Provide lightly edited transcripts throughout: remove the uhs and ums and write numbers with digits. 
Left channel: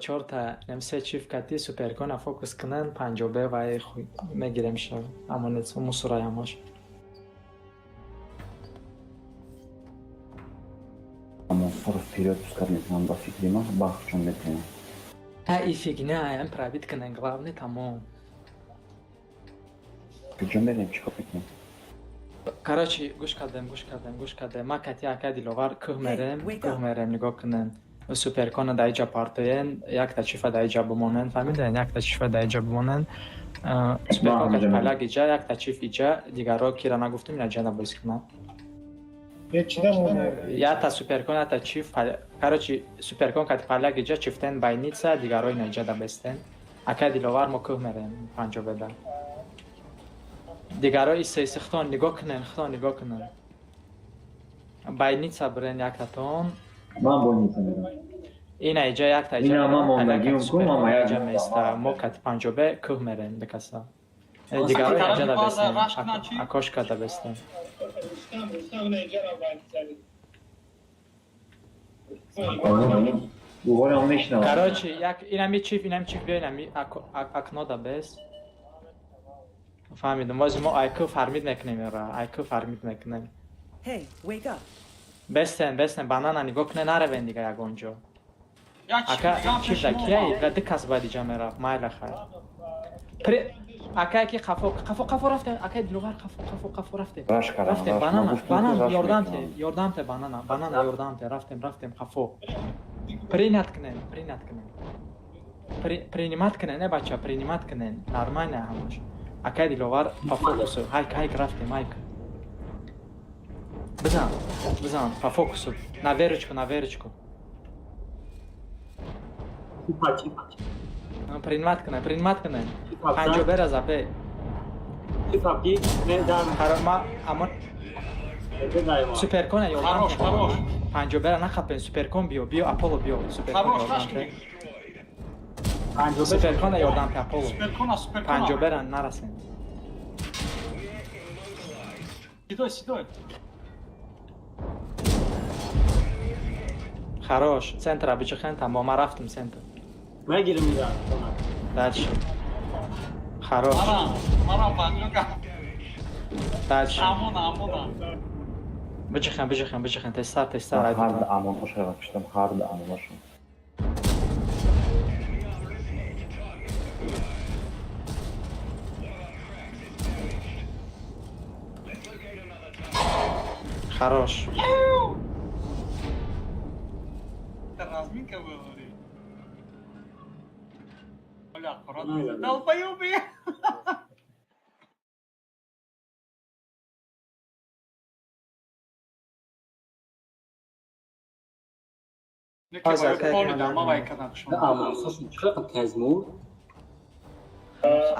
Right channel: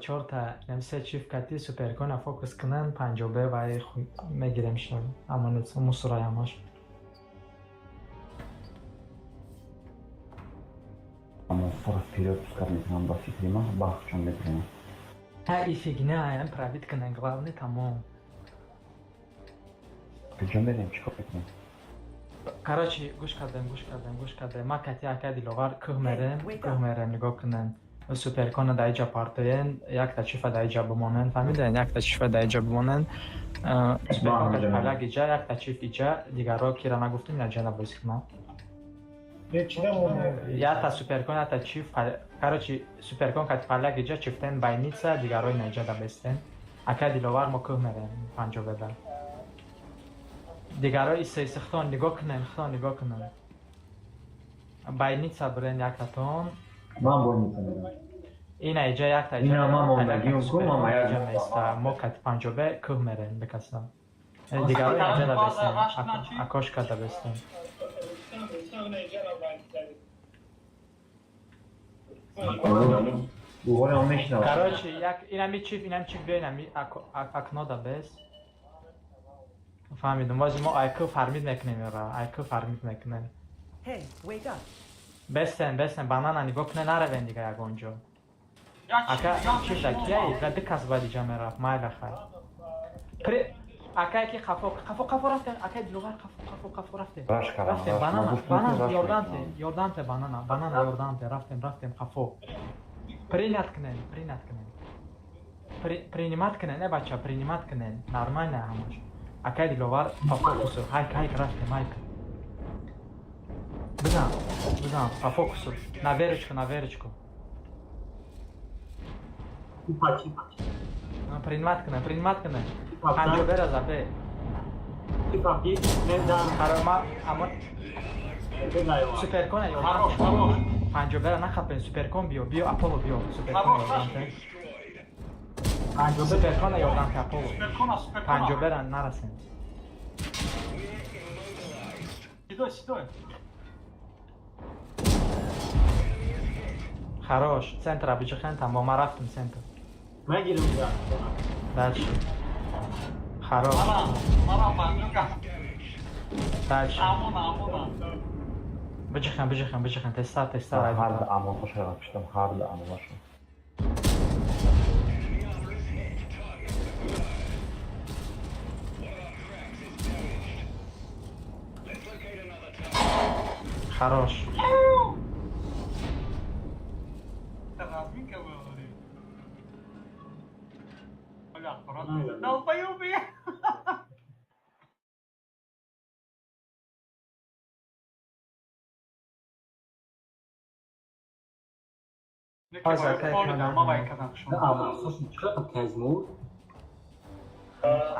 чорта м3 чифт кати суперкона фокус кунан панҷобе ва мегирем шо амонец мусораямош. Вперед пускать нам до фигрима, бах, в чем метрим. И фигня, ям пробит кунан, главный тамом. Причем мерим чикопитни. Короче, гуш кардем. Ма кати ака диловар кӯҳ мерем нигоҳ кунен. Суперкона да иҷа партоен, якта чифа да иҷа бимонен. Фаҳмидан, якта чифа да иҷа бимонен. Суперкон кати паляк иҷа, якта чиф иҷа, дигаро кира нагуфтум, ина ҷана боз кунам. Якта суперкон, якта чиф, короче, суперкон кати паляк иҷа, чифтен байница, дигаро ина иҷа да бестен. Ака диловар мо кӯҳ мерем, панҷобеда. Дигарои сеси хитон нигоҳ кунен. Байница бурен яктатон. Ман больница мерам. Ина иҷа якта иҷа. Ина мама мегиём суперкон иҷа места. Мо кати панҷобе кӯҳ мерем бекаса. Дигаро иҷа да бестен. Акошка да бестен. Говорям мешнавам. Короче, инами чиф биё, инами акно да бест. فهمیدم ما IQ فارمید میکنیم IQ فارمید میکنیم بستن بانانا نگاه کنه نره دیگه یگانجا اکا چی شکیه گده کس باید ایجا میرفت مایل خیر اکا که قفو رفته اکا دلوغر قفو رفته بانانا یاردمته بانانا یاردمته رفتیم قفو پرینات کنه принимать کنه نه بچه принимать کنه نرمانه همش اکا دلوغر по фокусу хайк рафте майк بزن по фокусу на верочку принимать کنه پنجابه را زبه سوپرکون پنجابه را نخبه سوپرکون بیو اپولو بیو سوپرکون یادم که اپولو پنجابه را نرسه سیدوی خراش центра بچخن تمام ما رفتم центр نگیرم میدم دلش خراش دلش بچخن تستر Hard aman hoş yapmıştım. Hard aman. خراش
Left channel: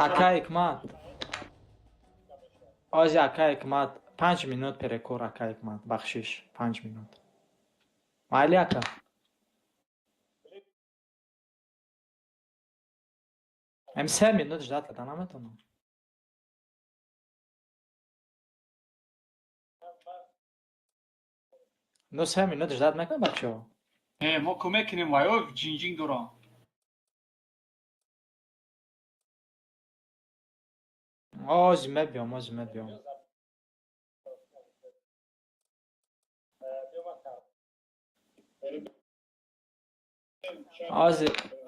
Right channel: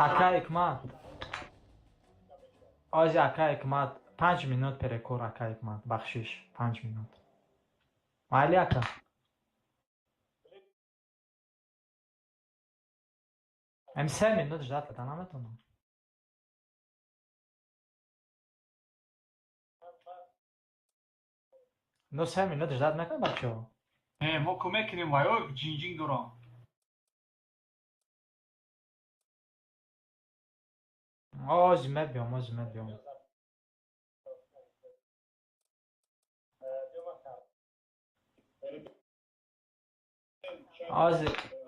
ака ҳикмат ози ака ҳикмат 5 минут перекур ака ҳикмат бахшиш 5 минут майли ака ам 3 минут ждать када наметонам но 3 минут ждать мекунем бачаҳо мо кӯмак кинем ваё ҷинҷинг дорам ози мебиём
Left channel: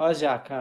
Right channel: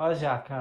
ози ака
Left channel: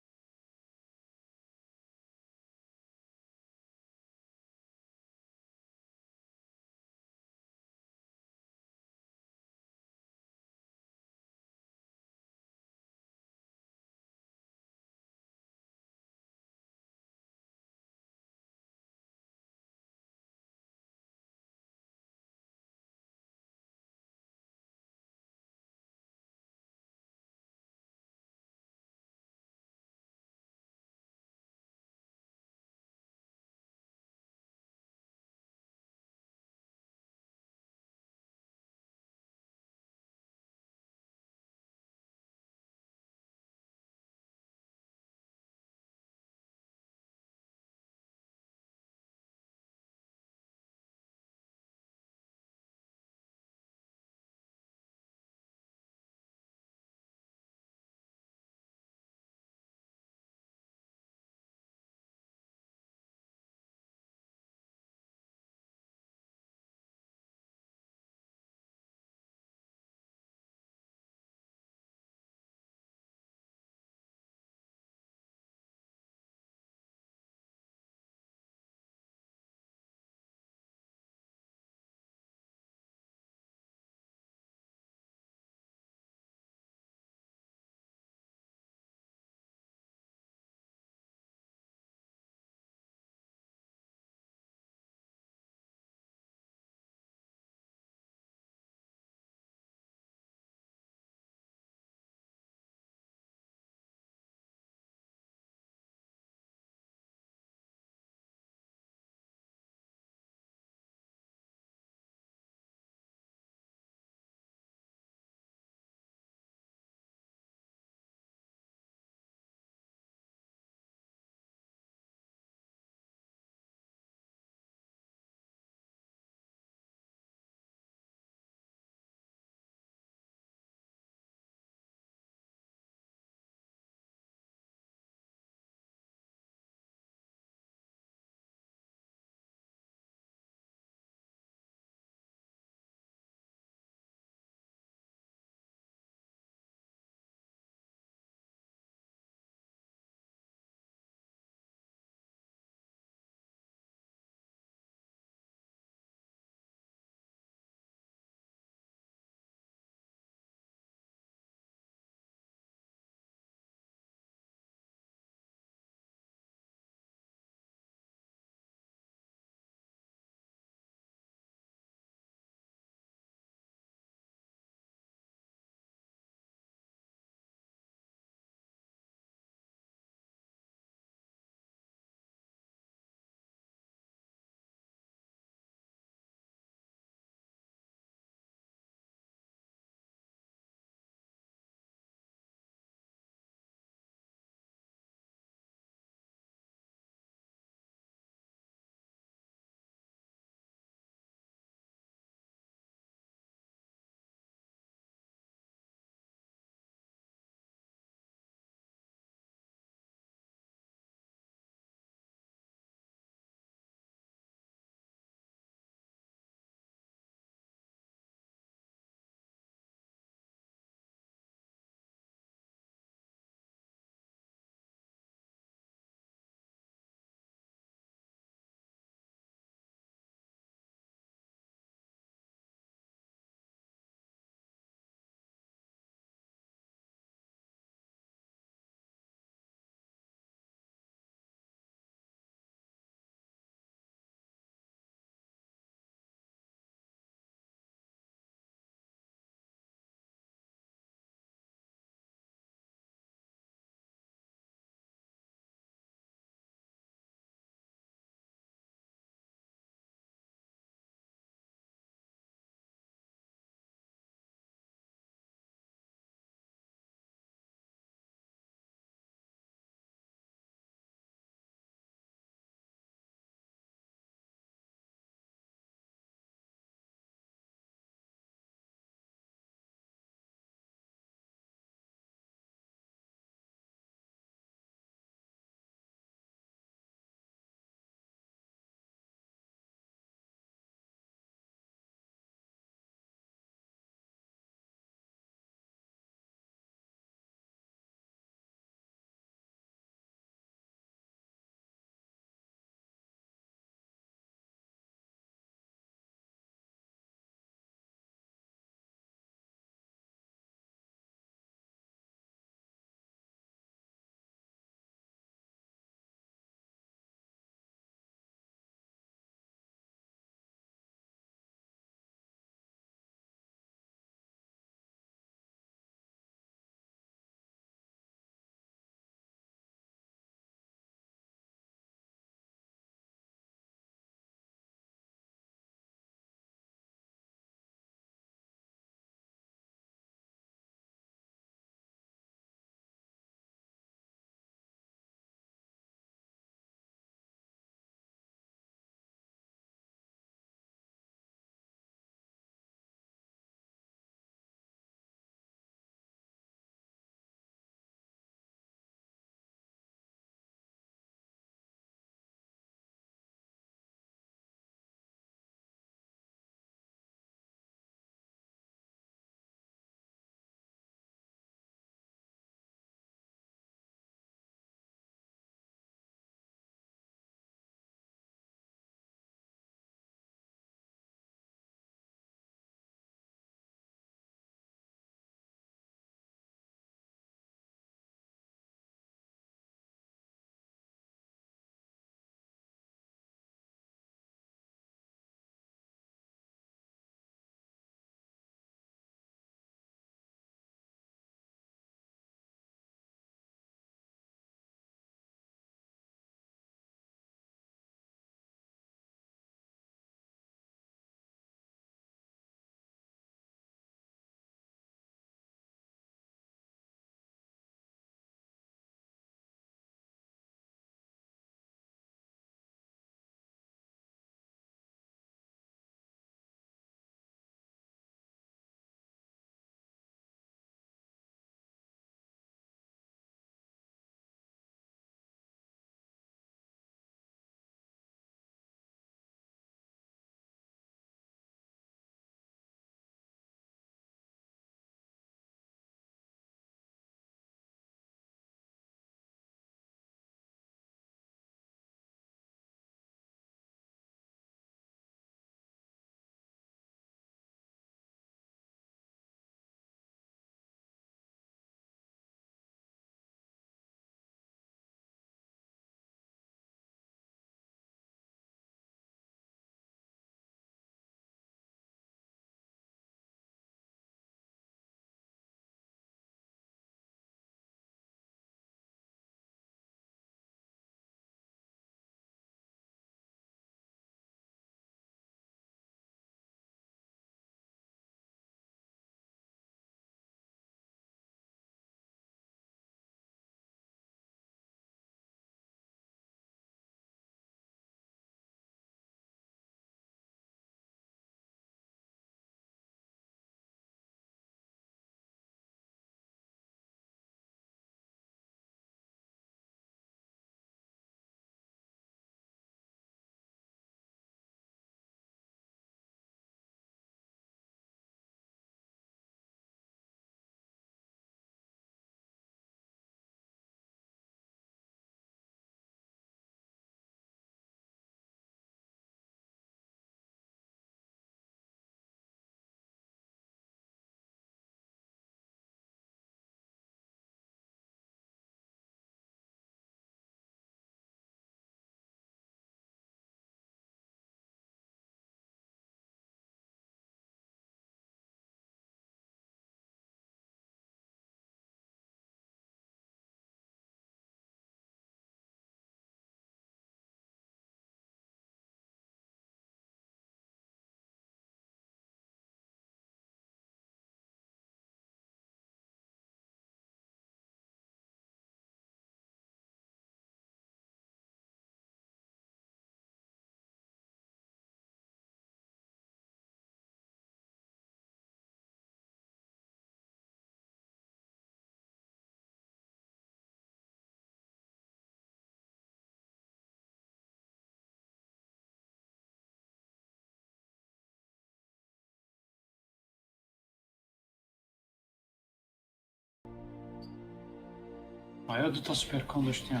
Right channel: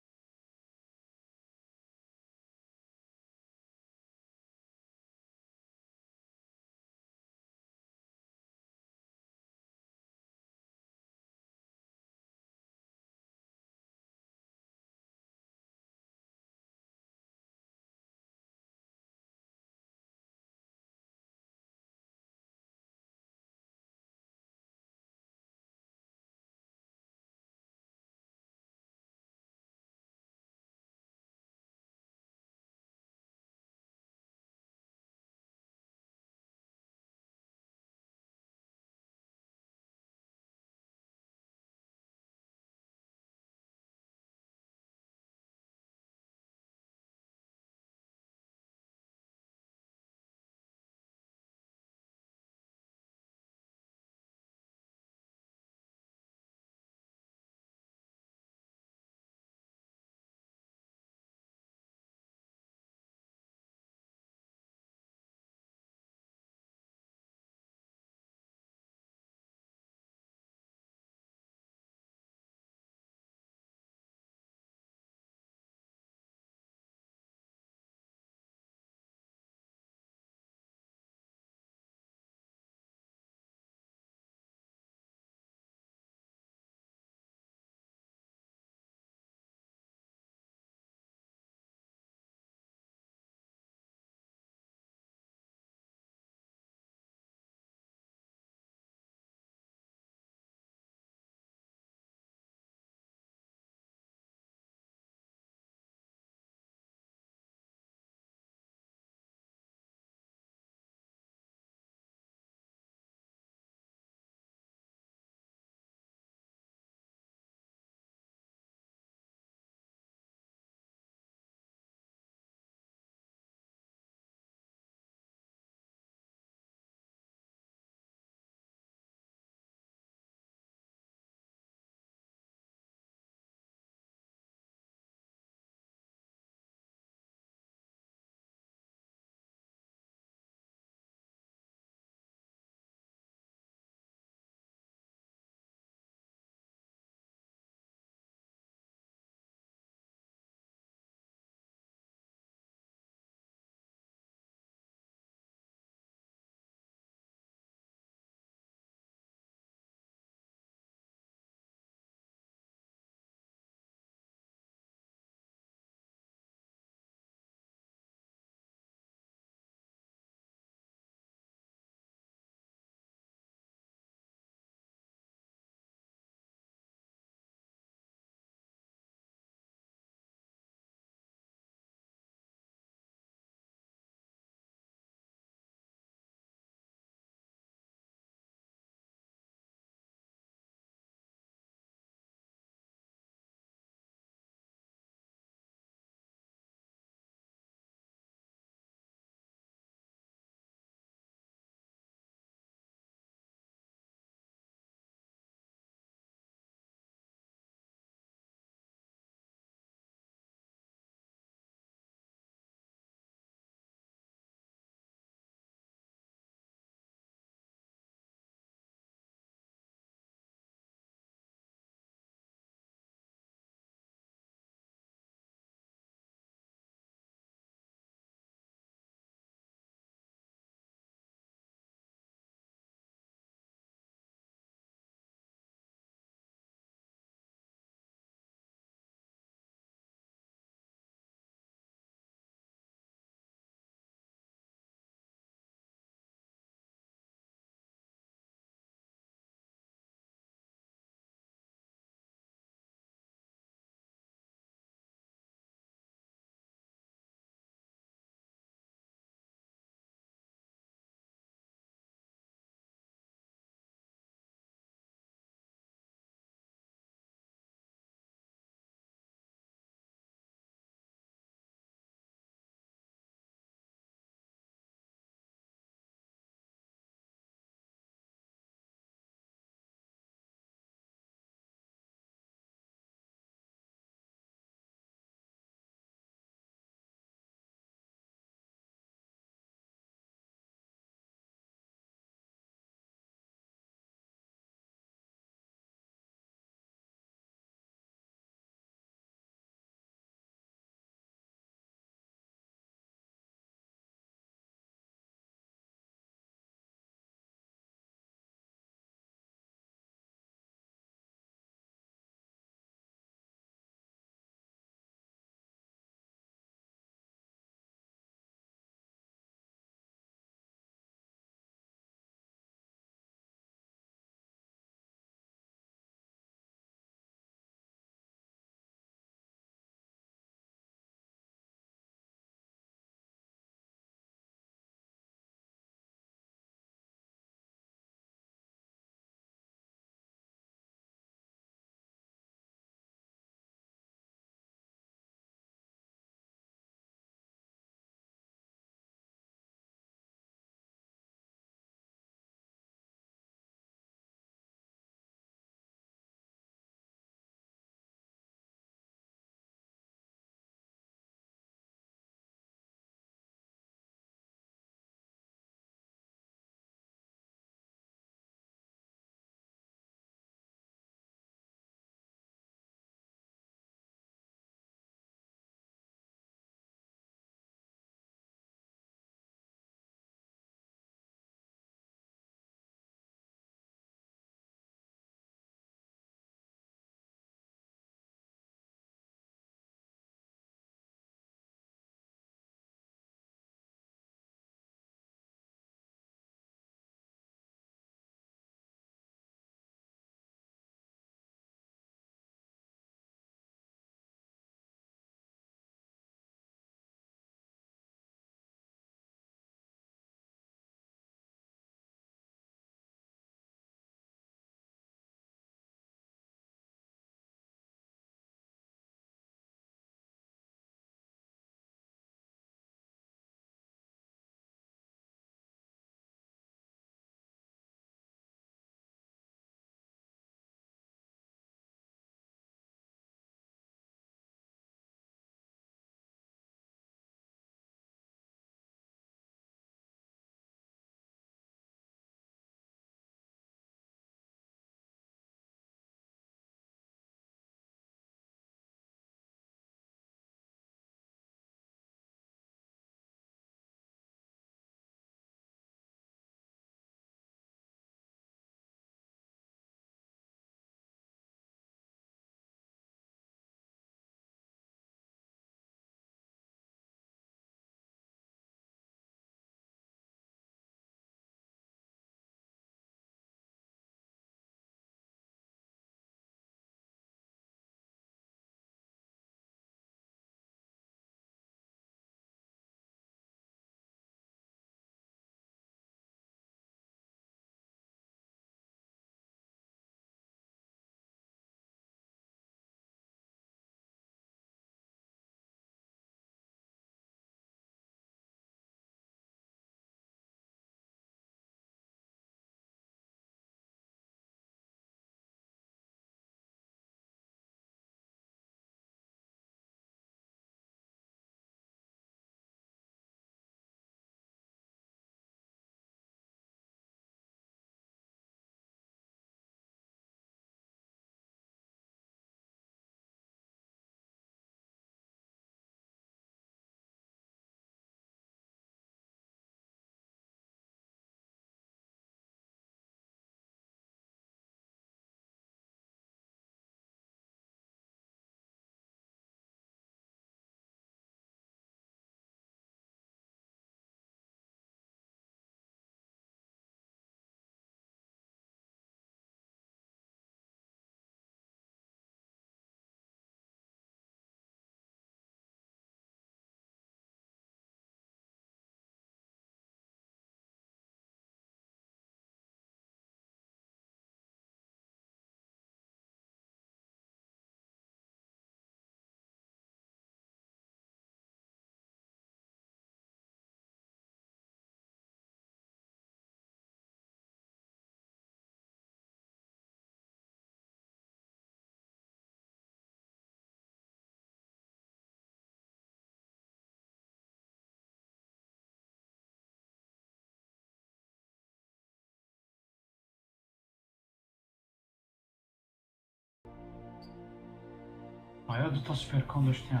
آیا دو تا سوپرکون داشتیم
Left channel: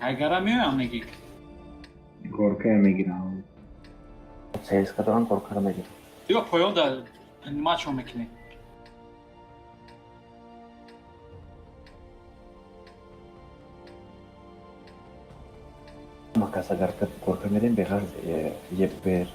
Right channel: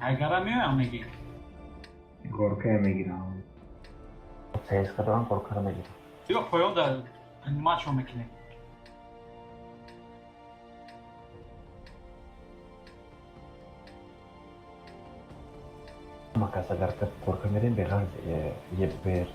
اگر میام میگی Korkuya میگیرم. CS kadar korkarım میگیرم. یا پایو در ماچو میکنی Makas agar korkuya میریم بغیر یه بر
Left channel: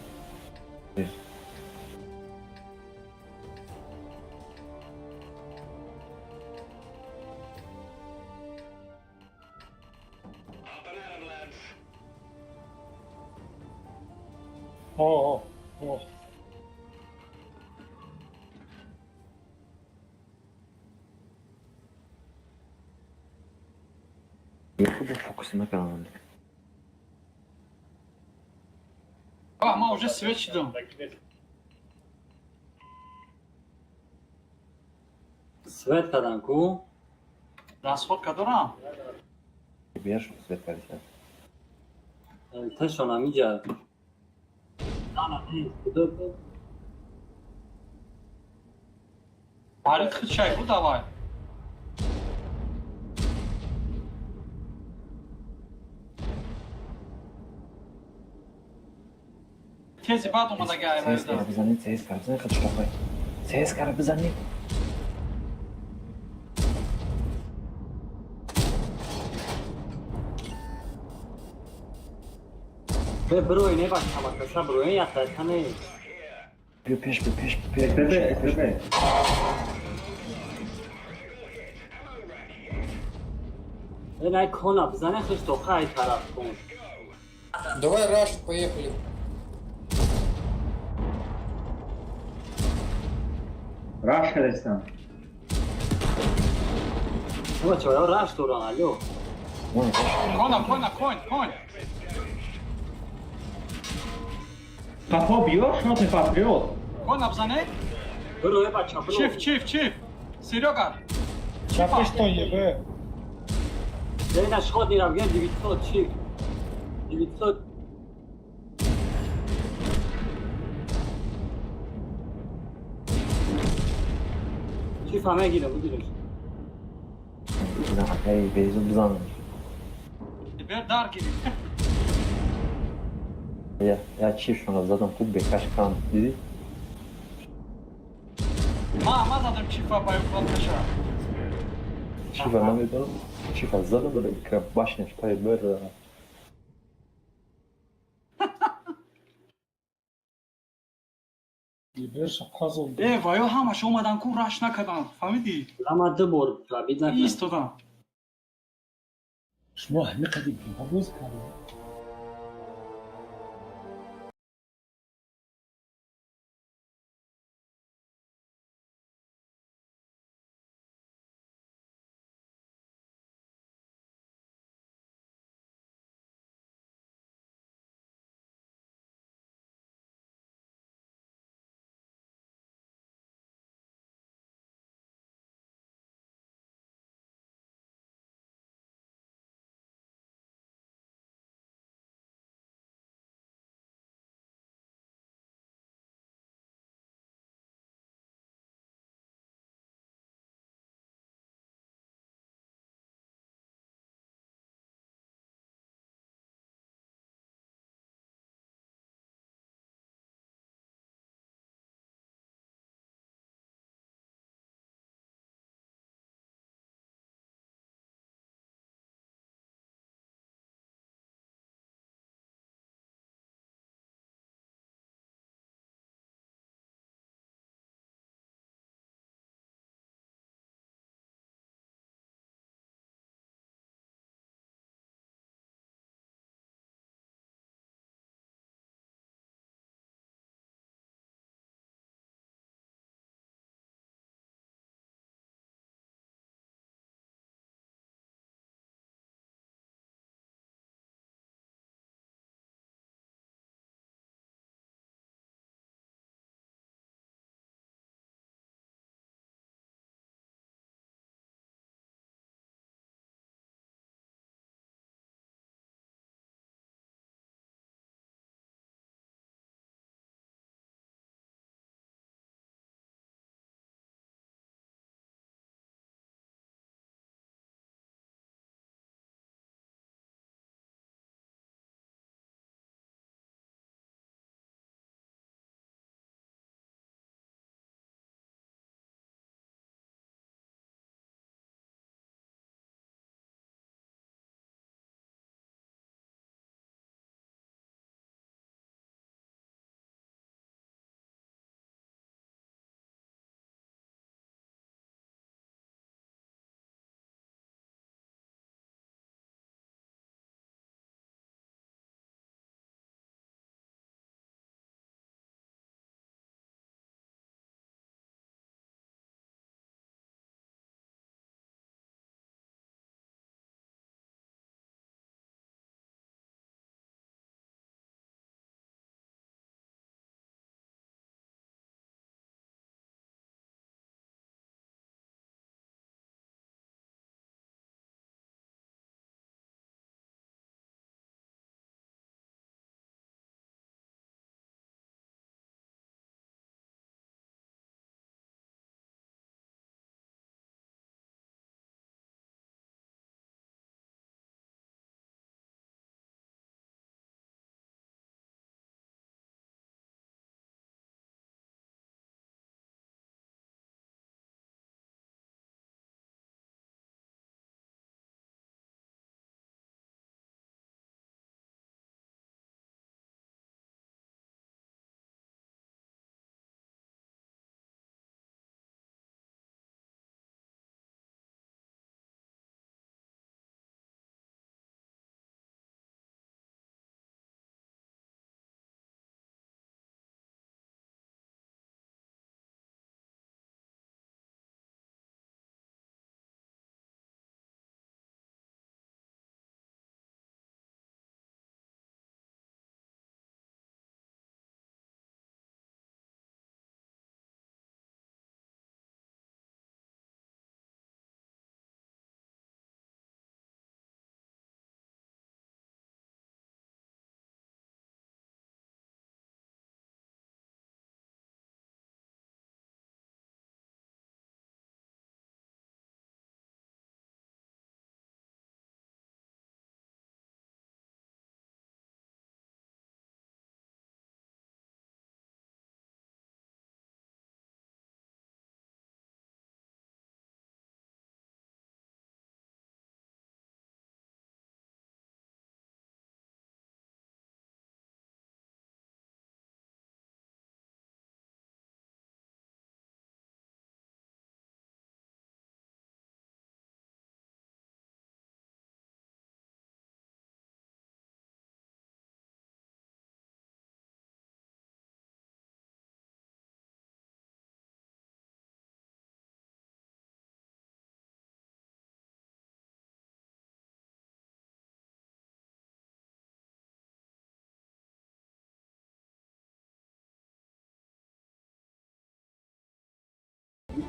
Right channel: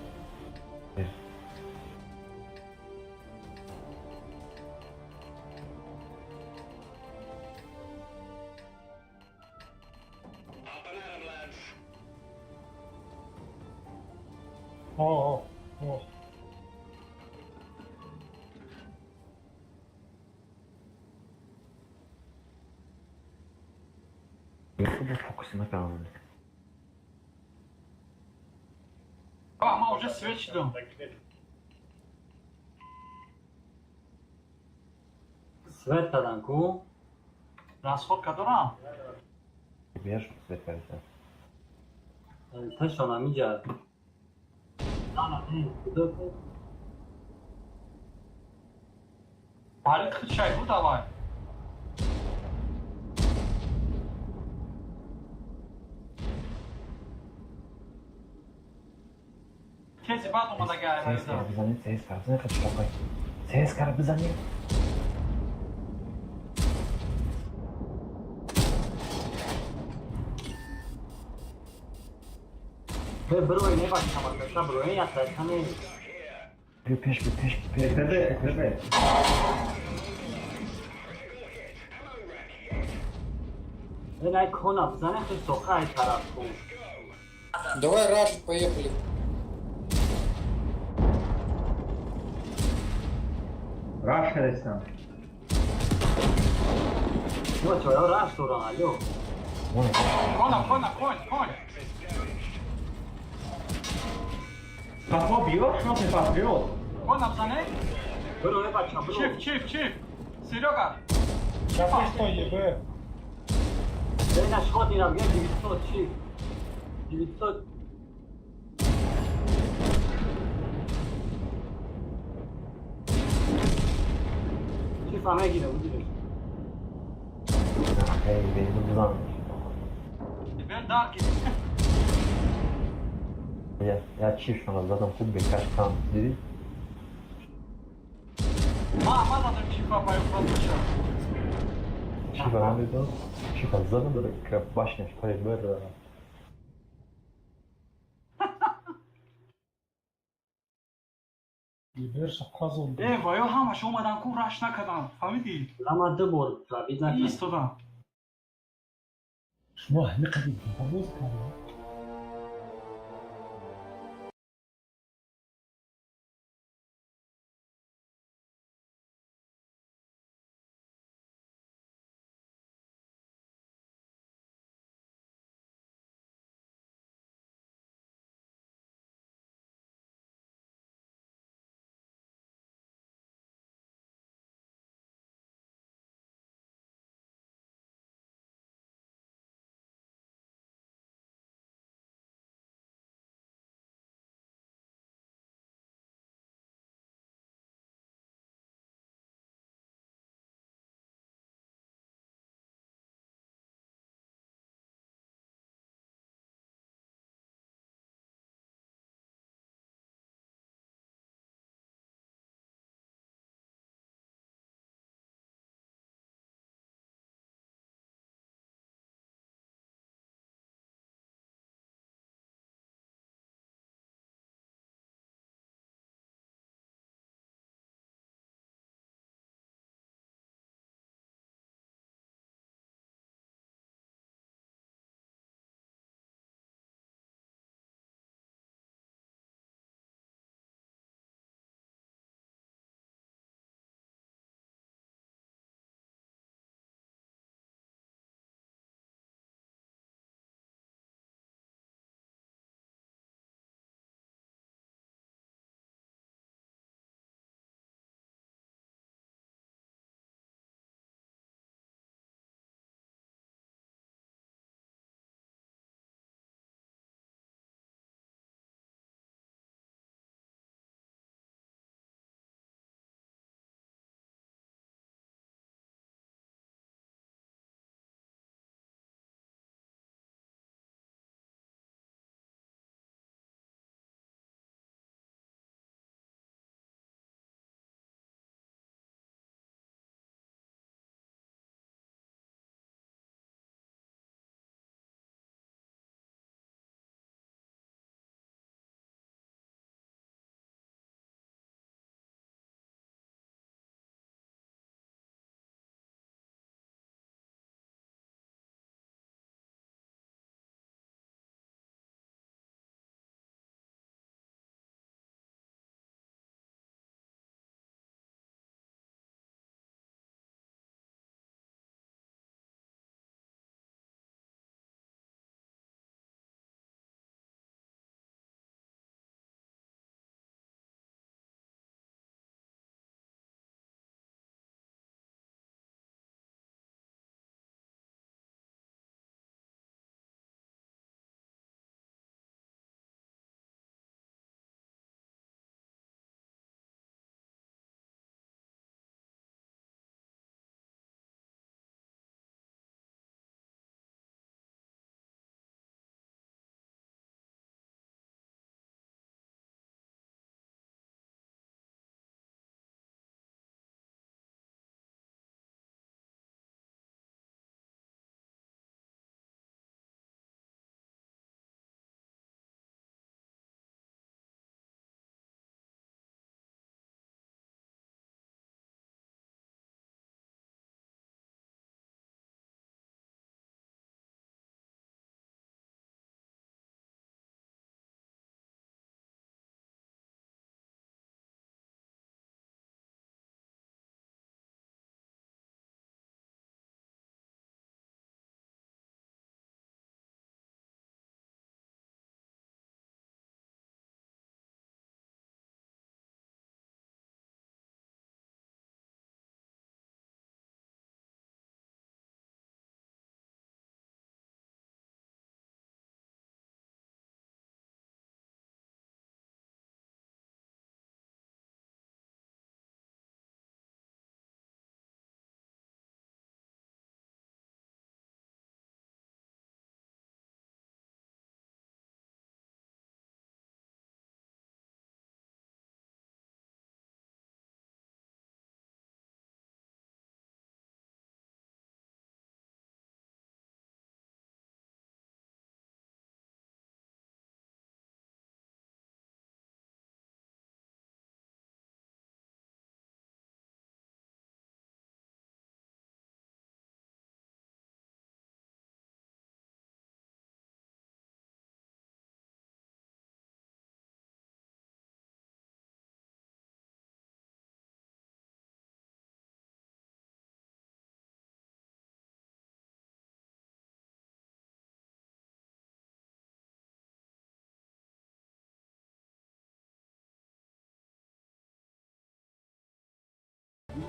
fokusuna kalmadı. ما уже свеч дом Свет таданку, расходка дорам Бierz svet kalsa. тешона миҷа. Ана, кудо? барит хит шайфу давай тези бад омада CS гайверда kar bzanit, CS kar bzanit, kaçırmay. CS kar bzanit. Број нема шама, пеша број, ја тешана е. Peş. Pepe. Най кона, зане то што хај тараф. Давай раш, поехали. Rush edesem. Ма чора раш тора, алё. кона Кафо биёр, шумо тефас биёр. кона бзане Број ба чапро. чиф серёга Дай шход дирам, ге 900 чип. 900. Чип ҳама гирам. Ey bezim bzan. бер дар киди Ya çift şuna zaten bu birkaç kan dedi. ма дадам чифа паёф Çift önemli de çift azzalı da krep başına çıkayım böyle. ваё ҳамаш омадан ку раш накардан фаҳмидӣ Ама дубор табид накард. истодан شما همه قدیم باز کردن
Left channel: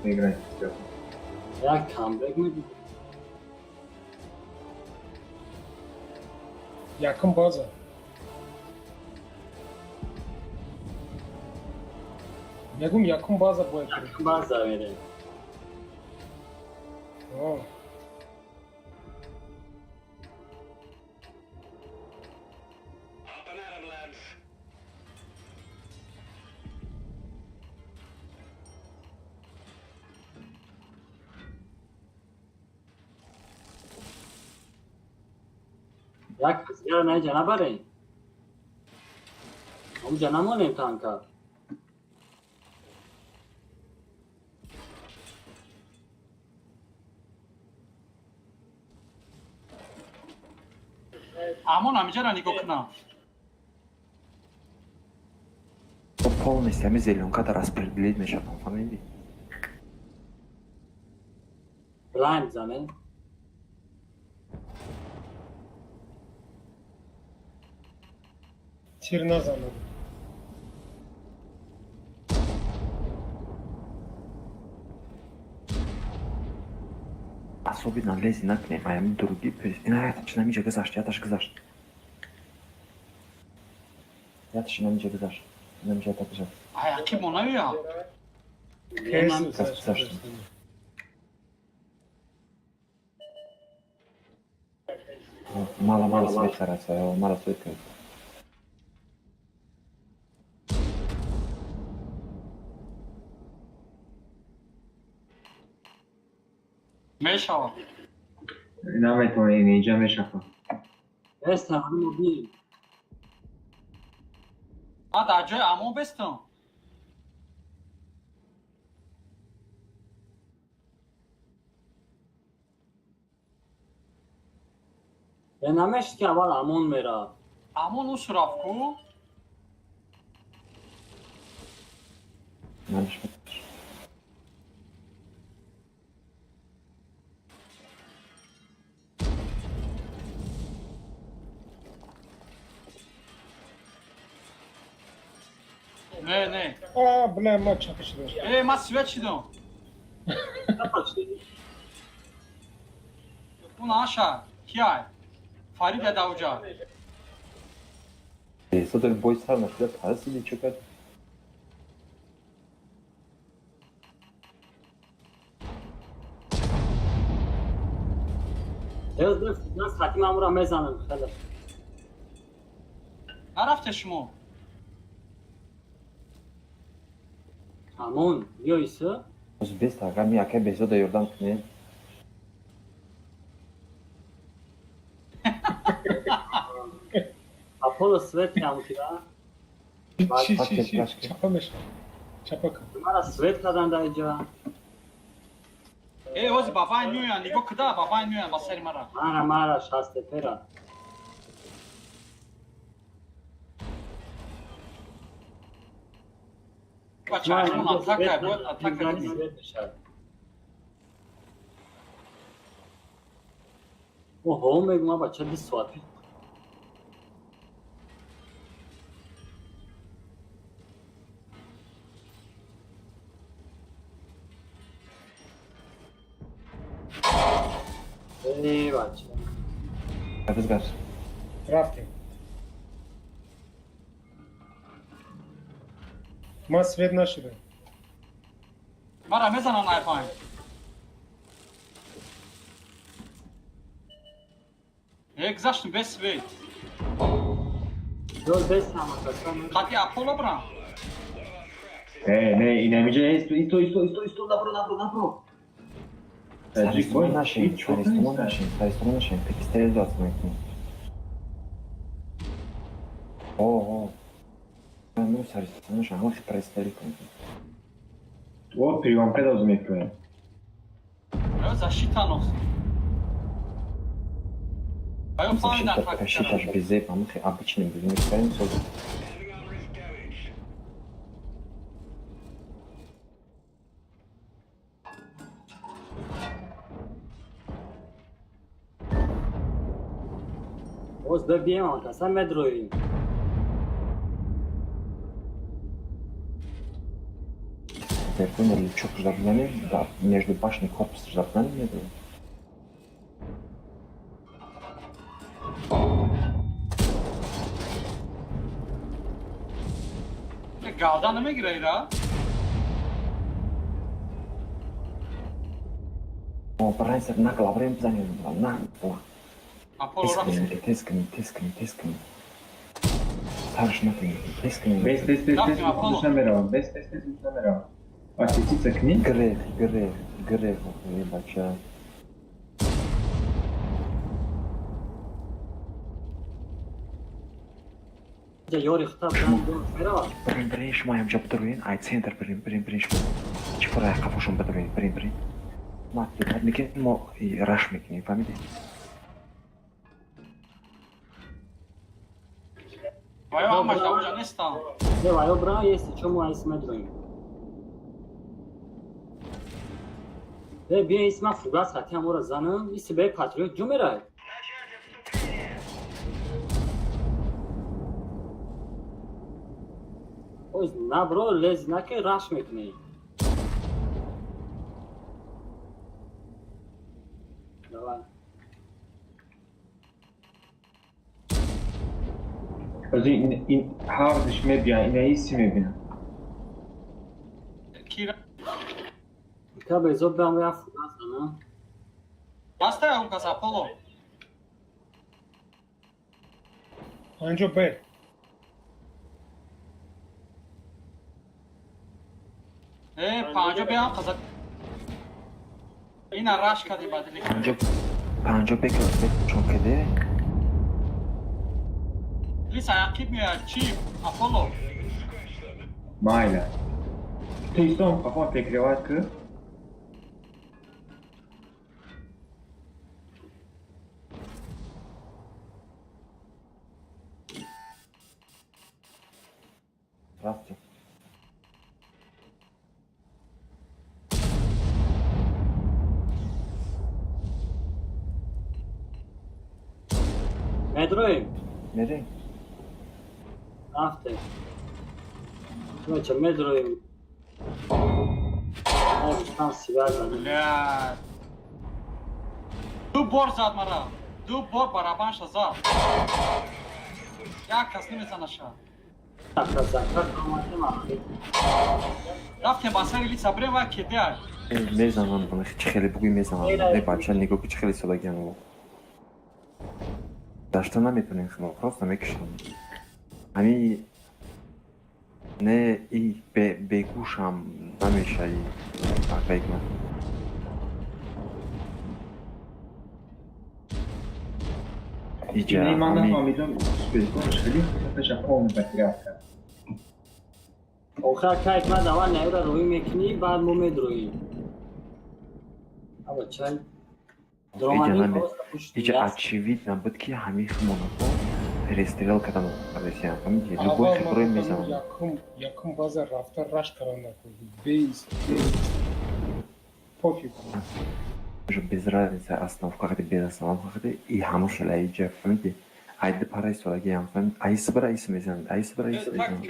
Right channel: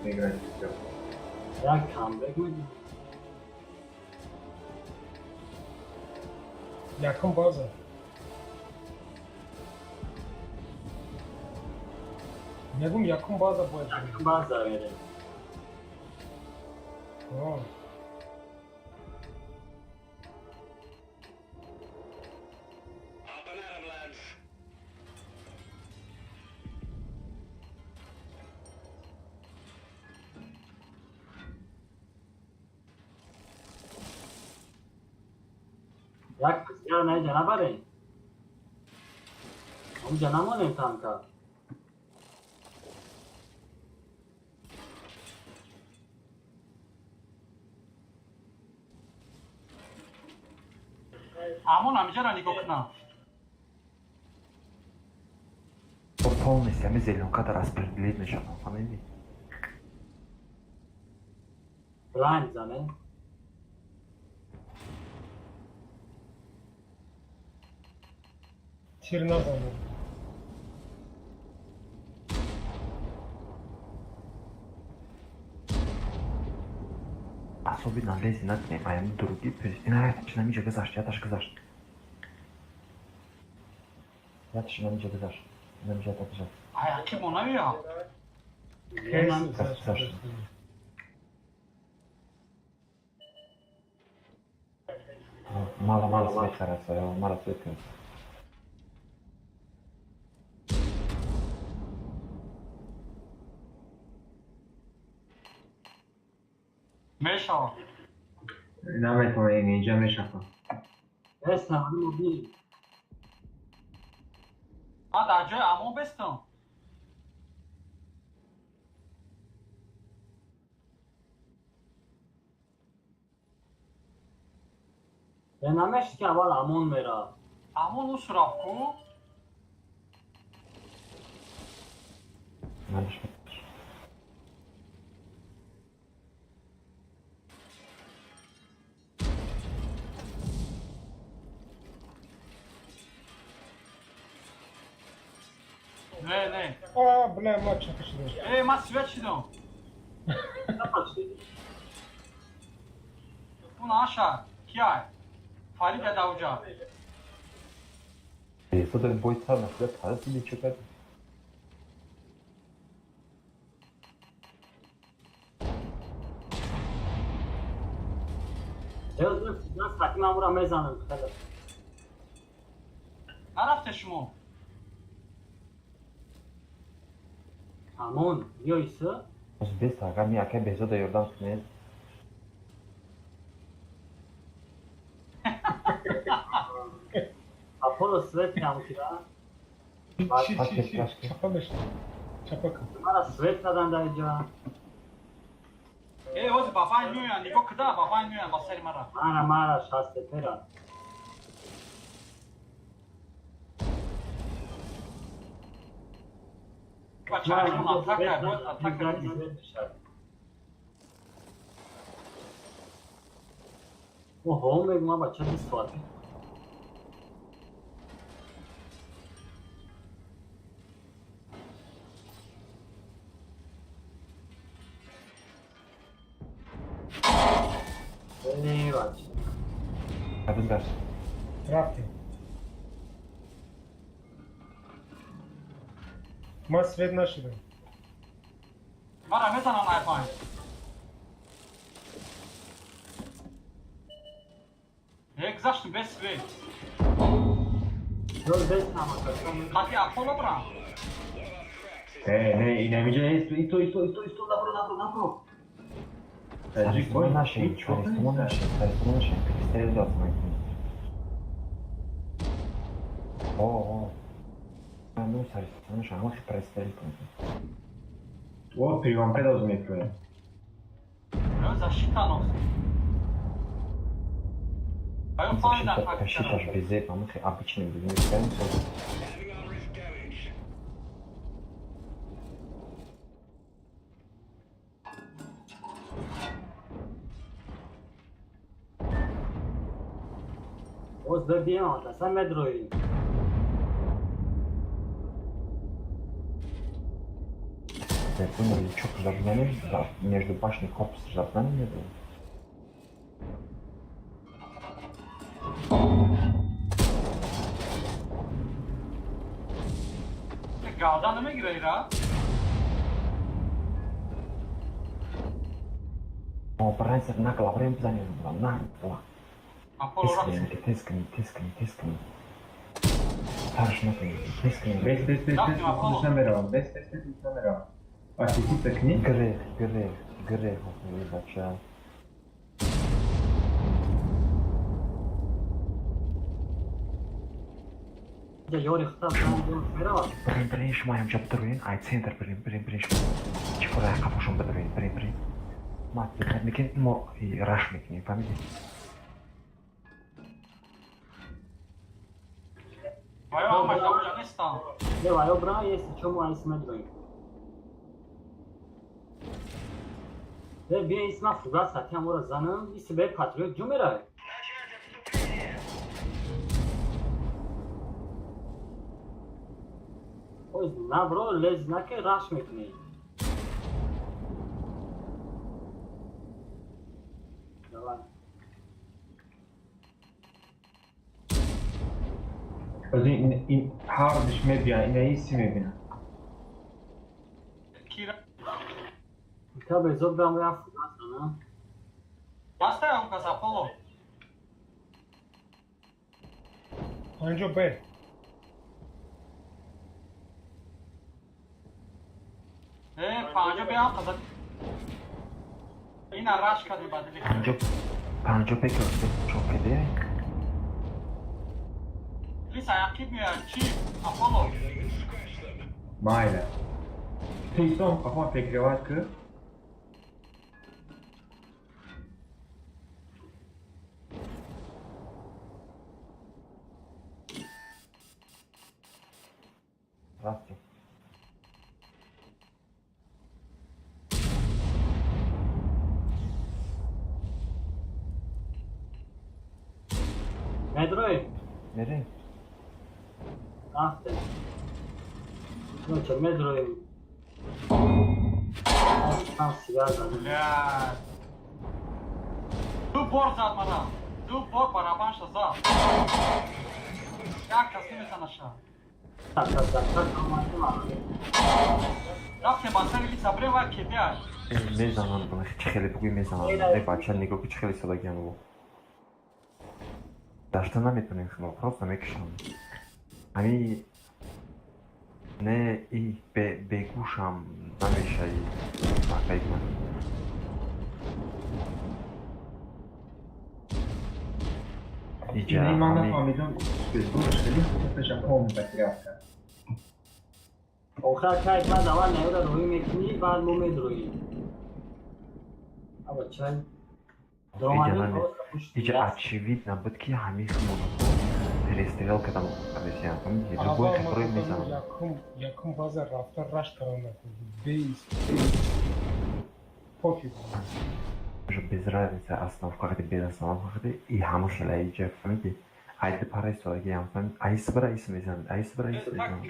Играть. Ya comeback mi? Yakın baza. Begum yakın baza bu. Yakın bazı öyle. Wow. Ya kız ya ne canavar ey? Bu canavar ne kanka? همون همینجا را نگاه کنم Полный стремительный, он когда распределить начал. Смотри. Blind zaten. Tirnoza. Особенно лезет на дне, а ему другие. Начинamy кызаш, я даже кызаш. Я начинamy кызаш. Начинamy так кызаш. Ayaki buna ya. Kesin Kız- saç. Мало свет стараться, мало свет. Meşa. Demet oynayacağım şaka. Best tamam mı değil? Ha daha önce ama bestim. Ben nameş ki var amon vera. Ama o sırafku. Yanlış mı? Ne? Aa, buna maç çakışılır. Ma sveçidim. Ne başladı? Bunu aşağı. Kiyay. Farid Edavca. Что-то бой сам, что а сидит что-то. Evet, nasıl hakim amura mezanım. Hadi. Nerafte şumu? Amon, yoysa. Uzbek takım ya ke bezo da yordan ne? Apollo Svet yankıda. Şi. Çapamış. Çapak. Numara Svet kadar da önce. Ozi babay miyo nigo kıda babay miyo masari mara. Mara şaste pera. Kaçarım atak yapıyor atak Güzel yapıyor. Svet dışarı. O home ma bacha bir suat. Ne var? Rüzgar. Рафти. Mas свет нашего. Mara mezana na yapayım. Egzaştı bes ve. Dört beş ama. Kati Apollo bura. Ne, inemice isto da pro. Sadece bu naşı, çok isto naşı, Kristel de atmayın. O. Ben bunu sarıştırmış ama Kristel. O privam rozumie to. Защитаnos. Mają fajne ataki. Считаешь безе, потому что обычным людям Oz bebeğim ama sen medroyum. терпение, что ждать да, между башней хоп ждать не было. Gavdan nimigira ira? Но прайсер накла время занят, накла. Apollo rafti. Тискани. Таш накли, тискани. Без мусамерава. А ти цекни? Грех, ебача. Я Йори хтам мера. Бринш маем job турин, ай центр бринш. Чипара капушум брин. Мати, мекет мо и рашмик не памяти. Vayo ama Afganistan. Я варио бра есть чё мы смотрим. Бе исма фугас хотям ура занам, и себе патриот жумера. Ой, на бро лез на ке раш метни. Давай. این هاردش میبین این ایسی میبین Kira. Ka bezod bam ya fugas zanam. Basta ya Lucas Apollo. آنجا به Panjo be am qazak. Ina rash kadi badli. پنجا بکن چوکده Lisa yaqib ya chip Apollo. مایله تویستون اما تکریوات که رفتی Medroim. نری Afte. Noche medroim. Tam sigar zanam. Ya. Du bor zad mana. Du bor baraban shazad. Yak taslim etanasha. Rafte basari Lisa breva kedear. میزنم چه خیلی بگوی میزنم ای بچه نگاه که چه خیلی صدا گرم داشته نمیتونیم شما پروستا میکشیم همین نه ای بگوشم نمیشه ای بگم ایجا این من همین نفهمیدم بزرگشترین تشکر میکنم آخر کاری من اول نمیدونم روی میکنی بعد مو میدروی. اما چند درامانی ایجا очевидно بود که همین خمون رستیرال کدام رسیان میگه любой который میزنم якум базар рафта раш карам накунди бейс пофиг уже без разницы остановка где без остановка где и хамуш лайджа фунди айде парайс ваги ям фун айсбра исмезан айсбра исмезан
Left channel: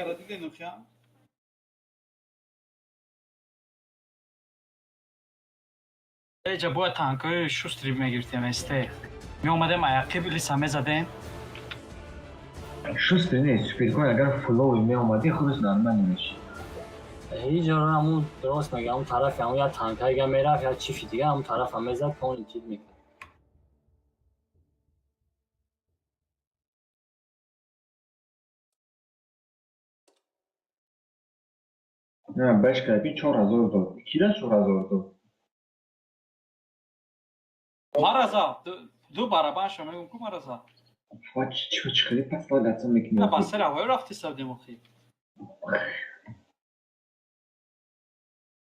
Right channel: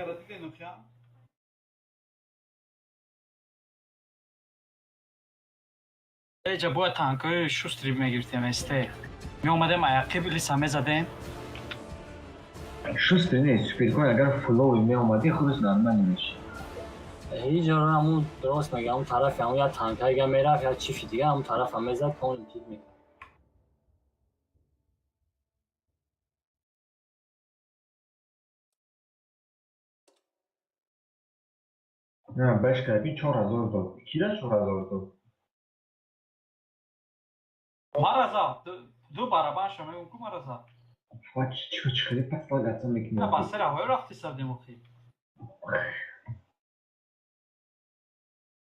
Eja boa tankoy shustri megirtem este. Mi omadem ayaqib Lisa mezadem. شسته نیست سپید کن اگر فلوی می آمدی خودش نرمانی میشه هیچ جا همون درست میگه همون طرف همون یا تانک اگه میرفت یا چیفی دیگه همون طرف هم میزد پاون چیز میگه نه بش کردی 4000 داد کی را 4000 داد Maraza du baraban shama ku maraza. چی خیلی پس باید دستم میکنی Na basara hoy rafti savdim oxi.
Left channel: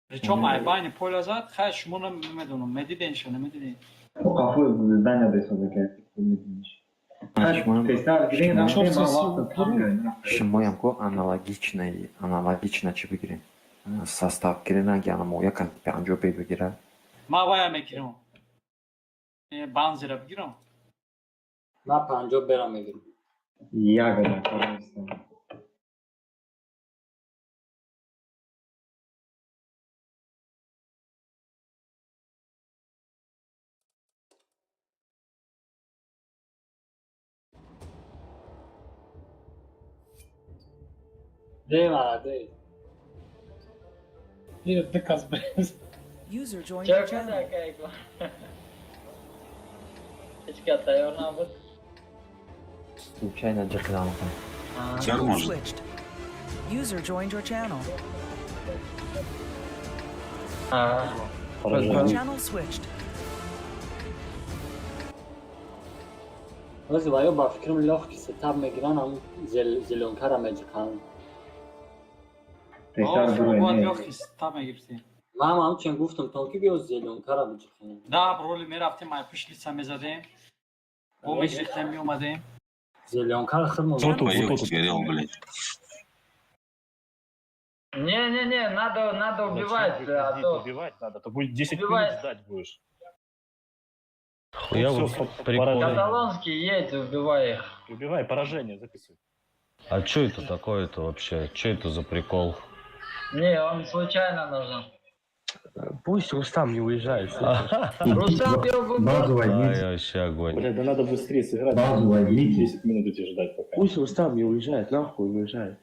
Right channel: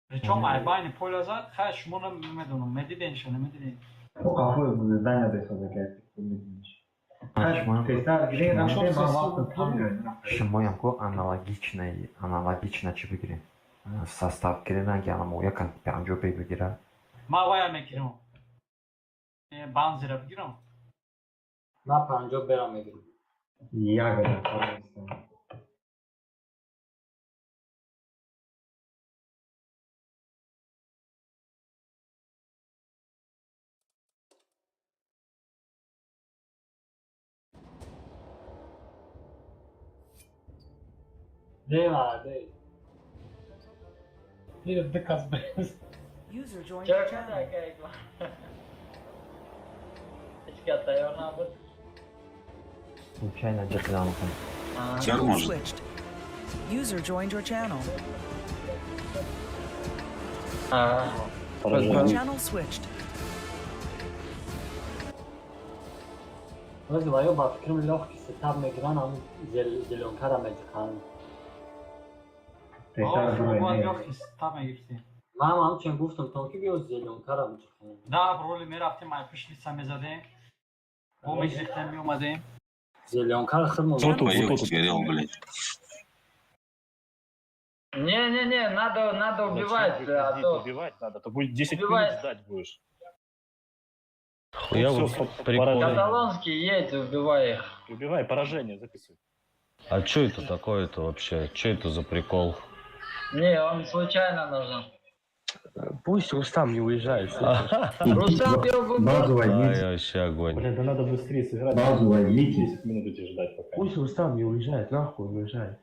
Причем айбайни полазат хаш мунам медунум медиден шана медиден. قفل زندان یاد استفاده کرد میدونیش تستار گیرین نشون من وقت کم کردم شما هم کو аналогично چی بگیریم состав گیرین اگه انا مویا کن پنجو بگیره Ma vaya mekirim. Banzira bigirim. من 50 برم میگیرم یا گرم ده مع ده. هي الدكة بريز. User joined Чё, your channel. какая игла? Hiç katıyor ne yapıp? Случайно джеклянка. Channel switched. User joined your channel. Channel switched. Называю با فکرم لخ که ستاب میگیرن هم زلونکر هم میجکن. Tekrar Oğlum bu buraya. yok ki tabi gibisi. من هم چون گفتم تا که بیاد زلونکر هم میجکن. Да, роли ми рафтим, ай пишлица ме задем. По мегрихтем ми омадем. زلونکر خرم Кто тут горел, блядь? Не, надо убивать, а то... Убивать надо, то будет 10 Убивать. минут ждать будешь. Я Всё, вот поражение. Каталонский едь, убивай их. Убивай, поражение записывай. А что это такое-то вообще? Что это за прикол? Не, он случайно нажал. Пусть Рустам не уезжает. Рустам бил бы Базу Ай, возьмите. вообще огонь. Блядь, да надо быстрее сыграть. Базу возьмите. 10 минут эти ждать пока. Пусть Рустам не уезжает, нахуй уезжает.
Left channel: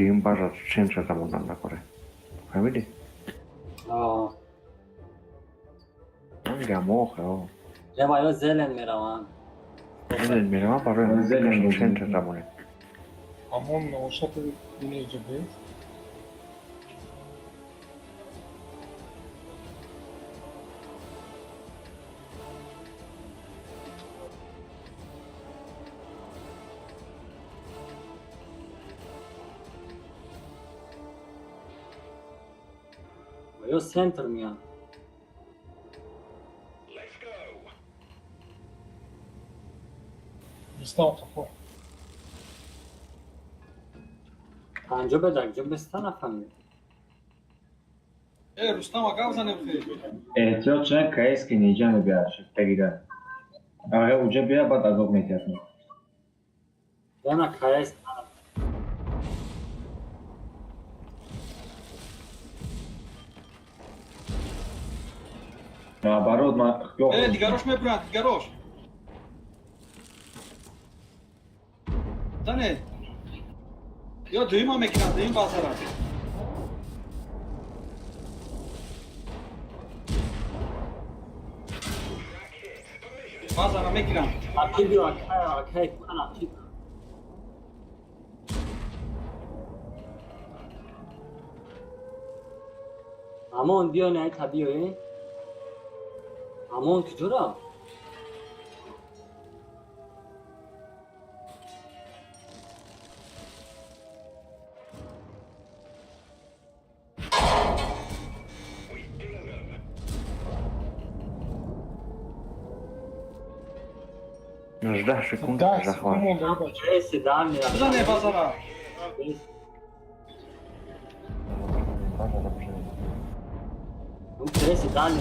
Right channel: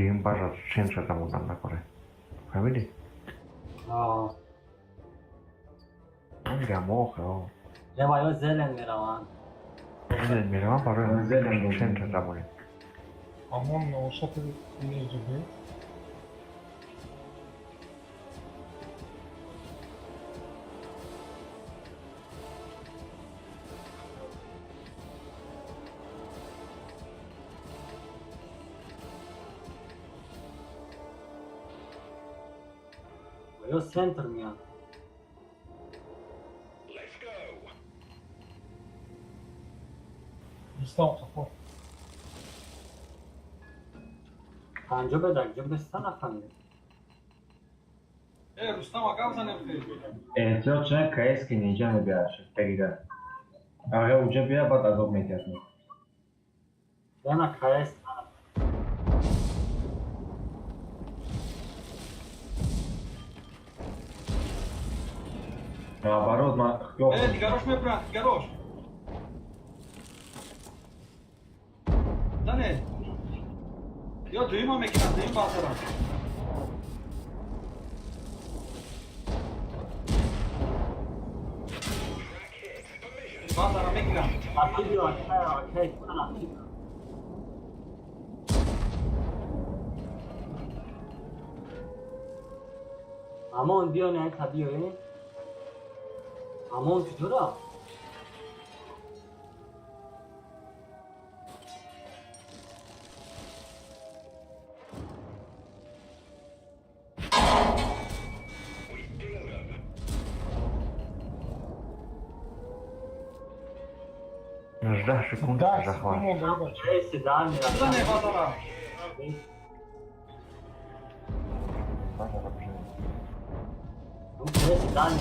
Team বাজার সেন্সারটা মনে আমরা করে ভাবিনি Gammo, ja. Ja, maar heel zelen meer aan. Mir ama para center tamam. Amon uşatı dinleyeceğim. Heel center meer. Stop. Anca bedak, cümbestan efendim. Rustam aga bzane bxir. Цел человек КС не идем бяш, тегида. А уже бия бат азов метясın. Yana KS. Наоборот, кто? Digarosh me brat, digarosh. Dane. Yo duyma mekana, duyma bazara. Bazara mekana. Akil diyor, akil, akil. Amon diyor ne tabii Amon tutura. Ждешь секунду, Да, захват. секунду. Neyse daha mı Dane bazara. Neyse daha mı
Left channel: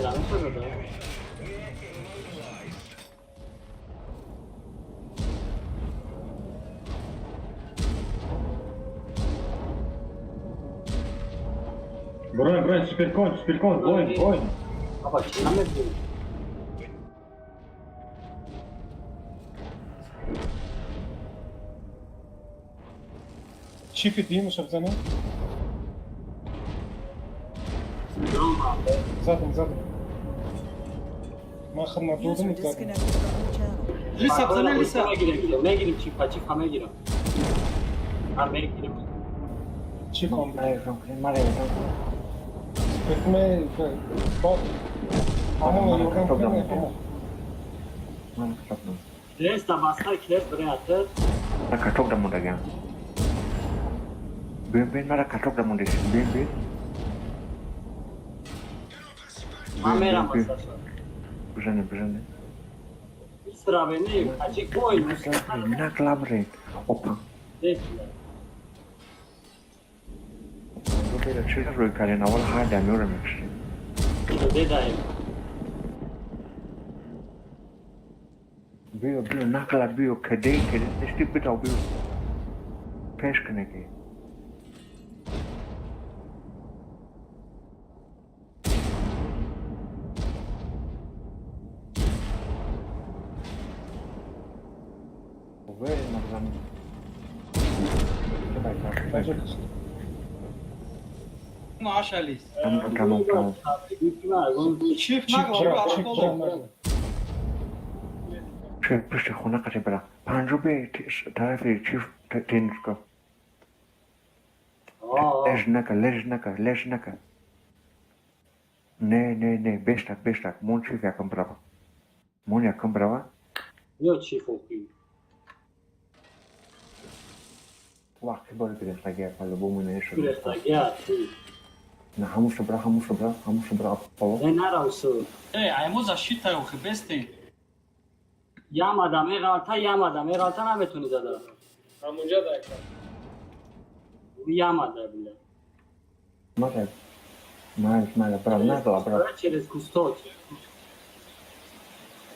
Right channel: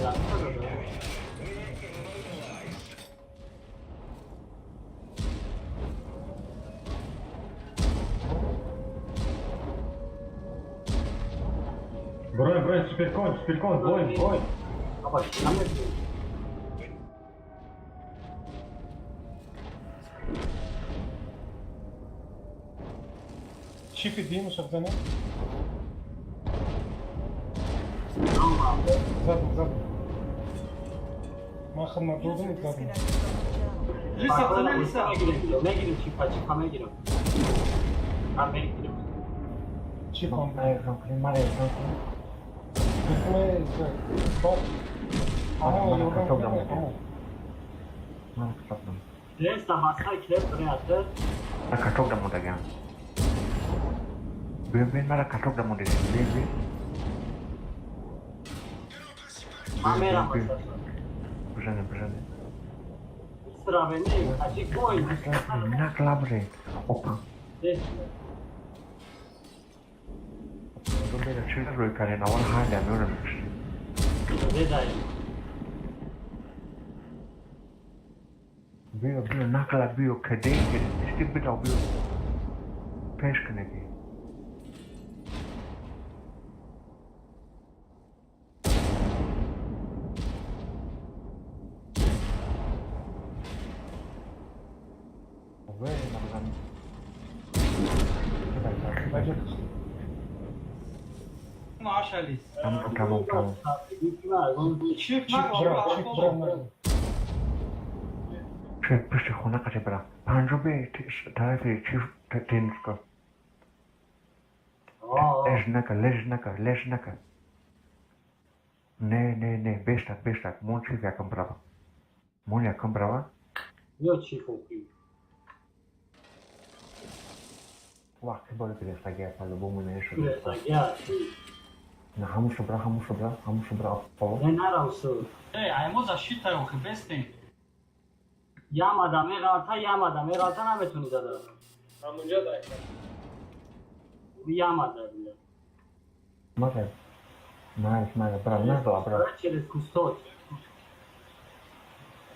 Бронь, спиркон, бой. Baba şimdi Чипи дим, щоб за ним. Зад. Махана User будем так. disconnected from the channel. Lisa bzane lisa. Ne girip çık açık hame giriyor. Ben benim girip. Чиком. Bekme. Amon yakın. Kiles de bastı, kiles buraya attı. Nak katok da muda gam. Ben mara katok da muda. Kamera masası. Bujane. Bir sıra bende açık koymuş. Nak labre. Opa. Böyle şeyler röykali nava hala görmüş. Dedayım. Bir nakla bir kadeh işte bir daha bir. Peş kaneki. Maşalis. Tamam. Çift Чик, baba. Pişti khona kaçı bela. Panjobe tarafı çift tensko. Ležnaka. Ne, beştak. Mon çift yakın brava. Mon yakın brava. Yok çift okuyor. Vakti böyle bir şey yapmalı bu mu ne şu? Şuraya da gel. Na hamuş bra. O. Ne nara usul. Aymo защита u khibesti. Yamadım, yamadım. Nametuni zada. Amuca da. Yamadı bile. Nice, bravo. Bravo. Через кустот.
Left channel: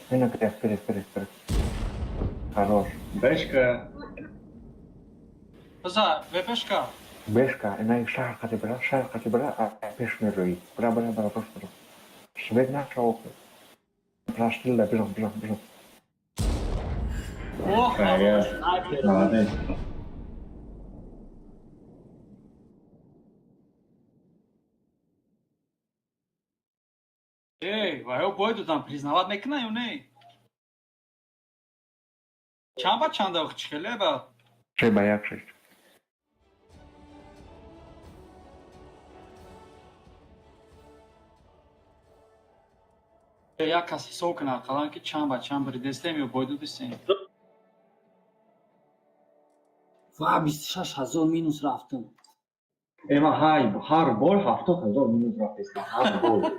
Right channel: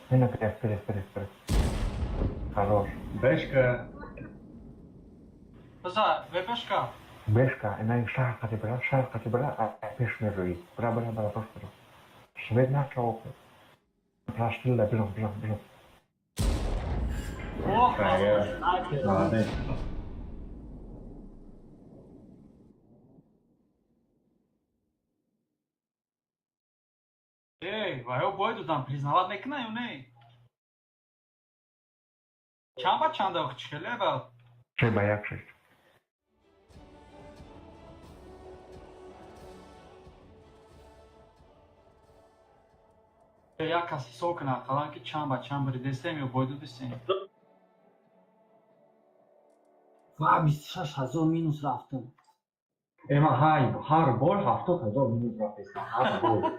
Вперед. Хорош. Бэшка. Baza, bebeshka. Бешка, она шар кати бра, а пешный рой. Бра, просто. Швед начал. Прошли, бежим. Oh, Молодец. Vai, boido, там признавать не кнаю, не. Чамба чанда ухчхелеба. Trzeba jak przejść. Я каси сокна, қаланки чамба редестеми боиду дисен. ва 26000 минус рафтым. اما های هر بار 70000 مینوس رفت هر بار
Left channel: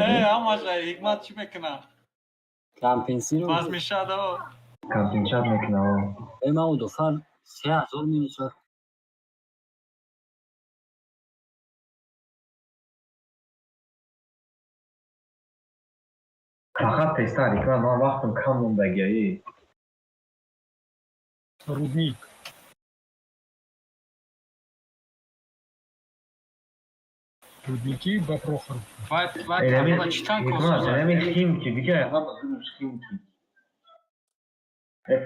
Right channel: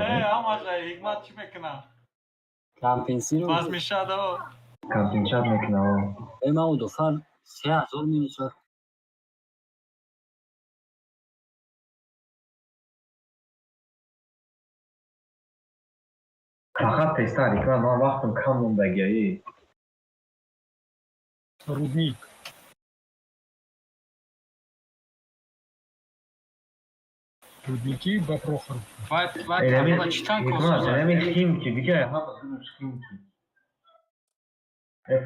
Эй, амажа, игмат чи мекна? кампенсиро Баз мешадо. کامپینچات میکنه اما دوفر 3000 минус рафт. فقط تستاری که من وقتم کم موندگی Рудник. Рудники Бопрохоров. Вай, камила читан косуза. نمی کیم کی دیگه هم کیم کی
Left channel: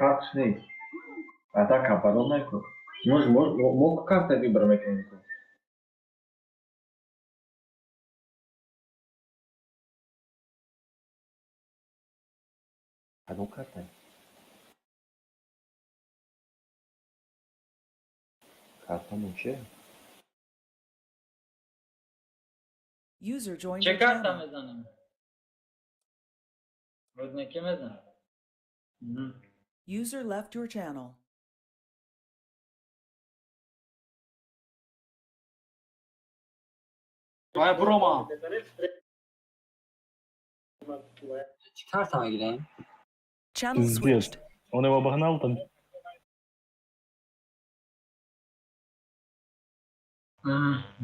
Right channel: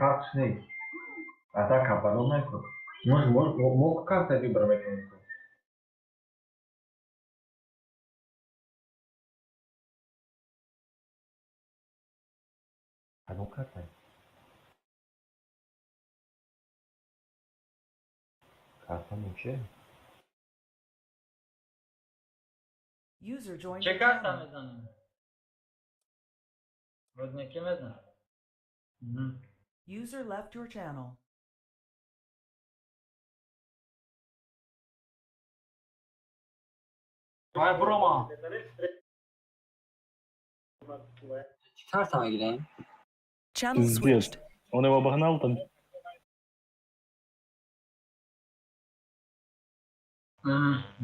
فرقش نیست بعدا کپارو نکن مو карта выбор механизм Одну карту. Kartı nece? User joined چه your کارت channel. میزنیم؟ رودنیکی میزن. User left your channel. وای بروما. چی کارت هم بگیریم؟ Channel Пиздец. switched. Он его обогнал там.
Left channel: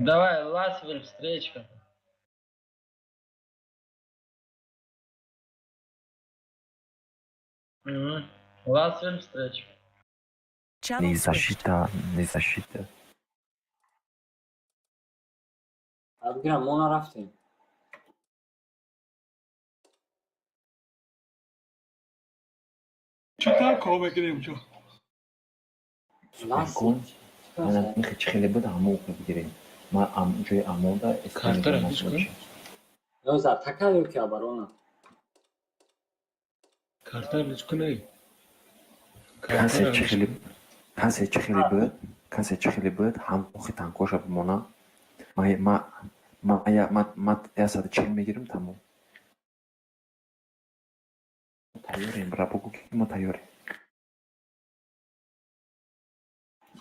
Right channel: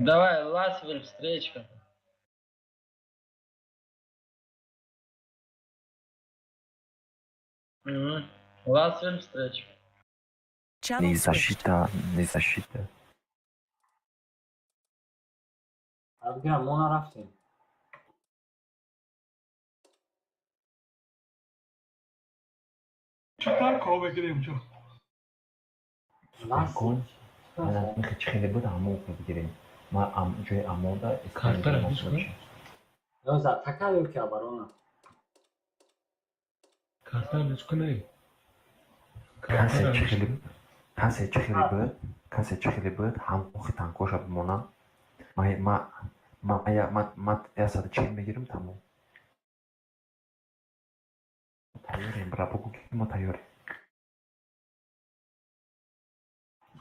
Давай, Ласвель, встречка. Ласвель, встречка. Channel Не switched. защита, не защита. بگیرم ما رفتیم. چطور کار بگیریم جو؟ Kont. Bana میخوای خیلی بود همون بگیریم. ما جای امودا Kartı rafis kن. یازده تکر که برانم. Kartı rafis kن. کنسه خیلی بود هم اخی تنکوش بمانم. ما یاسد چیل میگیرم تمام. تایوریم برای بگو که ما تایوریم.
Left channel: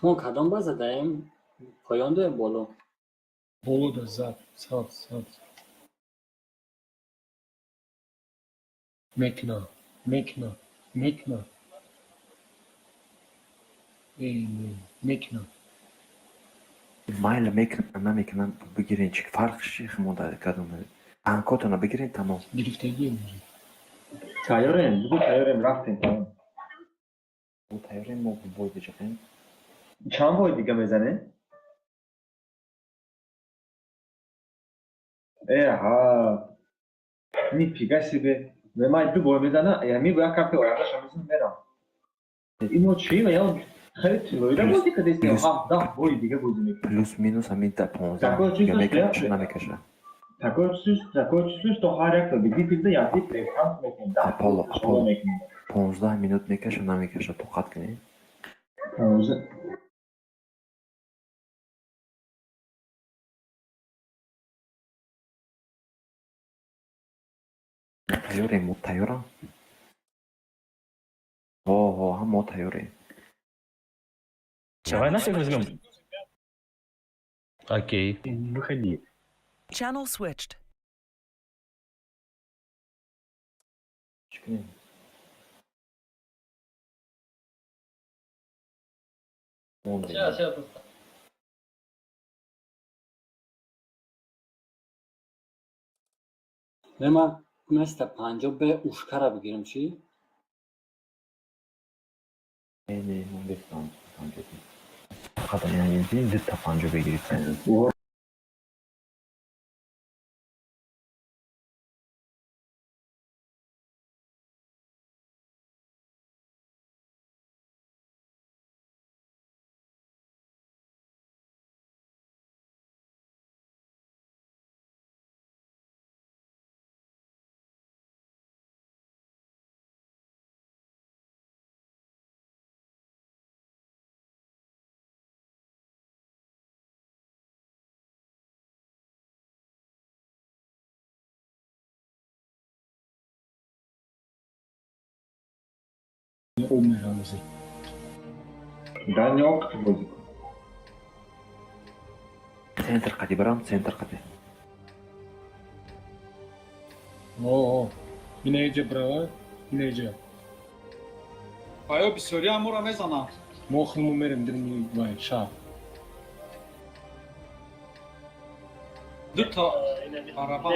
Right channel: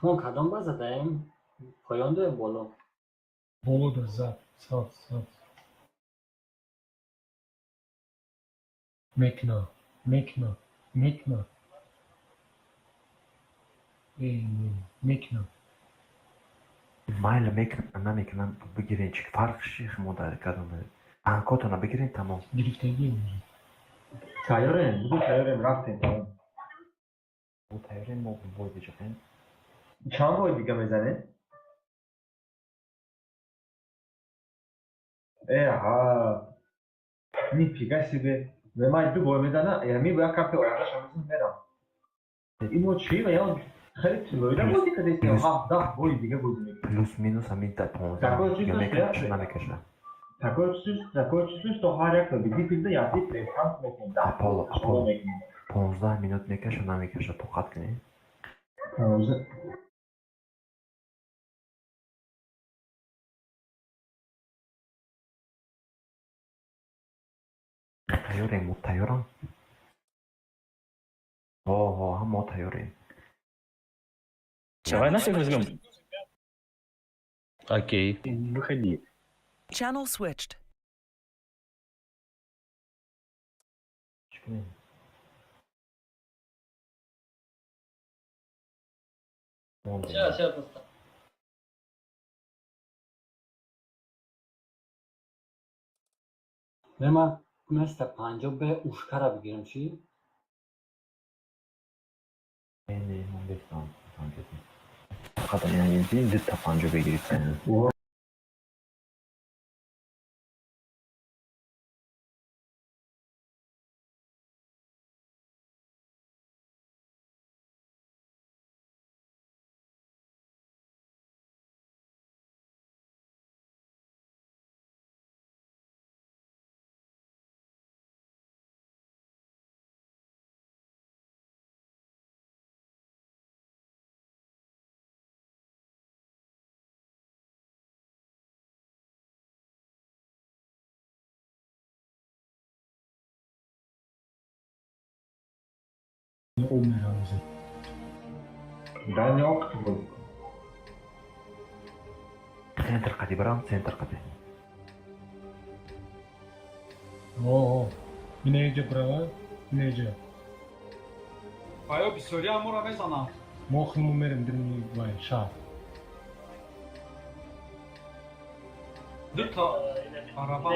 ما کدام باز داریم؟ پایان داریم بالا. Bolu da zat. Sat. Mekna. Mekna. مایل میکنم بگیرین چی فرق شیخ مادر کدومه. تانکوتونو بگیرین تمام. Drift'e تایوریم رفتیم Bu tayyorang mo boy bechaqang. چند بار دیگه میزنه ها این پیگاسی به من دو بار میزنه یعنی باید کارت اوراقش همشون میرم اینو چی میام خیلی طولانی بودی که دیگه ما 10 بار دیگه بودیم Плюс минус амида 15. Такое دیگه чувство, میکنه что چه نمیکشه. такое чувство, что харя кто бедит пизда я ты прям мекин да Апол 15 минут میکشه نمیکشه تو خط کنی. تایوریم تایورم. هم تایوریم. Давай нафиг возьмем. Окей. Выходи. Channel switched. Çıkayım. Сейчас поставь. من مثل 50 به اوشکر بگیرم چی؟ Ne destan tabanca değil. Fakat yani değil de tabanca begirip умераузе. Даниок бозик. Центр қади барам, центр қади. О, инеҷа права, инеҷа. Аё бисёри амура мезананд. Мохну мерем дирни бай шаб. Ду та барабан.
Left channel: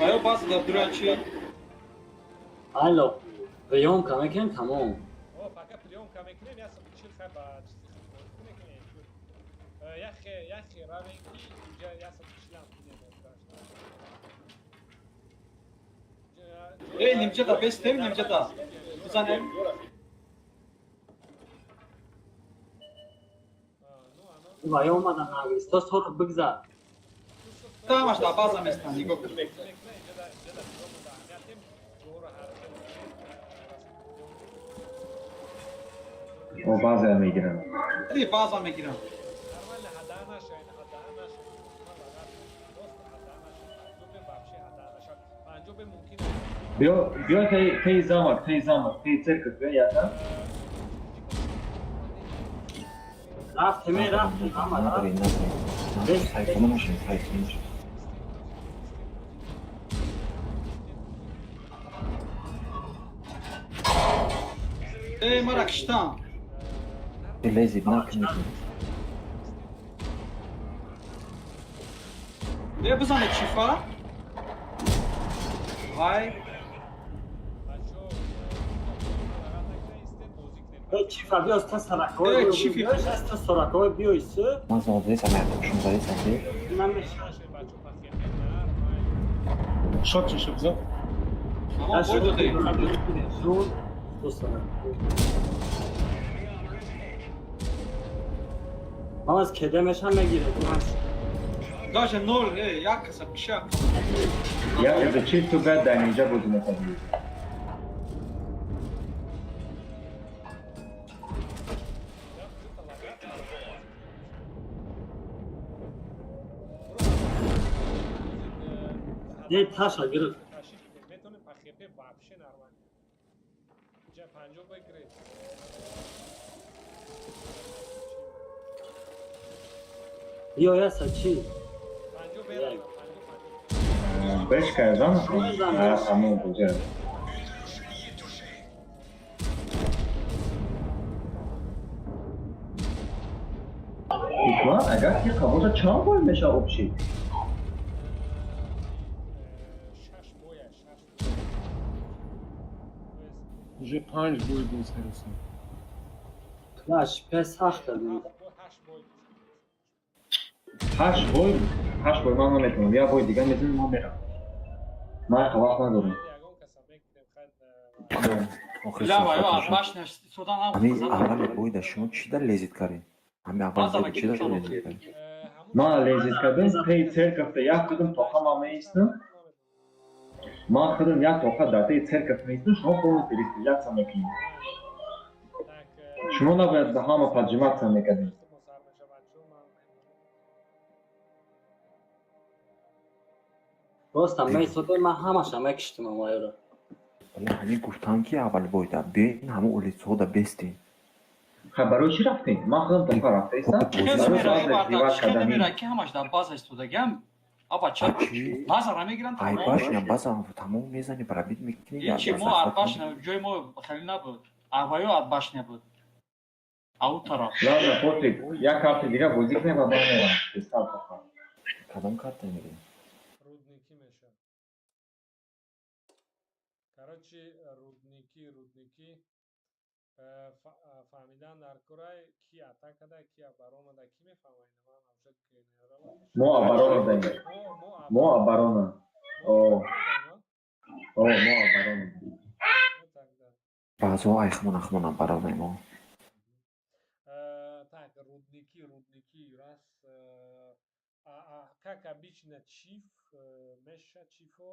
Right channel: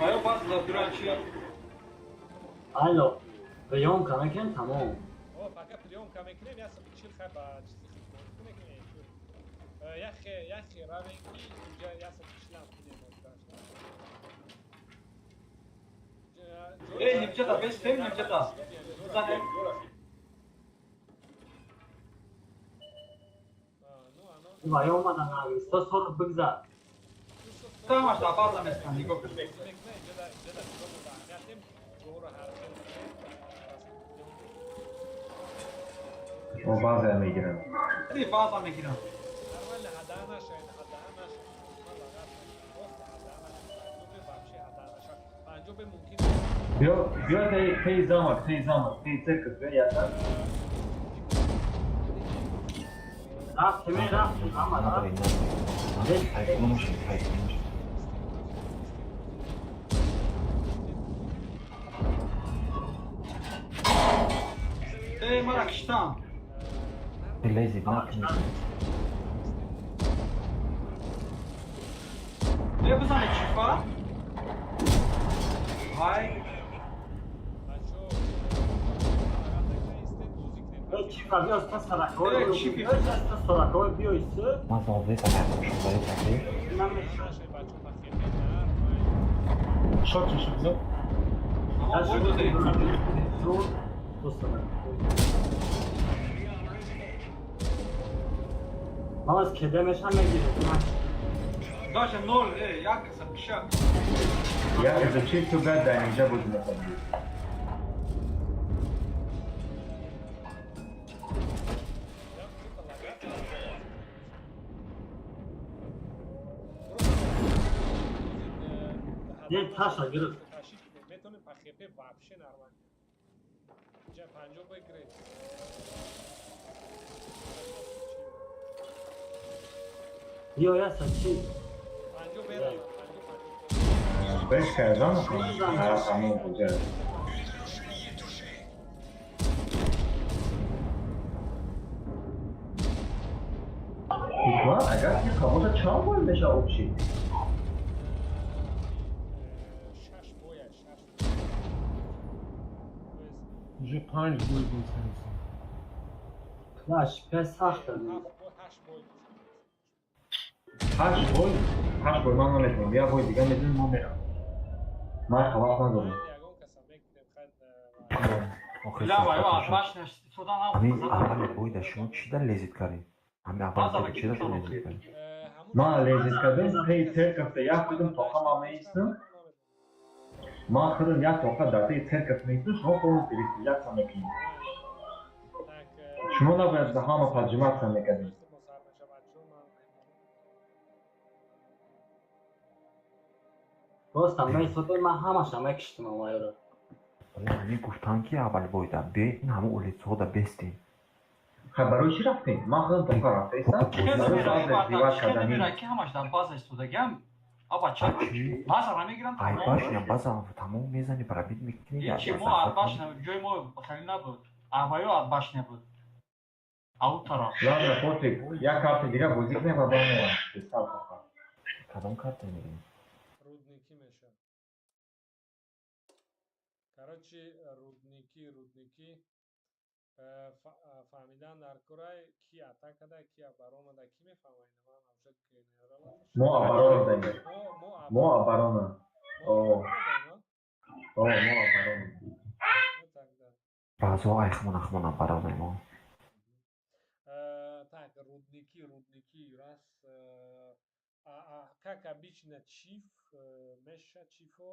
Аё баъз дар дура чи? الو قیام کمکن تمام او فقط приёмка мекунем я чил хаба чизи мекунем яхе равенги инҷа я чилам кунем Эй, нимчада бестем, нимчада. Занем. وای اومدن نویستا سرخ بگذر Тамаш да база места, него. О база мегирам. Ди база мегирам. Нормально хаданаш, хаданаш. Просто хаданаш. Панҷобе вообще хаданаш. Панҷобе мумкин. Биё тей замок, тей церковь яда. رفت همه رفت اما Надри, رفت надри. Қади нуш, қади нуш. Эй, мара киштам. Лези, нахни. Бе бизани чифа. Ай, چی فردی از تا سرکای ای، چی فی؟ از تا سرکای بیایسته Ман сомодлес аятошум барисам. Шот шот за. амон буду ди. زور من از کدمش هم میگیرم Даже ноль, эй, як са киша. Я это чисто гада инҷа бозина. یه تاشا گرفت метони пахепе вообще нормально. Инҷа панҷоб бигиред. بیا یاسا چی پنجاه برسم پنجاه Беш кардам, ҳамон буҷа. Ишман, агар ки камота чанд бой меша обшид? шаш боя шаш Уже 5 бой мезанем. باش پس سخت ҳафт бой ҳашт бой ҳашт бой ман наметавонам. Я бой дига мезанем, ман мерам. Ман вақт надорам. ягон каса мекунем хад Охир Ля, вай, сафар баш наш судан ам. ҳамин аввали бойда шумо чида лезит кардед? Ҳамин аввали чида лезит кардед? Ман лезит кардем, тей церковта як қадам тоқа ман меистам. Ман худам як тоқа дар тей церковь меистам, шумо полностью рестилляция мекунед. Шумо набояд за ҳама поджиматься мекардед. راستم من ایستاده من همش هم اکشتیم امایی رو Ҳамин гуфтам ки аввал бойда биёед ҳамин улицаҳода бестем. Ха барои чӣ рафтем? Ман худам тоқа рафтаистам. Кес мера, бардак, шкене мера, ки ҳамаш дар база истодагам. Аба ча база ра мегирам. Айбашна базам тамом мезани барабит мекунӣ. Чи мо арбашна, ҷои мо хеле набуд. Арбаё арбашна буд. Ау тараф. Ладно, пофиг. Як ҳафта дига бозӣ кунем ва бармерам. Кадом карта мегирем? рудники меша короче рудники фаҳмидан дар курай ки атакада ки абаромада ки мефаҳмад ман авшад ки нералаташ Мо абарона даем. Мо абарона. О, мо абарона. Баъзо айхмон баронамо. Так, рудники раз как обычно чиф меша чифо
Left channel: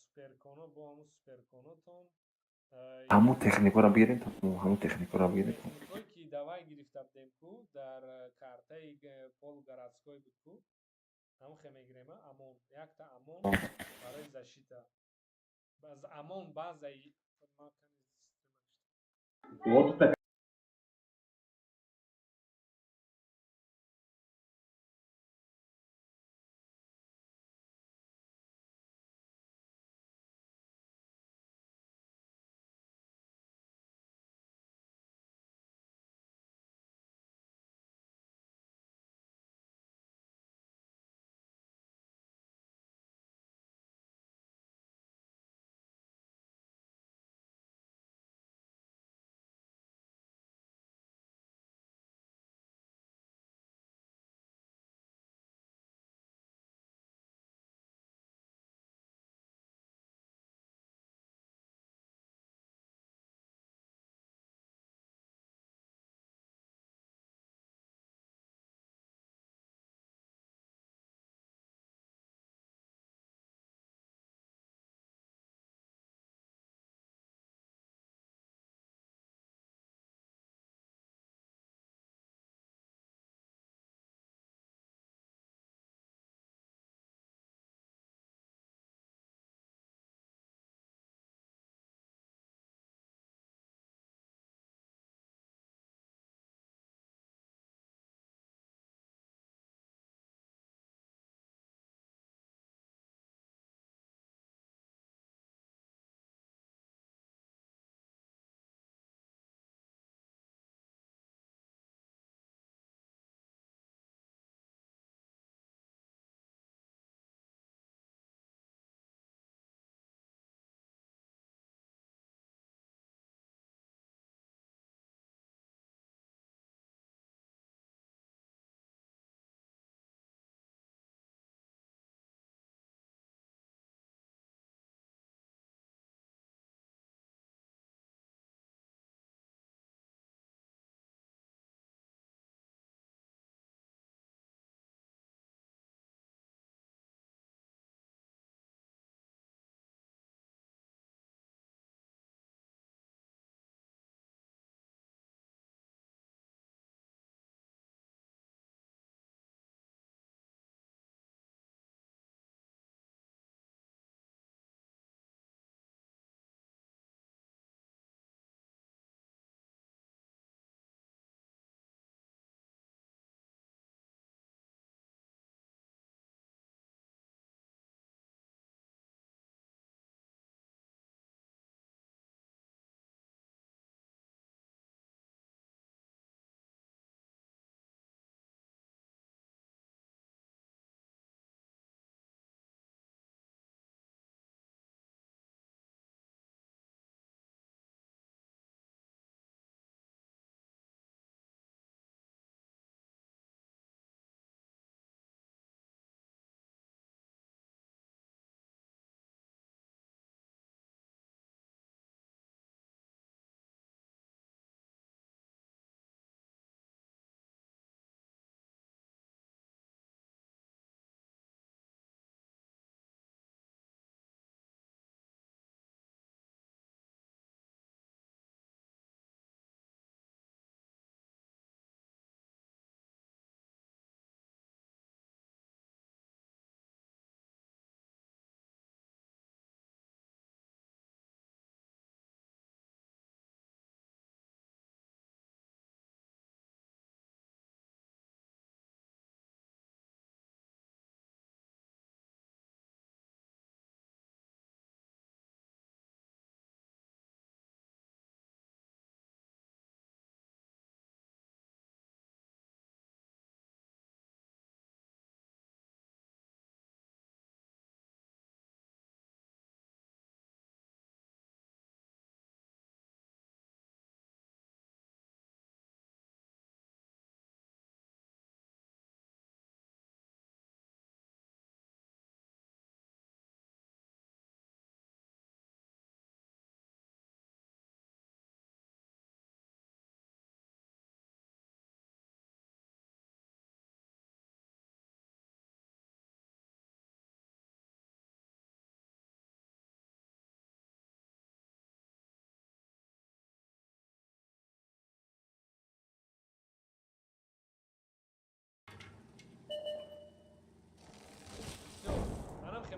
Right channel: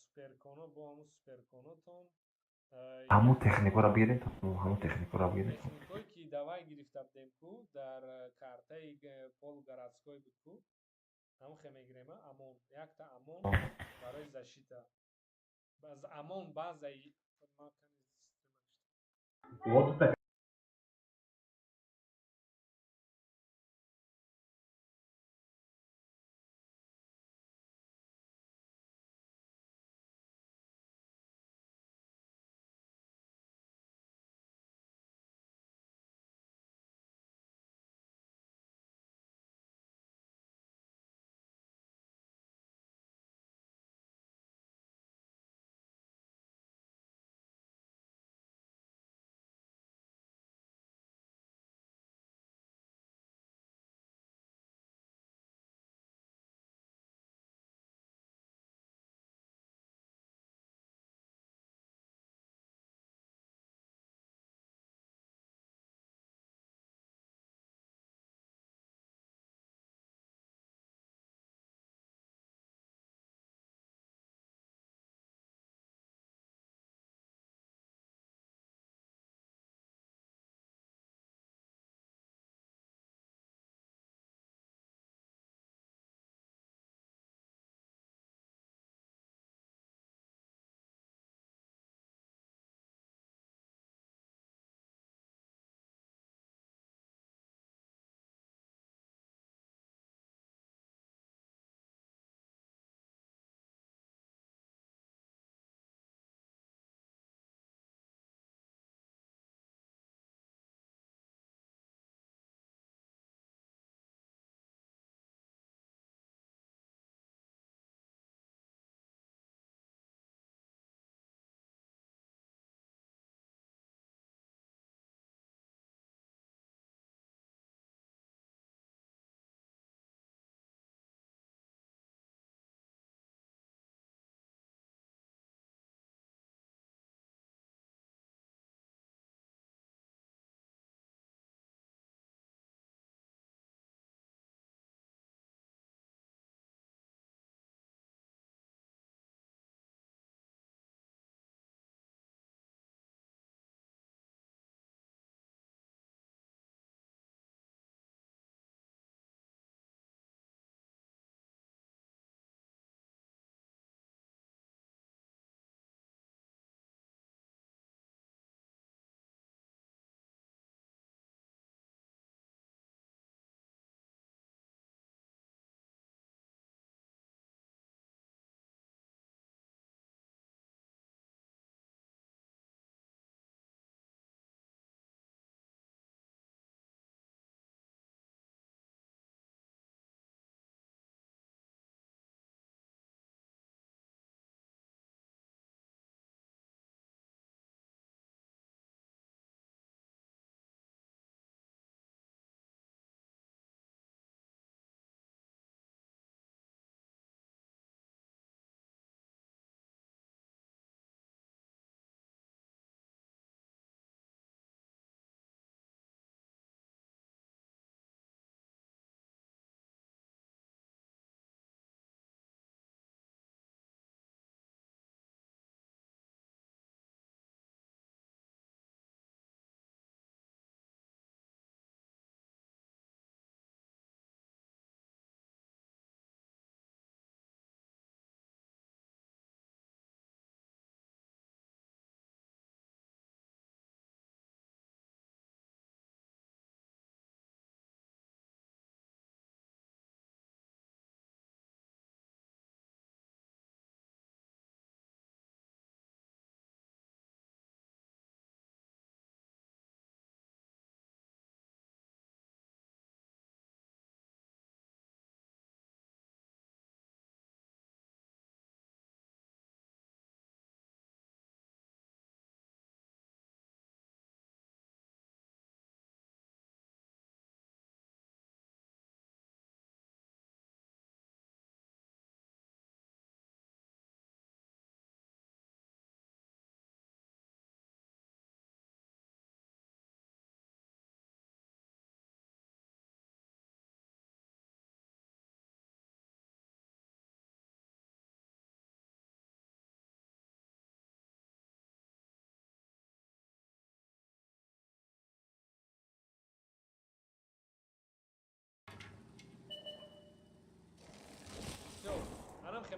суперконо бо ҳамун суперконотон ҳамун техникаро бигиред, ҳамун техникаро бигиред. техникое ки давай гирифта будем ку дар картаи полугородской буд ку ҳам хемегирема амон якта амон барои защита амон баъзаи Вот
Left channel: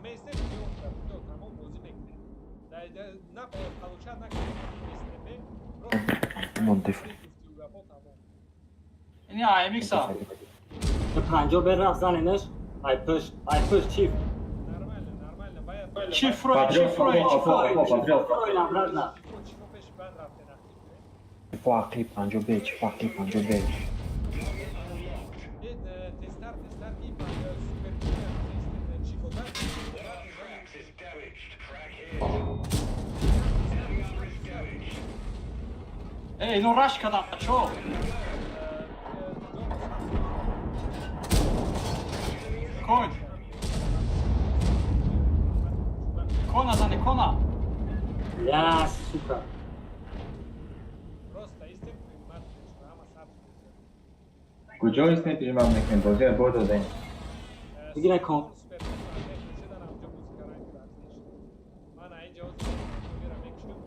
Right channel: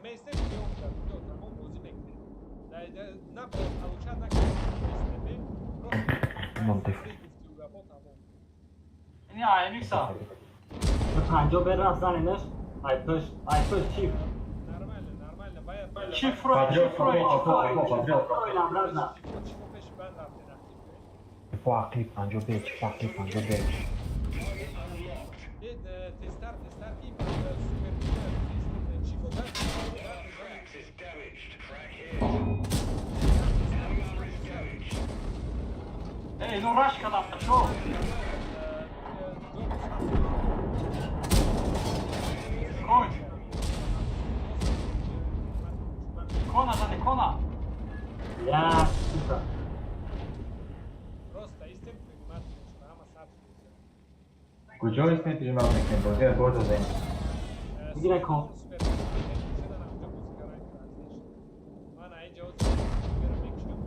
میسته بیون کرد تو تمام بازی میکنه نه پلوچه نه استبه رو گفتی و گفت تمام اینی آیمیکس ها 50 به رفت زنینش I push chief نرماله باید چیف روی چیفو پیش بند رفته نخیفه فاقی 50 چی فاقی 50 تستر کی سوپر چیفو بند اینو راش کنم شو کنا زنی کنا Yes. Просто istím primátor, že nám a sáb skúce. کجا می‌سنید که من می‌کنم بازی را برد دادیم میگیرن کن Super primátor, že da nám že buď karán krátliš. Má na ide od výběra mekšňom.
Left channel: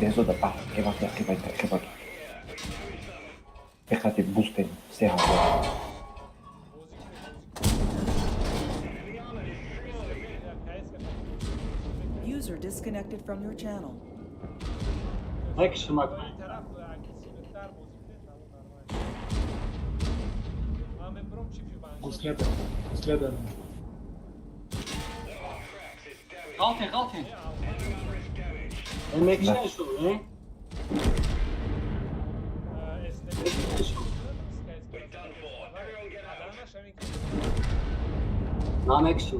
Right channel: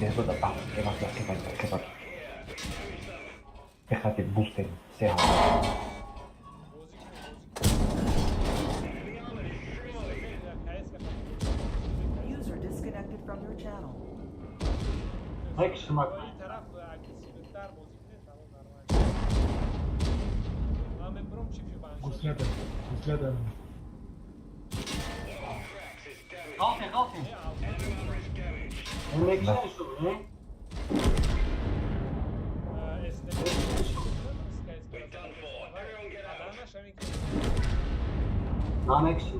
Dentro da parte que vai Fíjate, busquen, sean User disconnected from your channel. این طرف اگریسیوتر بازی کنه تمام نرمال. من برم چیفی بانشون. Следом. غلطی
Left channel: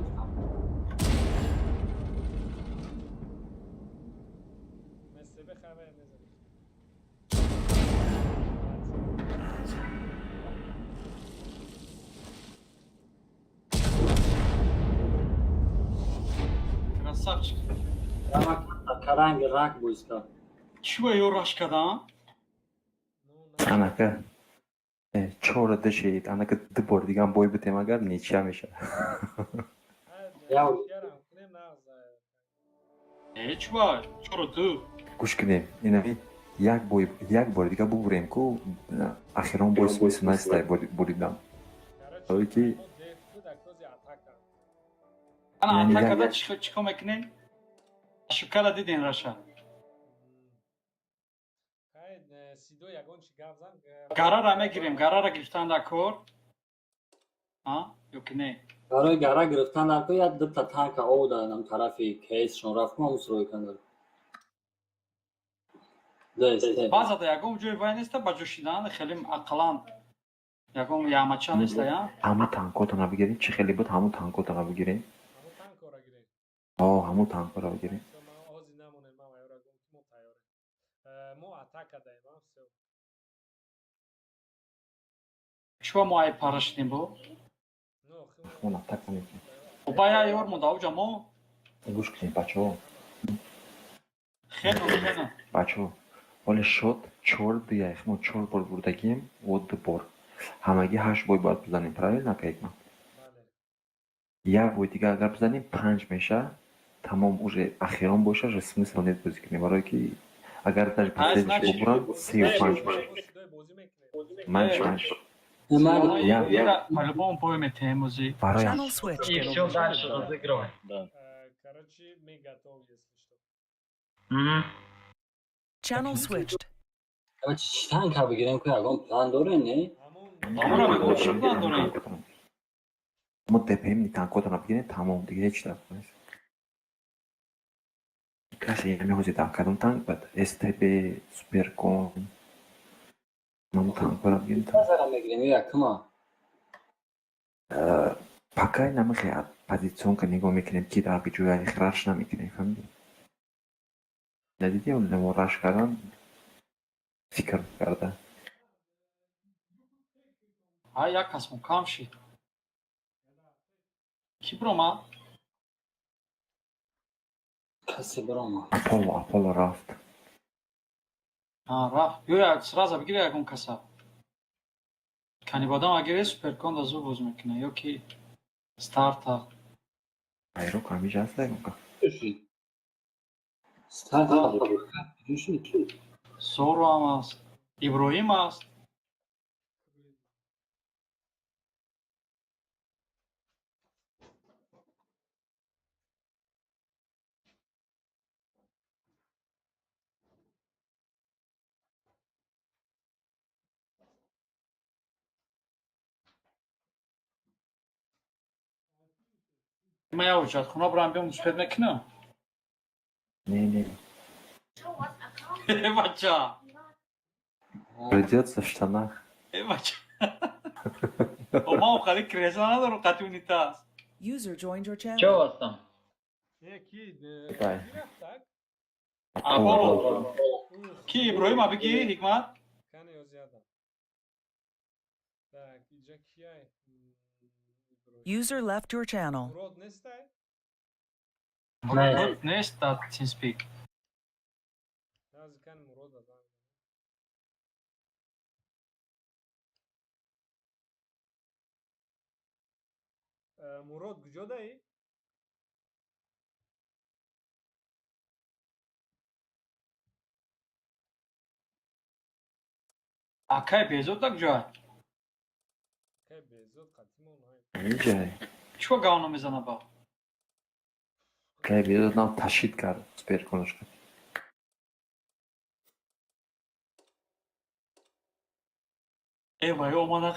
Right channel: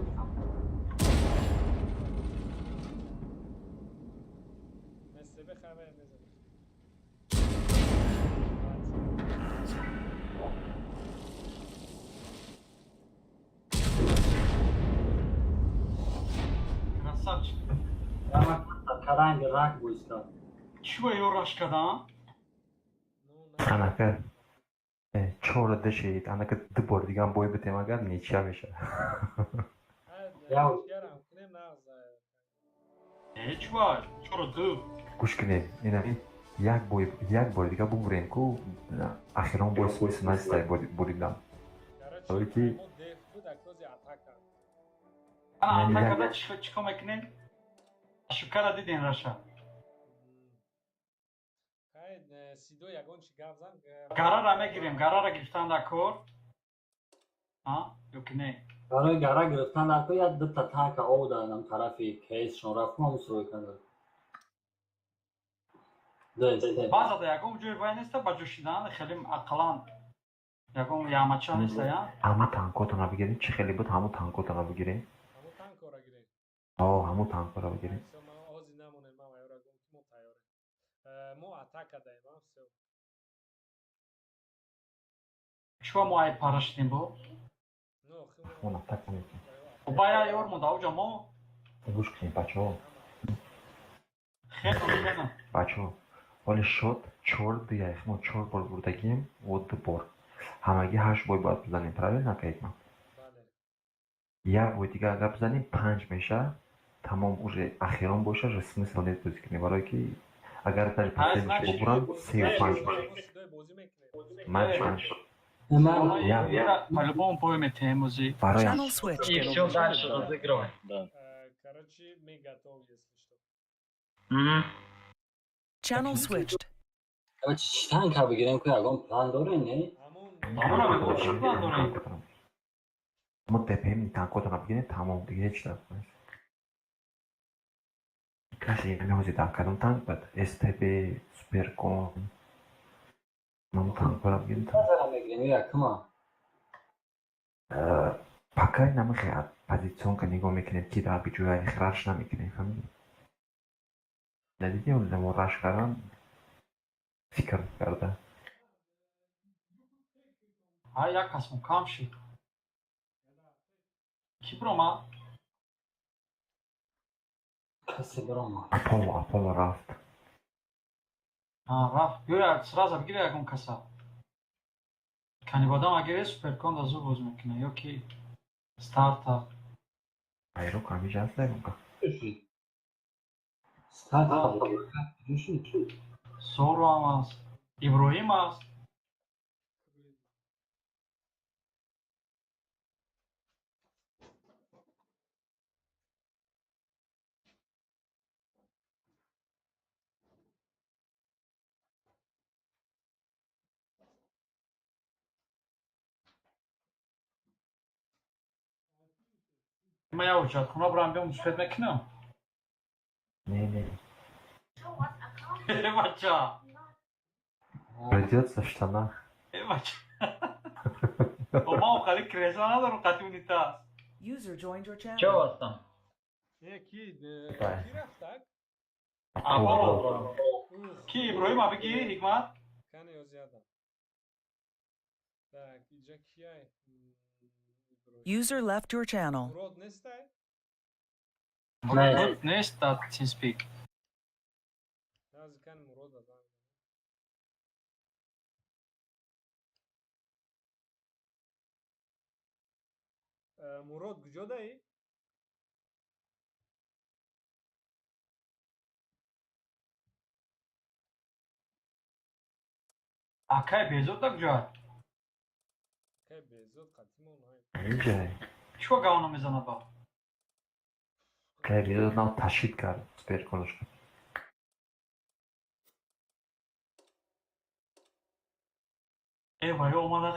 красавчик Каранги рак буйска. чуо ё раш кардам Anaqa chorada şey, anaqa dibor degan boy bitem agar necha hamisha. чуо чуро ду Gush kine, inavi yak bor diga bugurem ku akhiran boy so'yis nastay bo'libdan. Toki ana atakada chiqib meknen shukala didin rasha سیدو یگان چی گفزن гарара мегирем гарара гирифтан дар кор ё ки не برای گرا گرفتن در تو یا دو تا تانک او دادم طرفی کیسشون رفت ما اون کندم баъзада ягон ҷои бай неста ба ҷӯшидан хеле ақлан ягон ямача неста я Hamu tankota nabigirem, chi kheli bud hamu tankota nabigirem. همون تانک را گیریم Hamu tankota nabigirem. ما آزی نمونه ما یورا گم که ما تیاره ما اتاک دایم هم سو чуо моаи парашидем бо نو خیلی Una taka neki. бая ёр монда оҷа мо Gush kine bacho. хеле озина Bacho. Вале шот 4 дига ихмо 4 бор бурдагим, вот бор. Hamagi 8 boy باید بزنیم правильно кайма? بله Як boy дига агар бзаним 5 меша, тамом уже ахирон боша, же смысл нет бозӣ кунем, барое ки агар даже последниш бубурам 35 меша. سیدوی بازی میکنه Манш. по-любому поимете музи Барое Channel switched. и всё дальше разыгрывай короче мы готовы если что Channel switched. چی تانک ها بگیریم که یگان پلان داره نه همون мо депем танкото набигирем, тамом дига ҳеҷ дард нест. Касе меҳози танкадам танк бад, STB, Supercon. Нам танк набигирем. نظرم بگیریم یا کما Пока намахе позиционка нигоҳ мекунем ки дар биҷояи раш намекунем, фаҳмидӣ? Дидиди мо раш кардам фикр карда. як касмо кам шид ки биромад کسی برام Apollo рафт. рафт ё як сразу бигире ягон каса канибодам агире суперкон да зур боз мекуна ё ки старта Айро камиж аст дагока. ستارت зору ҳам аст иброҳим аст ما یا وجود خونه برام بیام مصفت بکنم Не. بچه Придется в штанах. بچه ما خیلی کریزا ندارم قطعی نیتاست User joined your چه channel. واسطم کی بله. کی رفتک؟ کی ابراهیم بگی حکمت کنه یا زیادم. Так, اینجا کیه؟ User left your channel. مراد نیسته؟ نه نیست داد تیم سپیک از کن مراد دادن. مراد کجا دایی؟ اکای بیزود دک جا که بیزود قدیم اونهای. اینجا چو گاونو میزنه با که بیاد نام تشکیل کرد سپیر کنش کرد. ای وای او من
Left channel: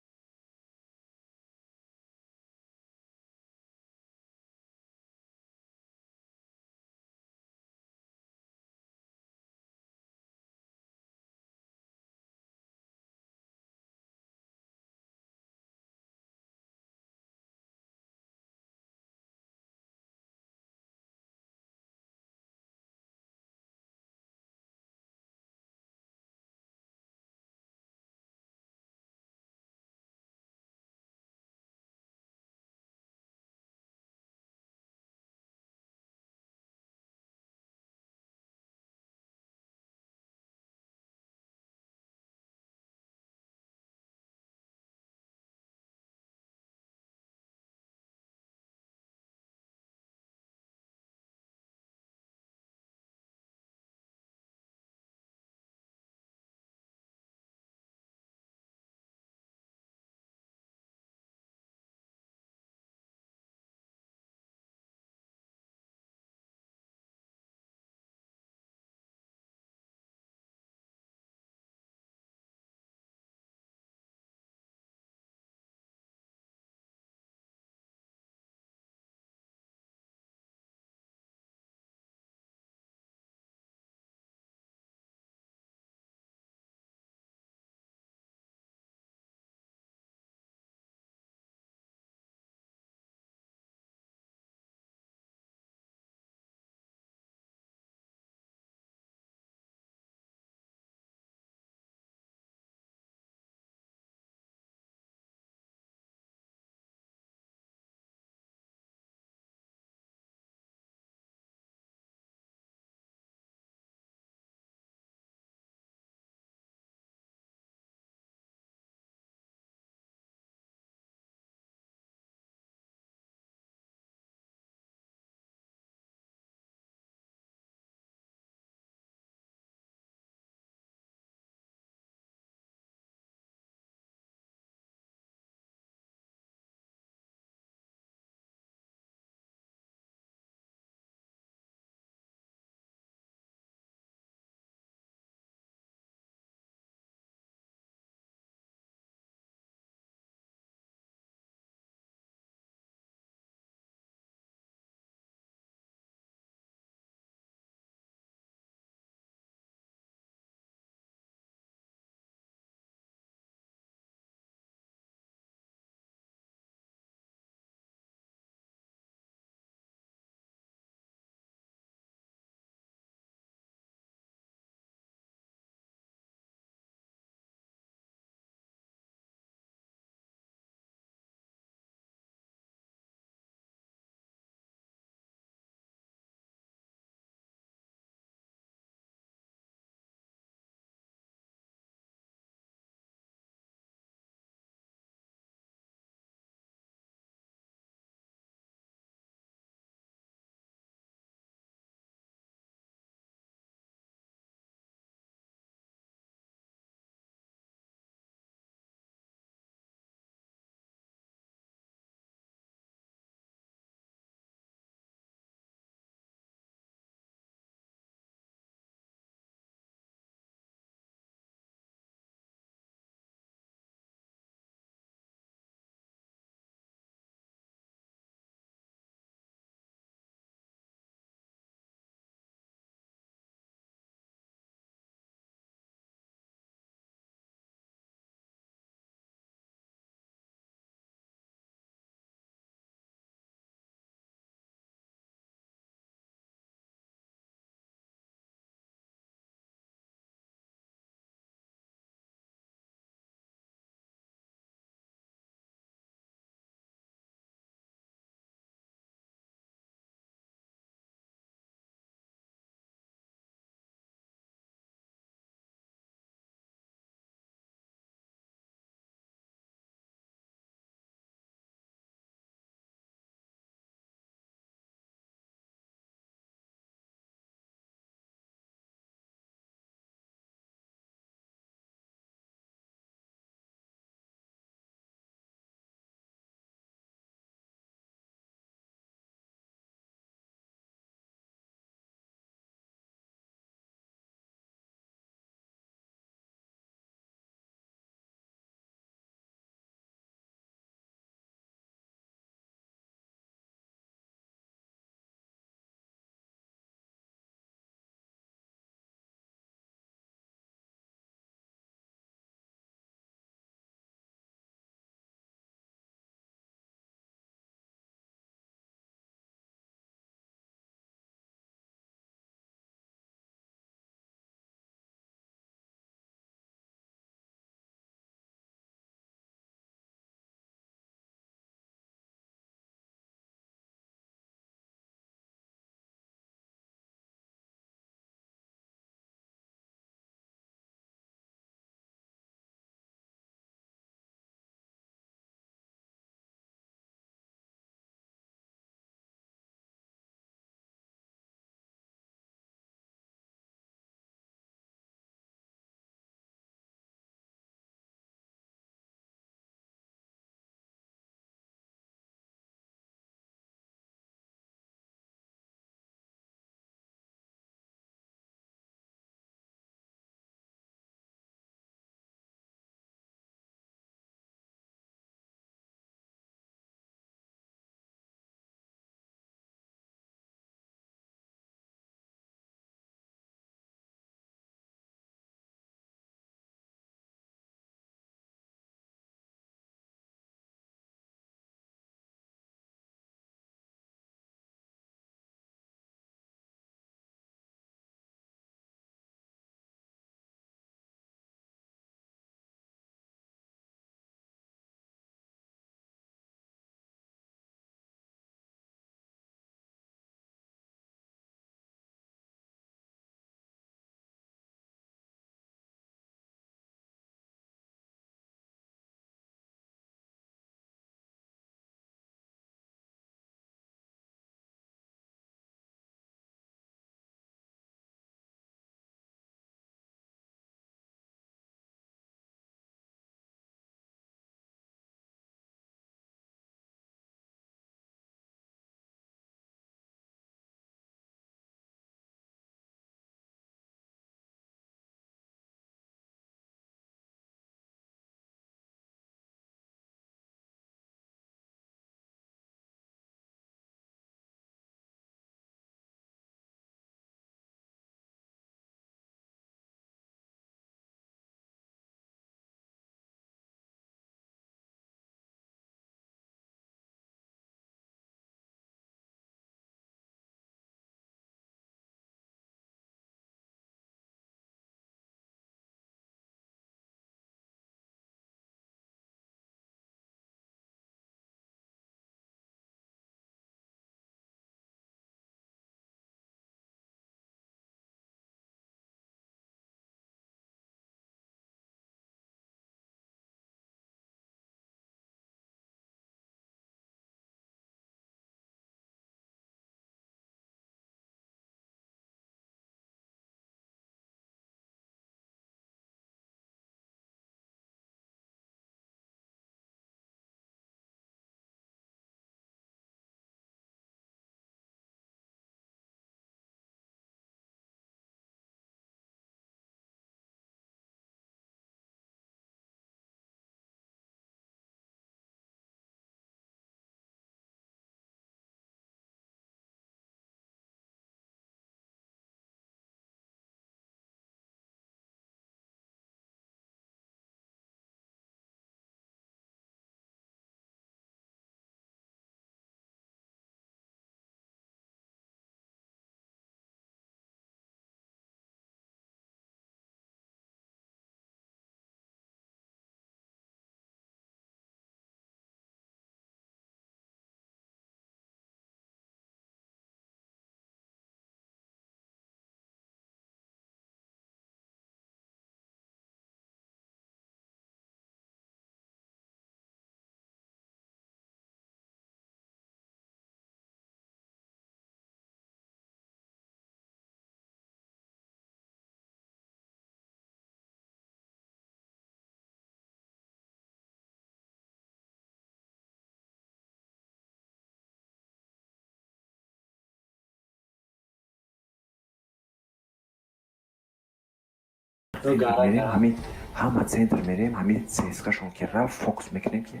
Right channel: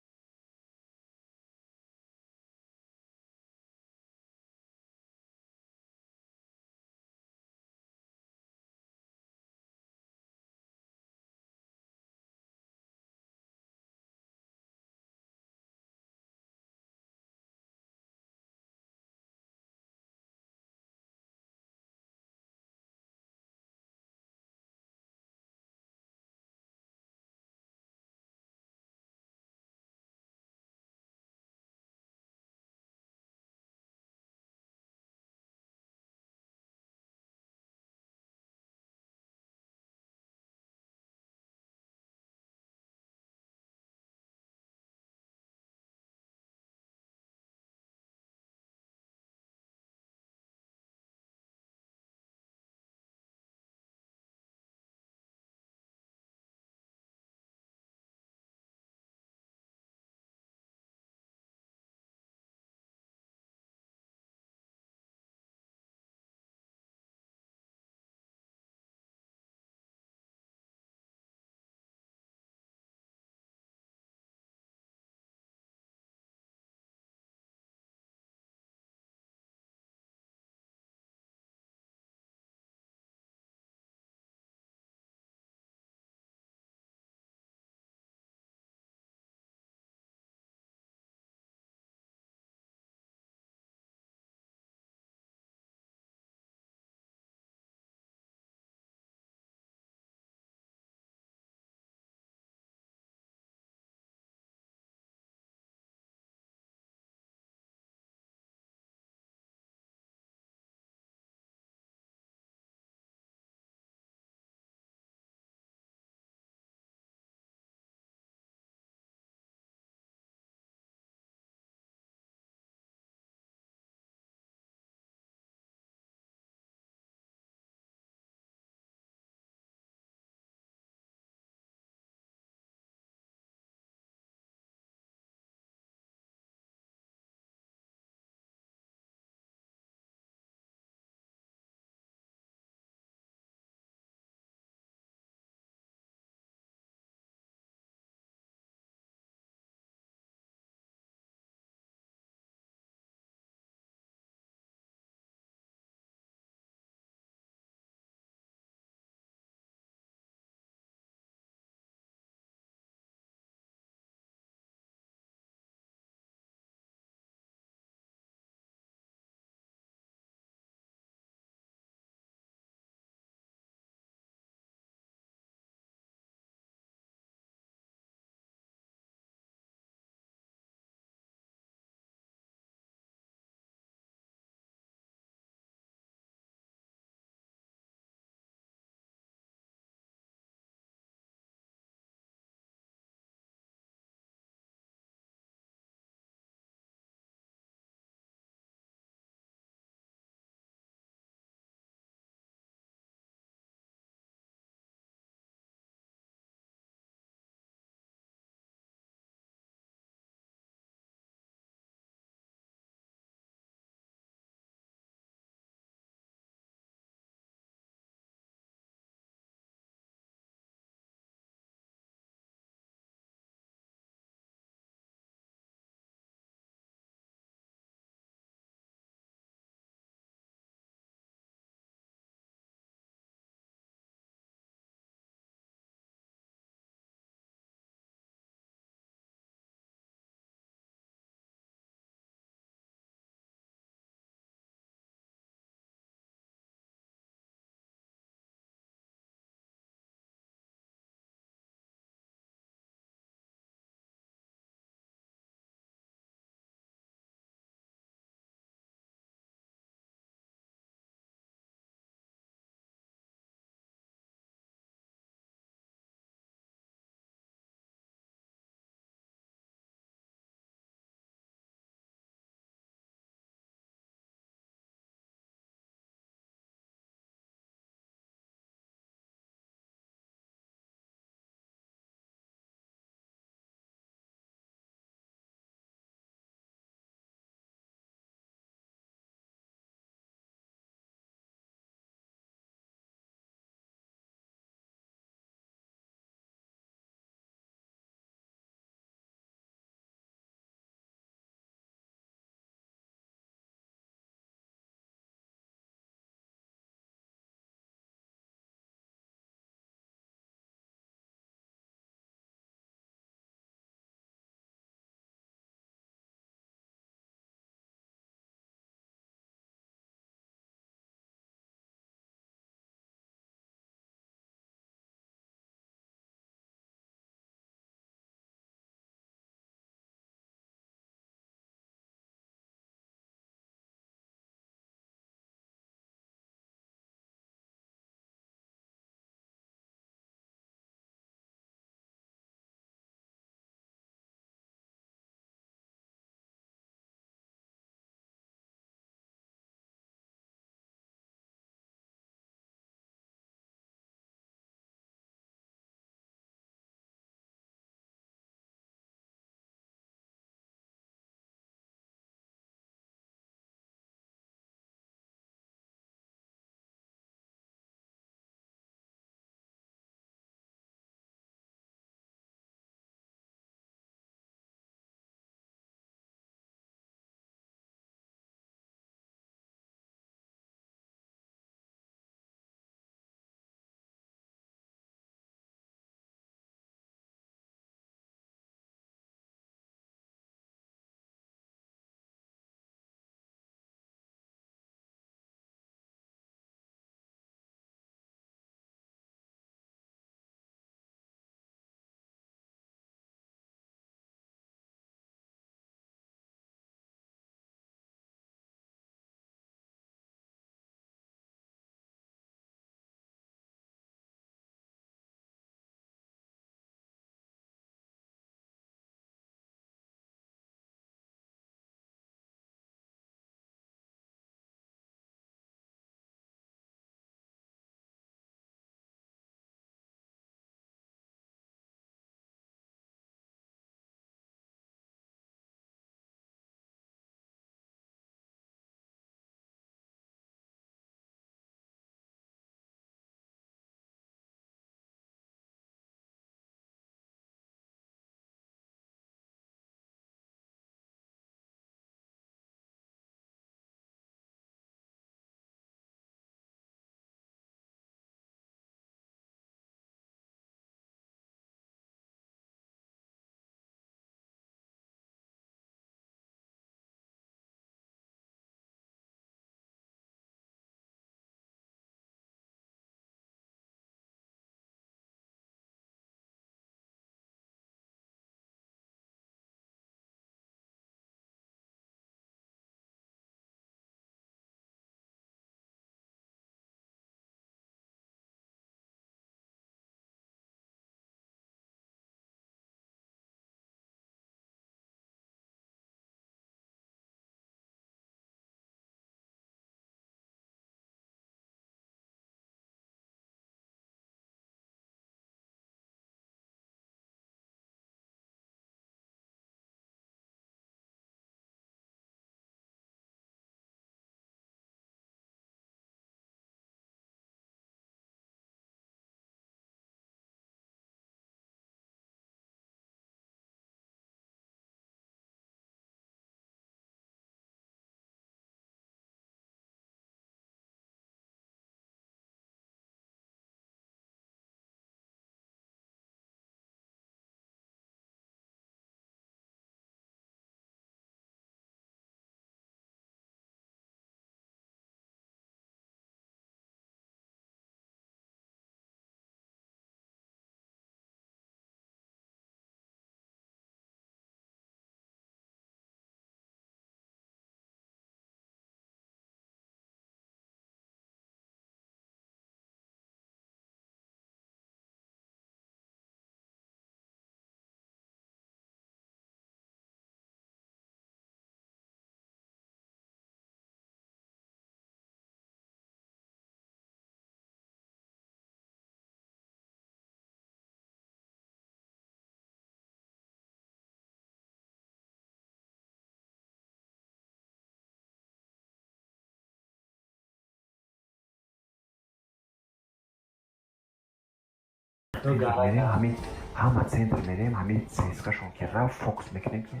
центр мерем ҳама центр мерем ҳамин цскашон ки рафт фокус мекунем ки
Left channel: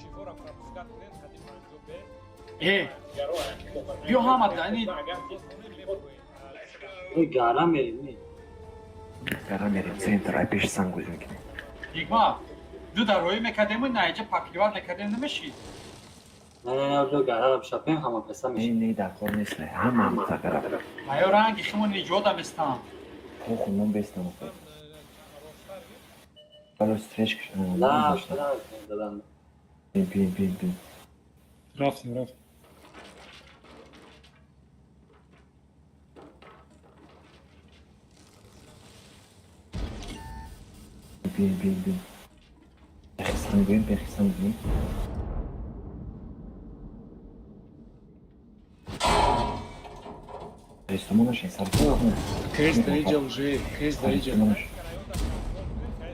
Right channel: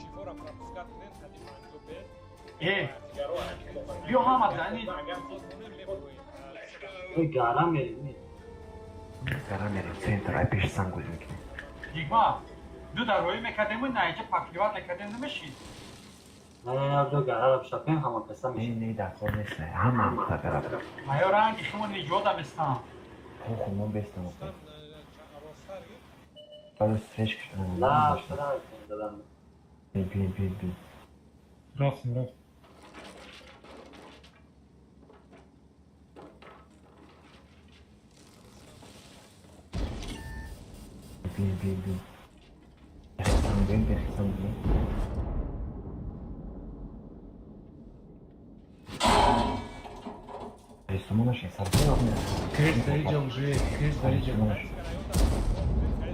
чифора пропускат кунем ҳади 50 бе биё ҳама дани монем мебуроем ой гара мерем гара мерем центр ай пеш сангӯз мекунем дигма ду дарои мекардему наиҷа паҳливат мекардем намешид не ду гара шапем ҳама песа меши не дар кор нест ҳама гара айё ранги шумо ниҷода местам хунум бестам ростар стречка да пин Рафтим, рафтим. пин сангӯем рестомонашин саркор Крест доиҷа уже, крест доиҷа.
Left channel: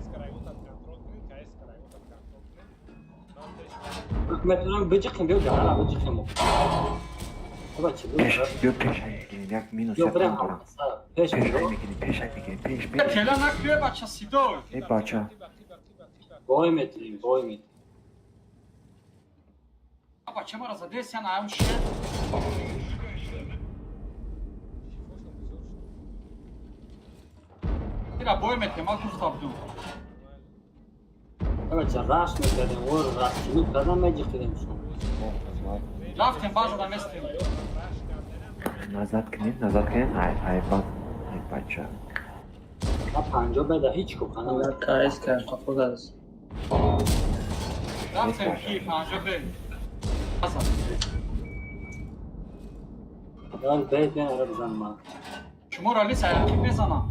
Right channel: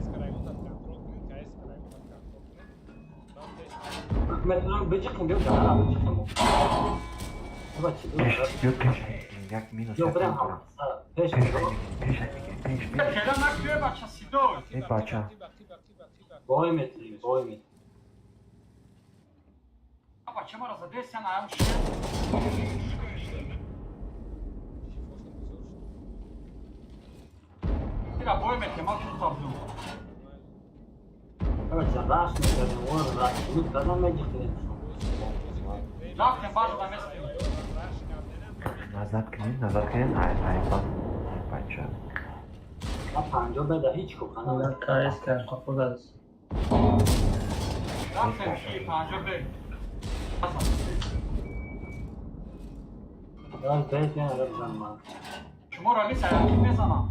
кск районат контрол кунем кск районат контрол кунем ман тест метавонам биҷиқем бё гара биҷиқем пеш як минус ё як брем дорам пеш пеш тела накуе бача сидор бача бой метрим бача мара задесян аям шер ира бой метрим ма гуфтавду бача раш мекардем бор раш буд казан меҷиқидем рафтем базда мест назад кунем ай бача панҷо беда ҳеҷ кӯпана рафтем ки панҷо бе бед менара бизанма шумо рали саянки безанам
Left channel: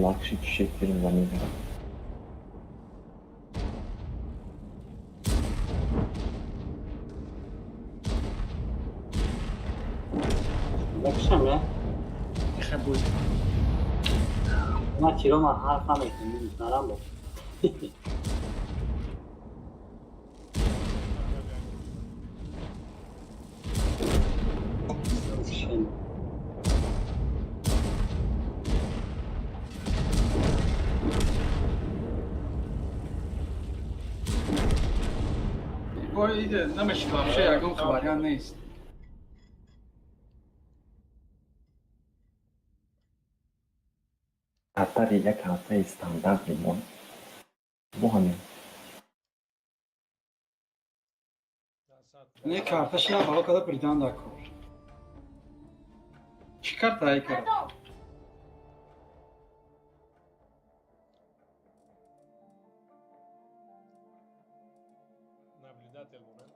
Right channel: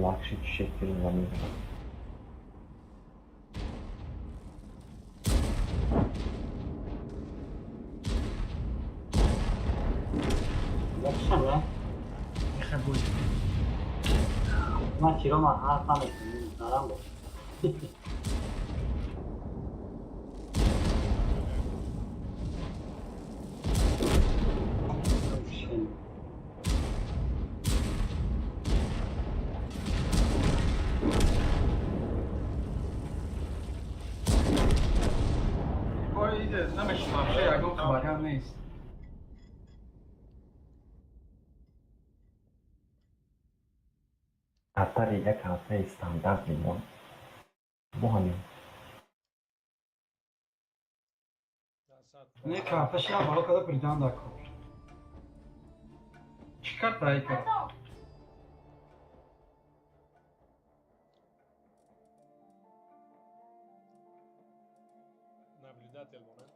лакши чишек кирим замин шаме ма тирома ҳарфа метарам намешид вообще ягон хабариян нест ҳафтаи як ҳафтаи стандарт мемон бо ҳамин не карташи ҳам ҳало када придан дакор чӣ карта ай кард наблюдатель момент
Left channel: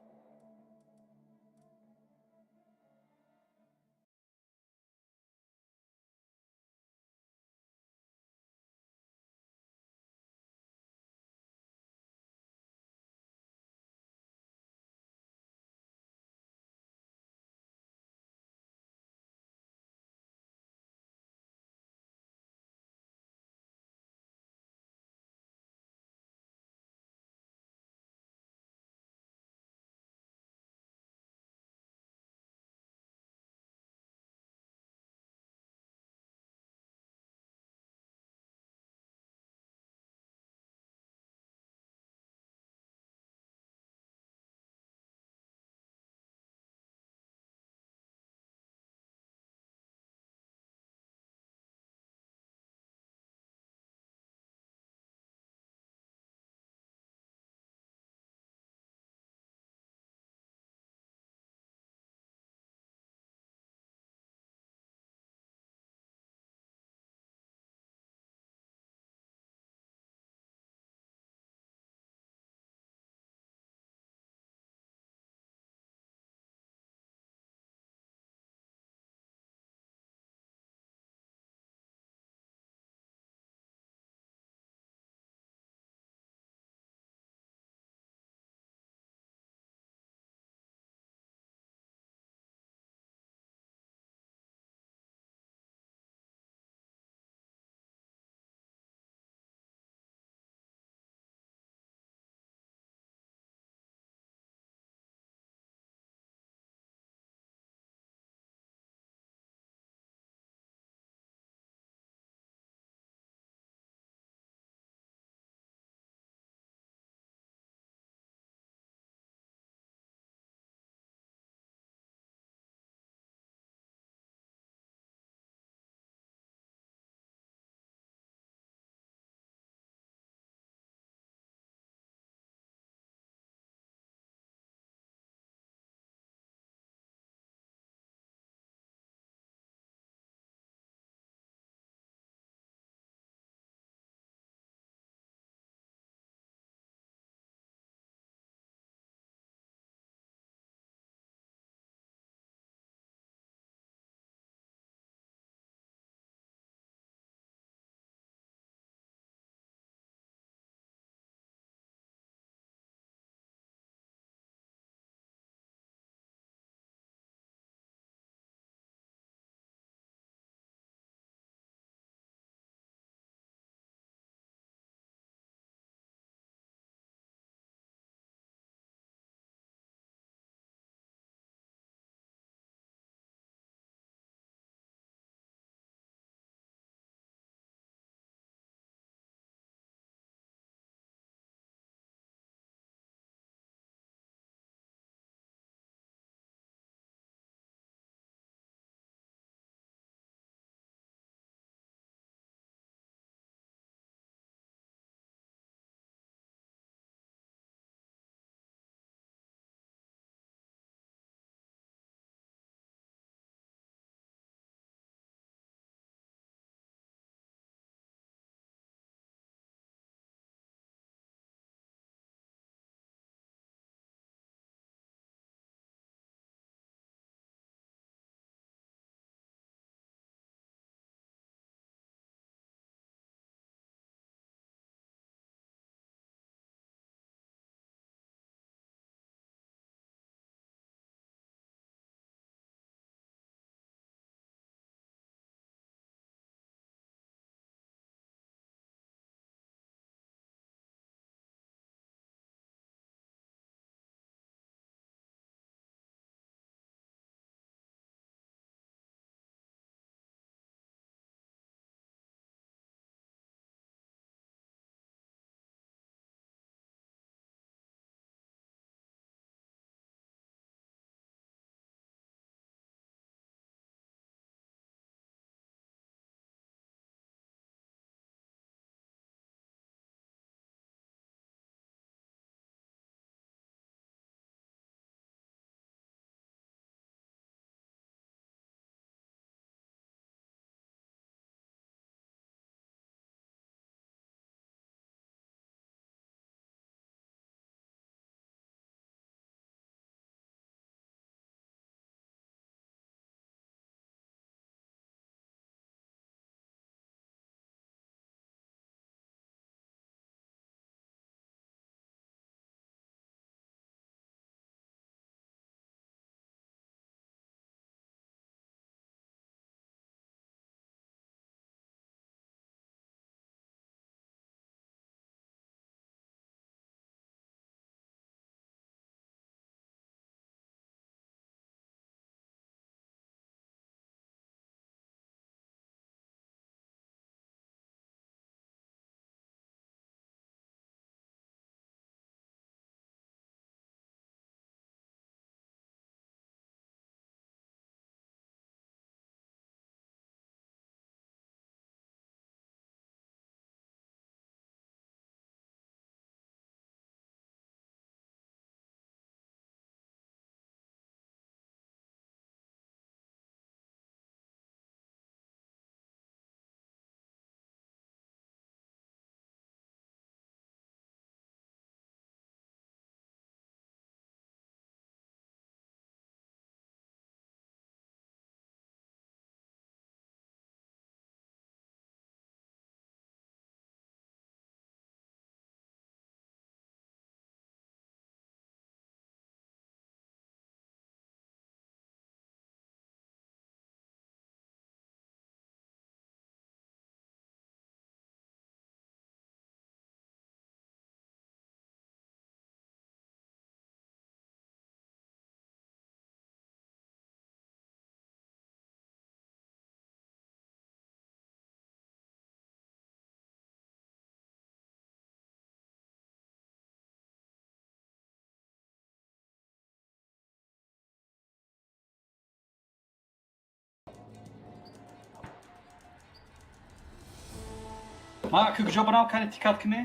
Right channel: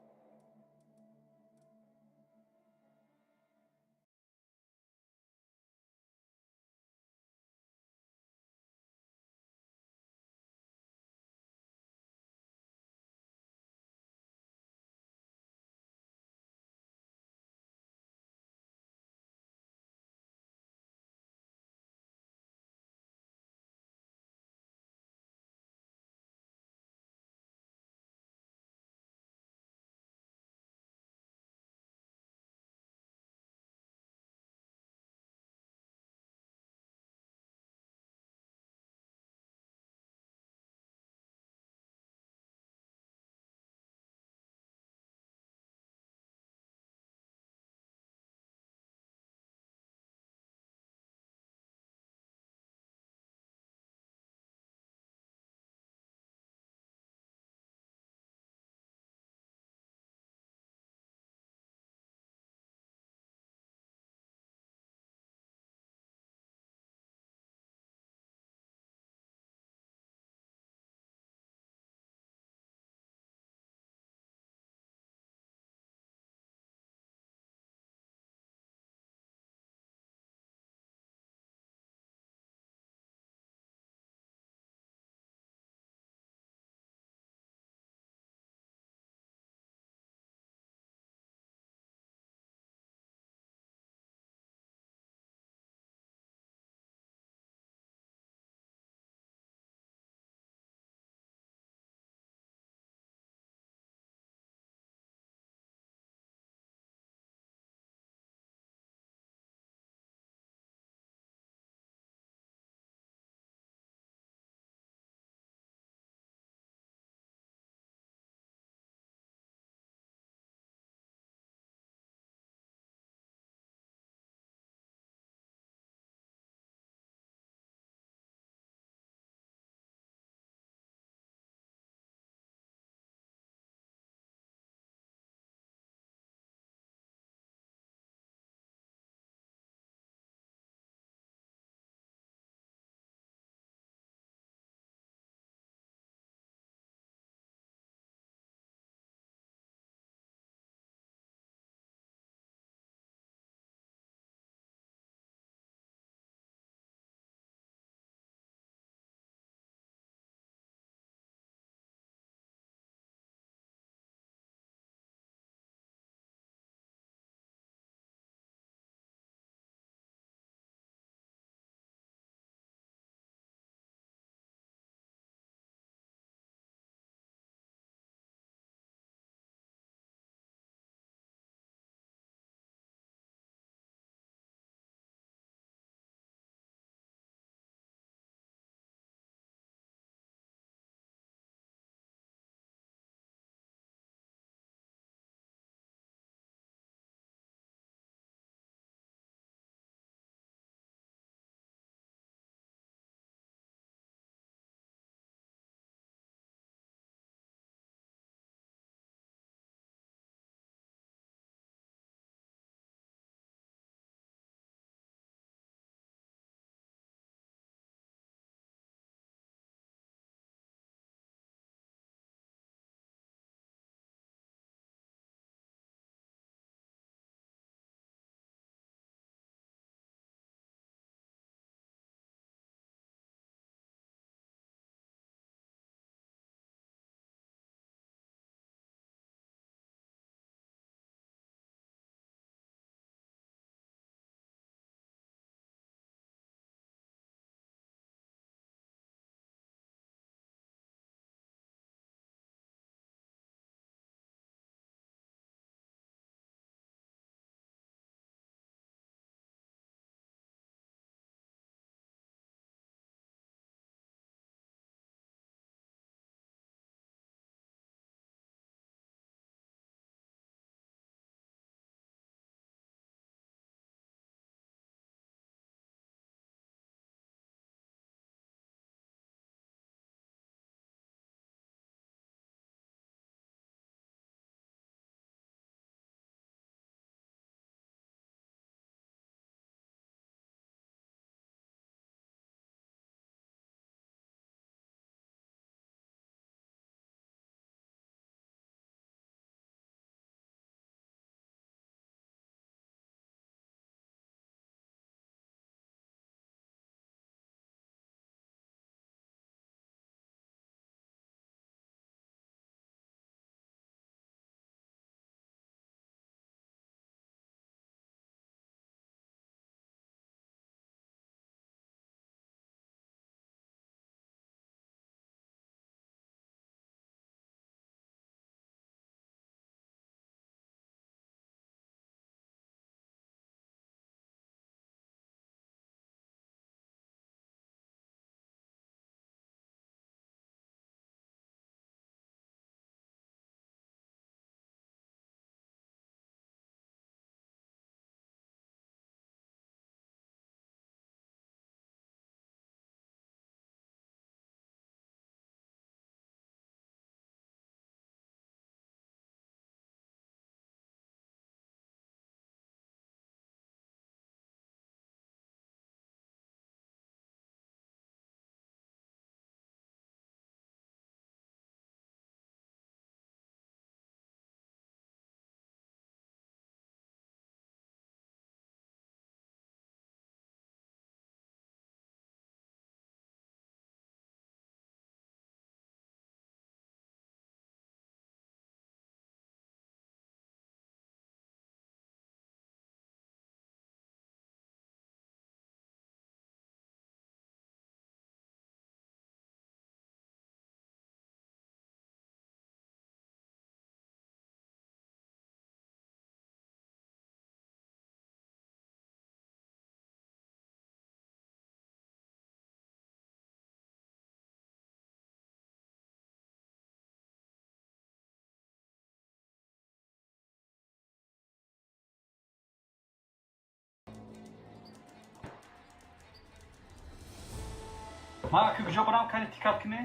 ма куҷо барам кани тикат кине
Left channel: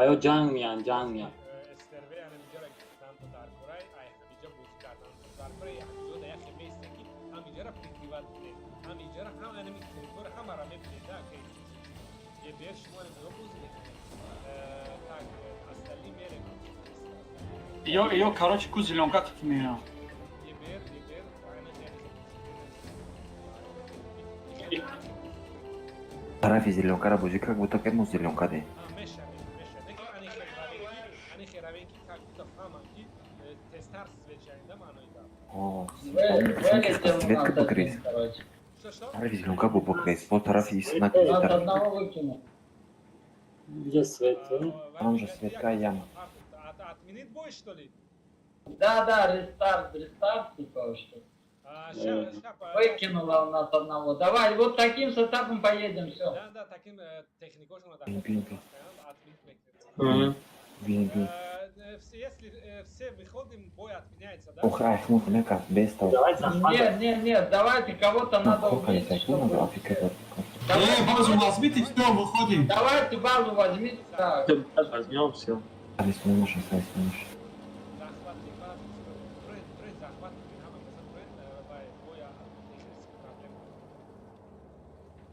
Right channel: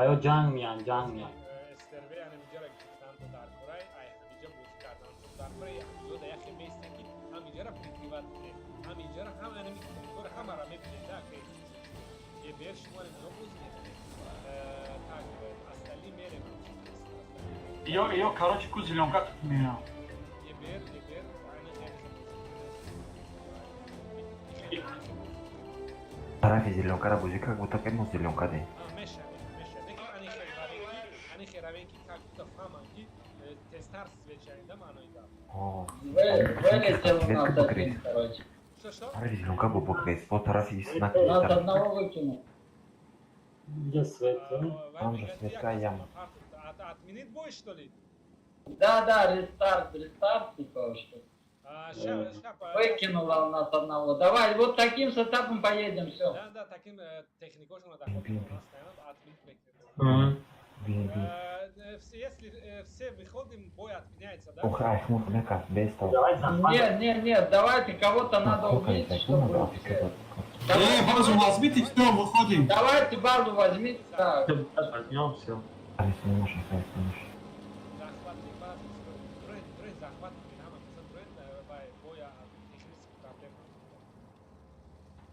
آیا جنگ میان جنگ میان استربه یعنی اینجا را گفتن تو در کره ای همینجا بوز کردن تو در کره همینجا در یخ میستن که همینجا را پریکریوات کنه همینجا را هم انمی تریتور همه را میبینید که یه بیر شما اینجا بوز میکنه так اصلی میره ё карочи ку зеленка tutмеям یه بیر aynı خیلی طرفی زیلونکا را بازی کرد بودو که مو زیلونکا دی meşe ne ki ani xeravenki как будто фаманки тестар свечайда манойда Вылетел у нас один, короче. что طرفی زیلونکا бу покрес по طرفи снак У нас одного выкинул. Где свет? Там же света яма. отменить бой что ли Да, рестарт, типа, что. Выкинула у нас одного. Давай, вот таким сетапом поедем, все. да таким техникошно да у нас стоят отменить если все выходим бой отменяется да охрай хмут нека без того Нет, давайте кого-то надо убить, чтобы все. базу возьмите все выходим Давайте базу возьмите. Так. возьмем все арестуешь захват базы бренд захват Динамо это бренд боя технических проблем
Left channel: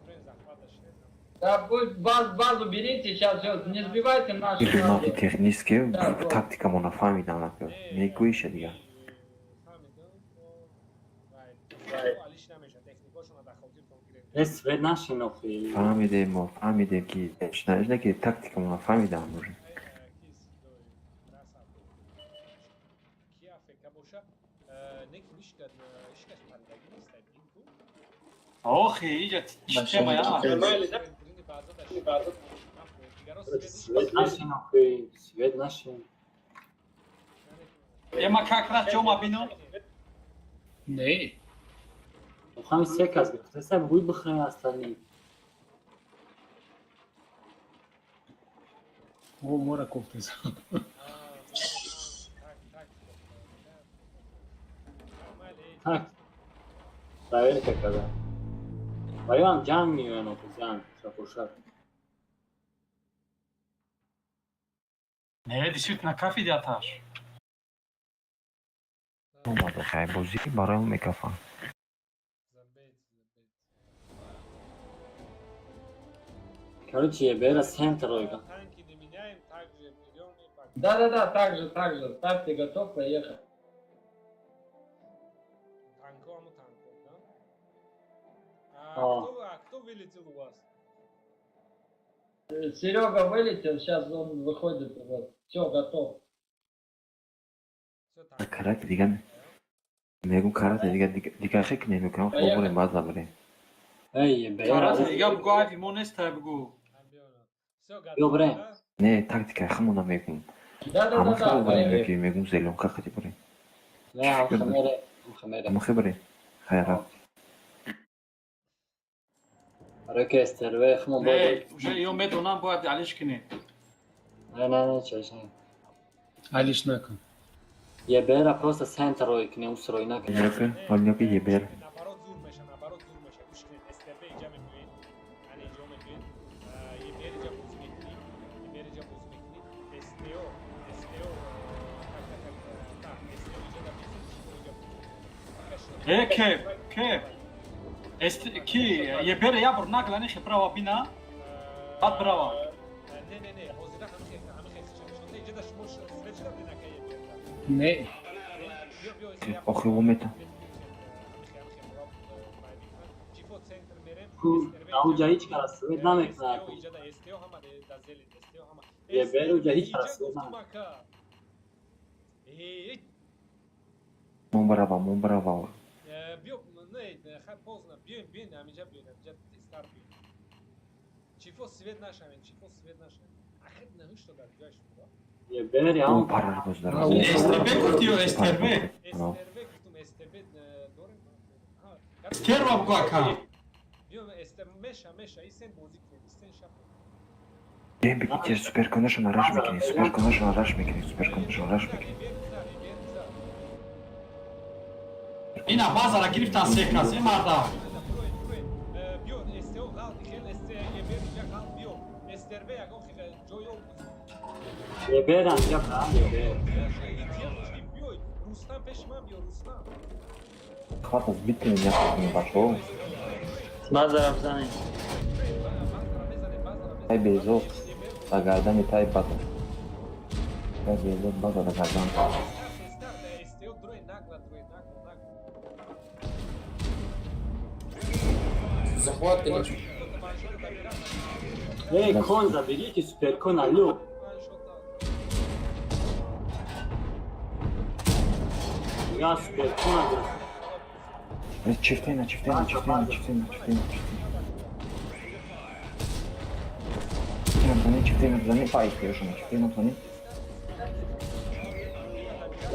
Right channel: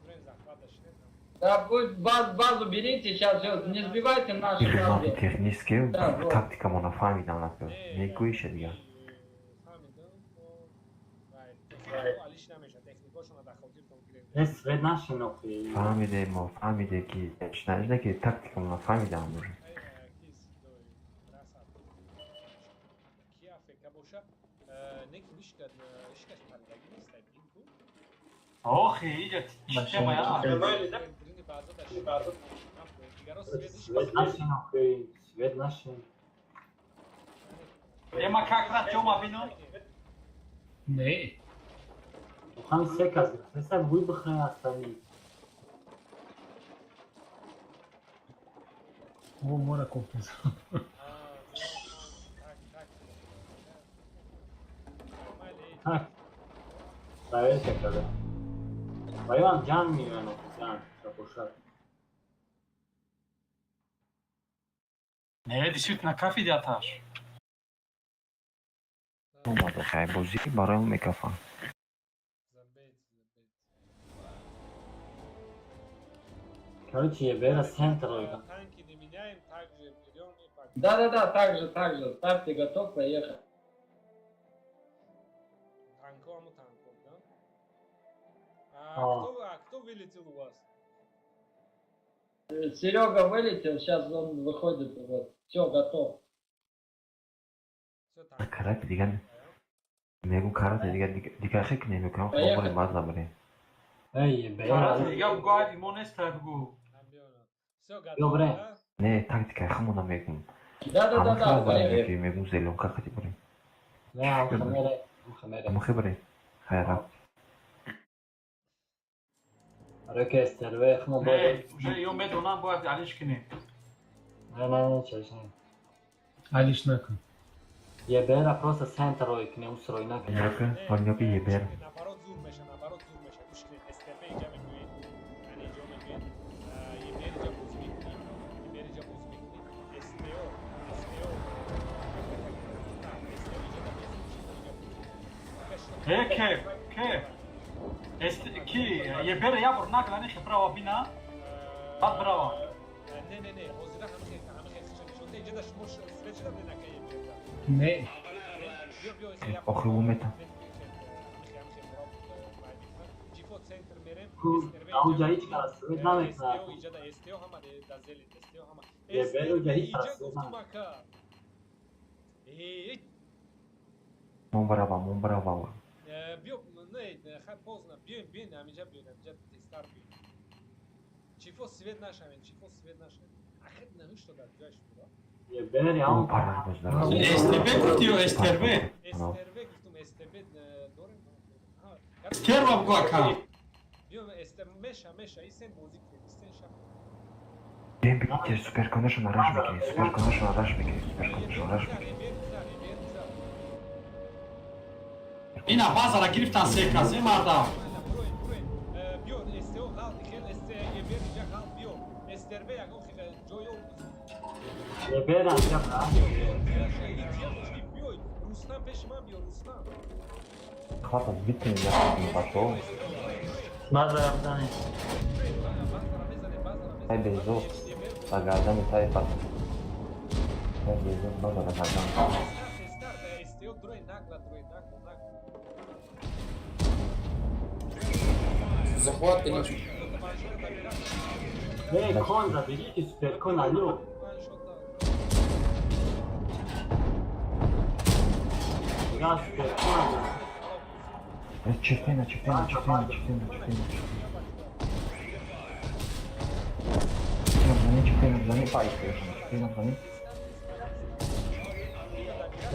бренд захвата шнет Да, будет базу берите сейчас, все, не сбивайте нашу базу. технически тактика мона фамида на неку ише дига Свет наши нахуй. фамиде ки знаешь да ки тактика мона фамида може охи идет тема я Свет наши нахуй. Свет наши. ема как раз ҷома бино Не. Хами секас. Теса будет бахрен остальные. О, мора кофтуз. Так. Проверьте когда. Bayram can mı yiyor can? Çapuşar. не действительно кафи диаташ омад хай бозӣ барои мекафа Короче, я бера центр. танки не меняем также берем и Да, так же. Ставьте готов, поехали. танком да а кто вылетел у вас Серега вылетел, сейчас он выходит. Вот. Все, готов. все танк карат дига мегу карат дига хек немекам Поехали. база бре Эй, бера. дигам гуади монеста бгу все Добре. готово да не тактика хмуна мегу Да, поехали. ки мегу зелонка хати бре Не, Мухаммед. мухе бре хайра Оркестр, вехму. не уже ё медонам бояд алиш кине Не, честно. Алиш након. Я бера просто центр к нему стройна. ойноки ебер наоборот зур меша гуш кунед стербе иҷа мекунед яъне иҷо мекунед ебер иҷа боз мекунед STO STO так STO иҷа дар мезон чико иҷа боз кеф ки ебера я бурнак лани хибрава бина бад брава не ҳозира ҳама хешонда иҷа дар шумо свечра бинака еберда Не. охи умета ҷифо центр мерем Аунҷа ҳеҷ кас свет намекунад. STO иҷа дар STO ҳама дар зели STO ҳама Ебер STO уҷа ҳеҷ иҷа кас гуфтум ака мон брава биё не поздно биён ҳаминҷа тестар биён чифо свет нашавен ахир навишто дар ҷояш буда Я бера он он. парар буздар STB гуфтиё STB STRB гуфтум STB дорем терва бгу ака биё меша исен бозӣ кунед исен шаб Бем бигитер суперконашон араш мекини ина базара гирифтан секаз марда биё STO ғалт ихел ебер иҷа ғалт биё استربه یکم جای او یه برن اینجا بیوی روستم پیش من بیا روستم خلاص بیتیم نکنیم بازار بزنه ای بیزو بگردم تای پا ای بیزو ما رو بزنیم استیو دروی نگلا Захват, конечно. ای کنزا بگی که سوپر کن الو یا سوپر کن چفتینه زنی پای کشیم چفتینه کنیم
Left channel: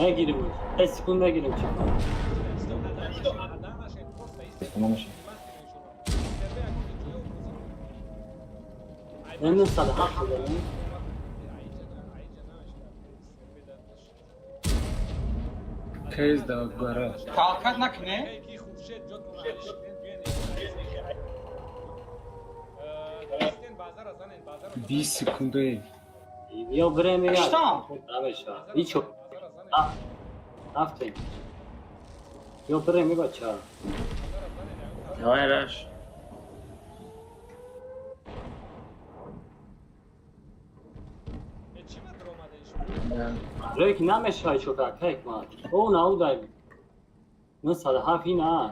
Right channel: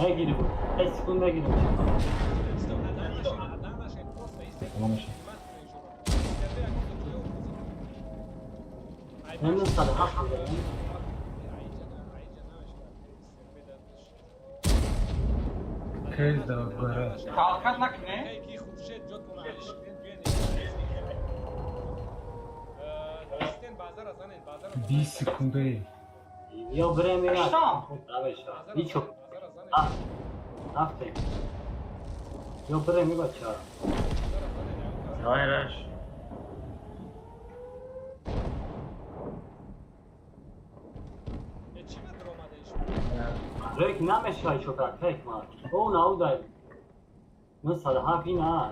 نگیریم 10 سکوند بگیریم تیز داد برای Kalkat nakne. کی خوشت جاتون علیشکن بیاین استن بازار زنین بازار 20 سکونده یا بریم یا Kıştan. نمیشه بیچو بازار زنین رفته یا بریم یا چرا بازار زنین Давай, Раш. چی ما درآمدش ریک نمیشه شوکا تک ما او نه دای مثلا هافی نه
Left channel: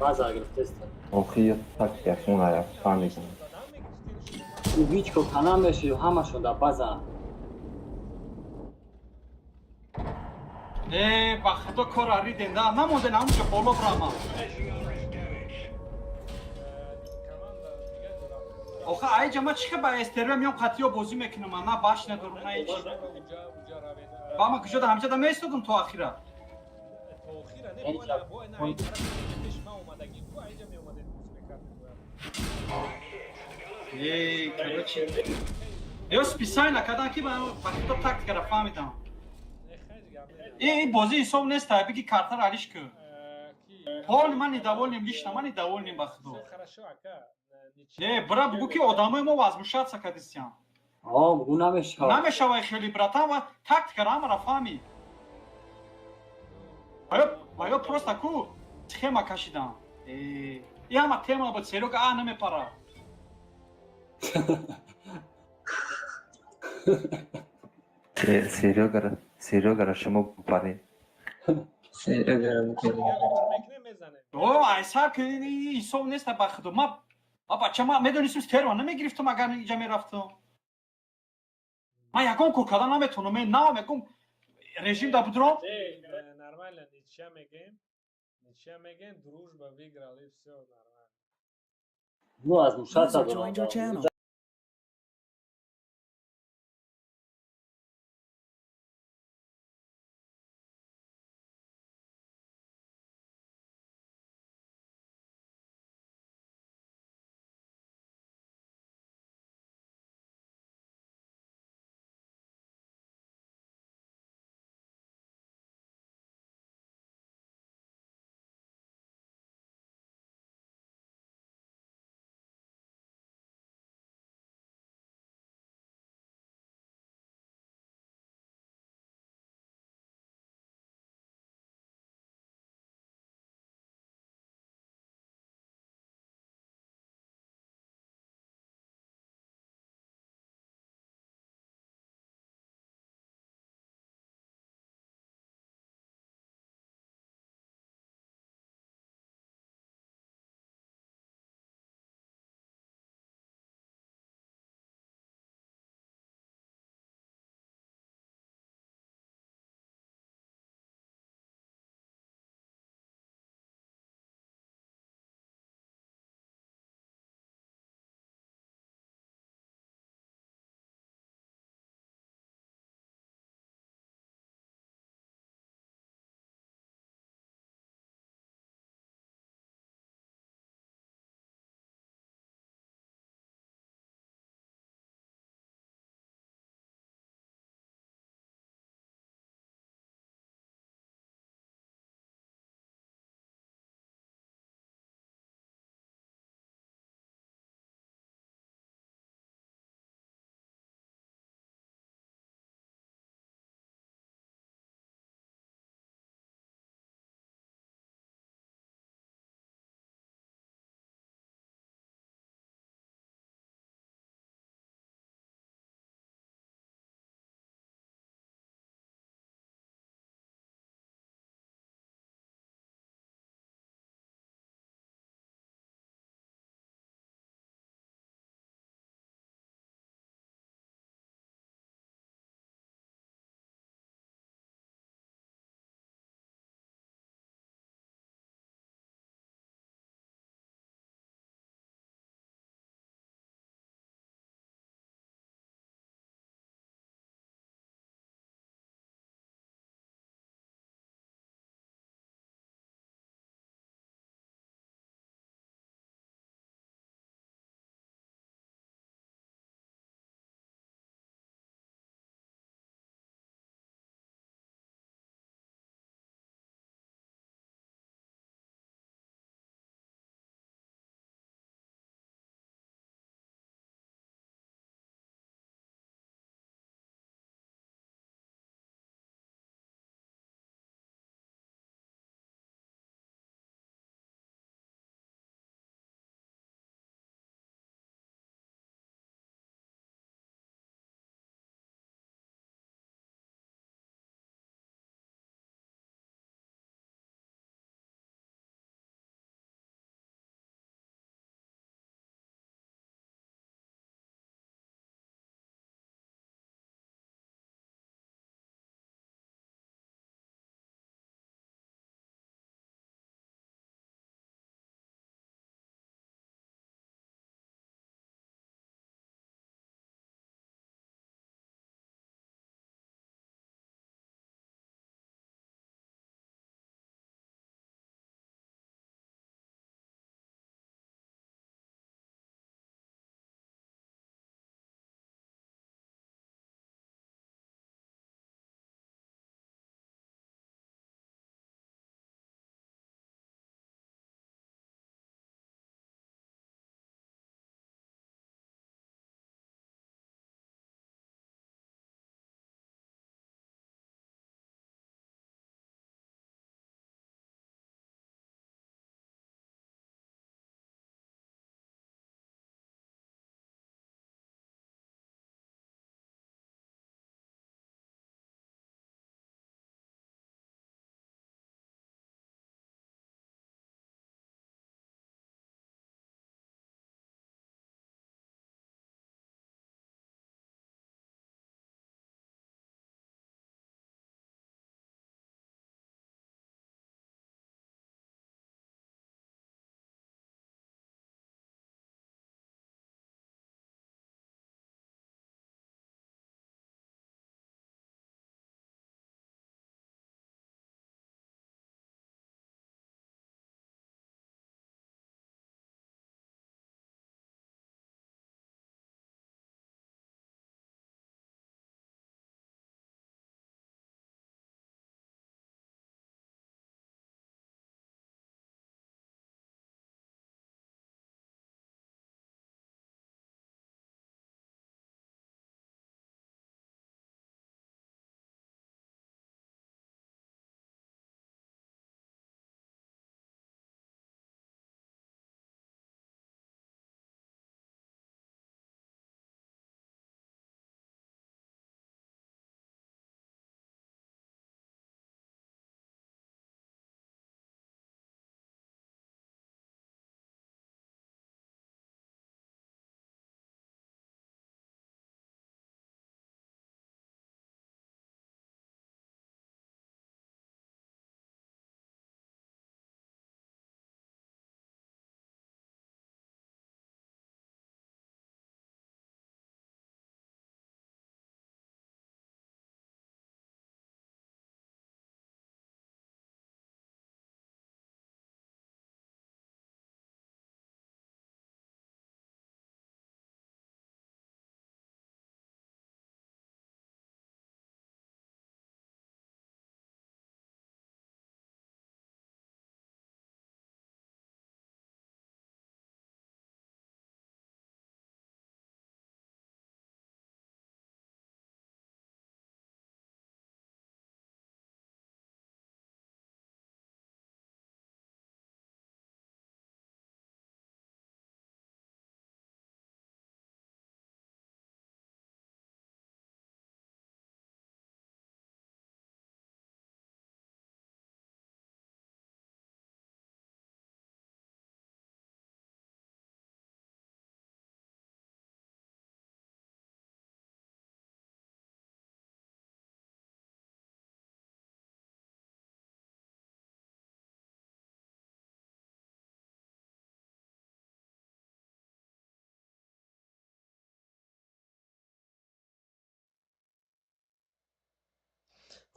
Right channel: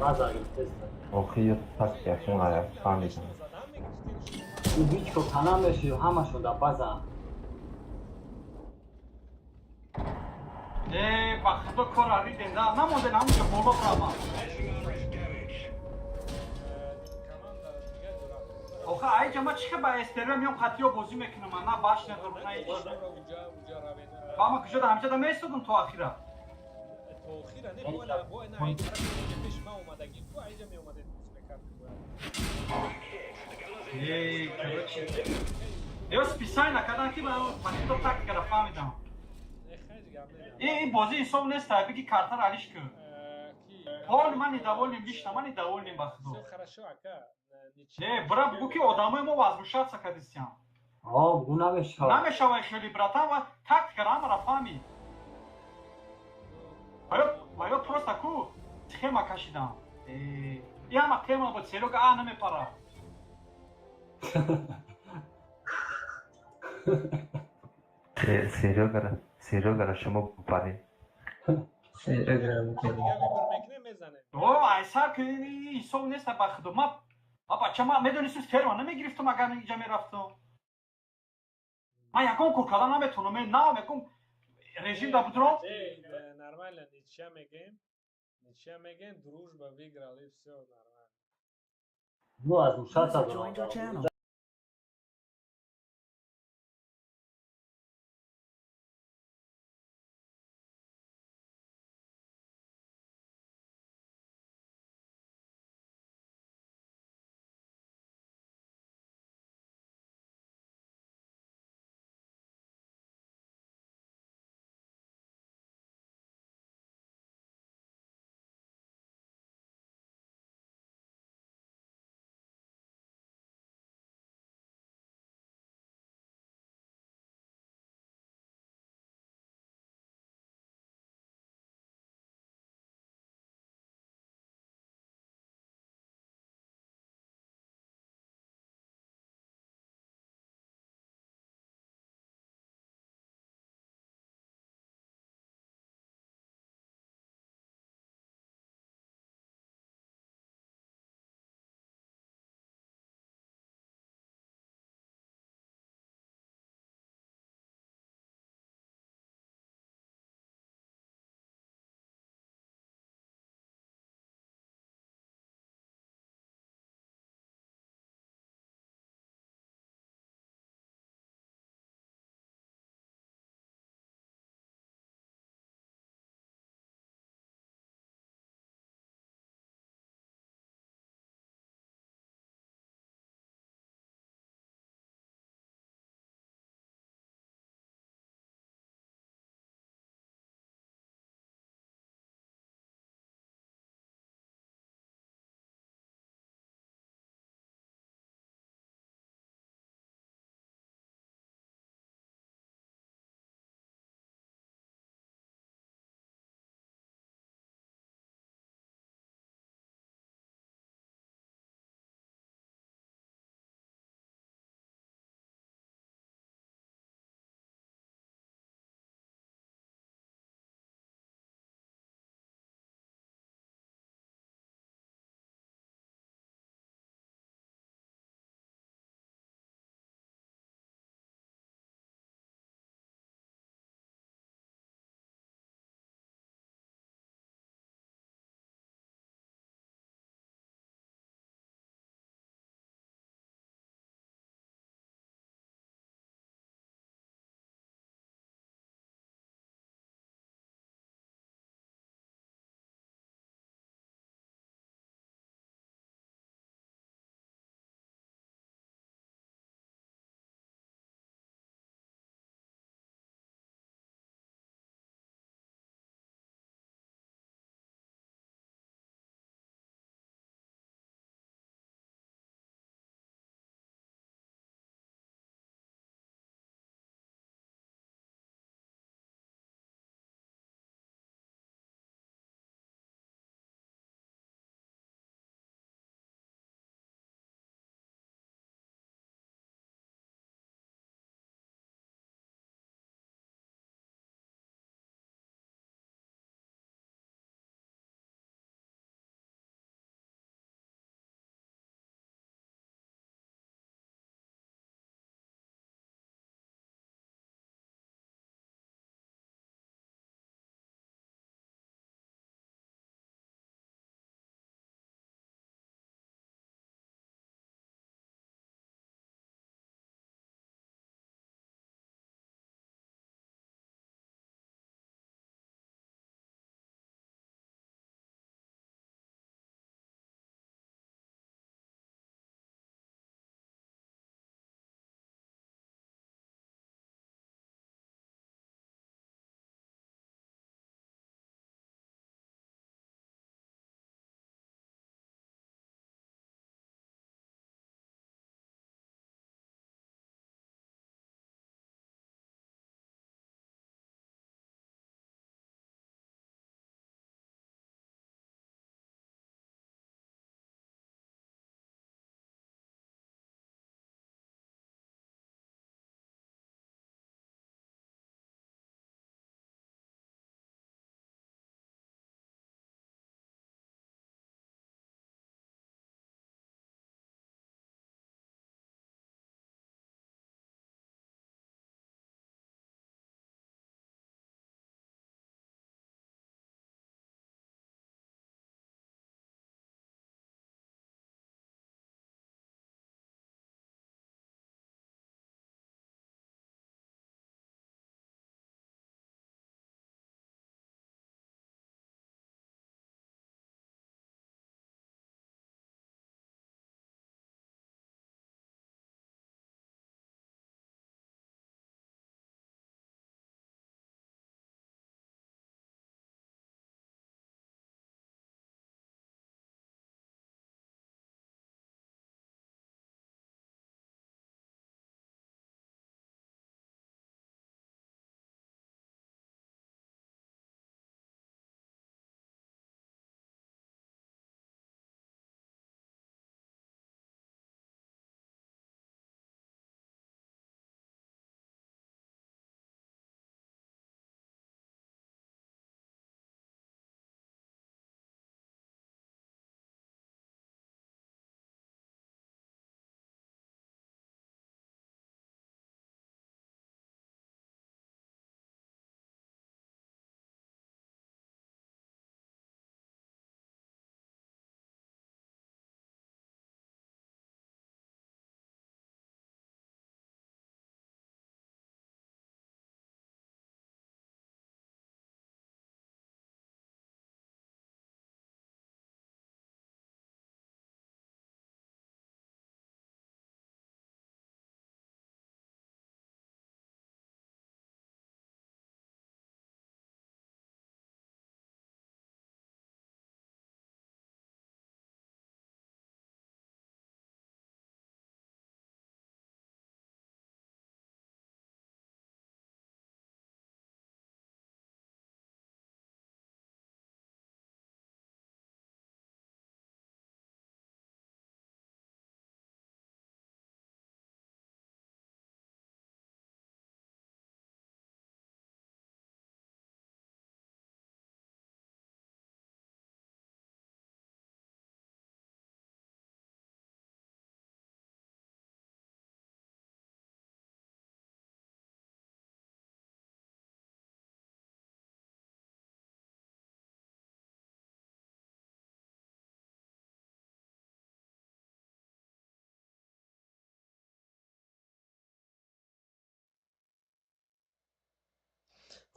بازار تست آخی تک یکون عرب فهمیدم زدم میگفتین شما بیچ کو کنم بشه همه شده بازار Baxto korari denda. Namoden amca bolo brama. команда دیگه درام Oxa ay cama çıkıp esterem yok katıyor bozu mekinum ana başla duruna hiç. اونجا روین Bama kuşa da amca da meystudum tu akhira. توخیره نه بو نه این طرف که پیش ما اومدگی تو اینجا می اومدید موز میکرد Eu spisajna kada ki ba baxto taktika ra fahmitam. خیلی گم I bozi insom nesta bigi kartar alish ku. کی Hol mani davolim lishna mani davolim baxto. все хорошо ака Ne bra bugu ki odamı mo vazmushat sakadisyan. آه بو نمیشه Nameshava kheli bratan va taktika ra ra fahmi. Ayo prosta ku schema kashidam. Я ма тема бо Серега не ме пара. سریع شما بپاری دیگه ویبر میکنه میزنه О, ай сар ки инсон неста бахдо. Ма бачама медонисм стерва намегирифтум агар инҷа мерафтум. Ма ягон куркада наметонам, мен навам ягон режим да будром. нормально ничья меген дружба выиграли все нормально بو از مشات User joined your channel.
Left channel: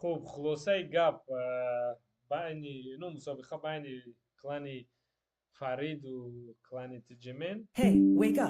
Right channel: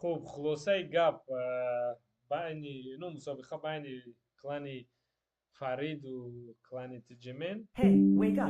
خب خلاصه گپ بین مسابقه بین کلان فرید و کلان تجمن Hey, wake up.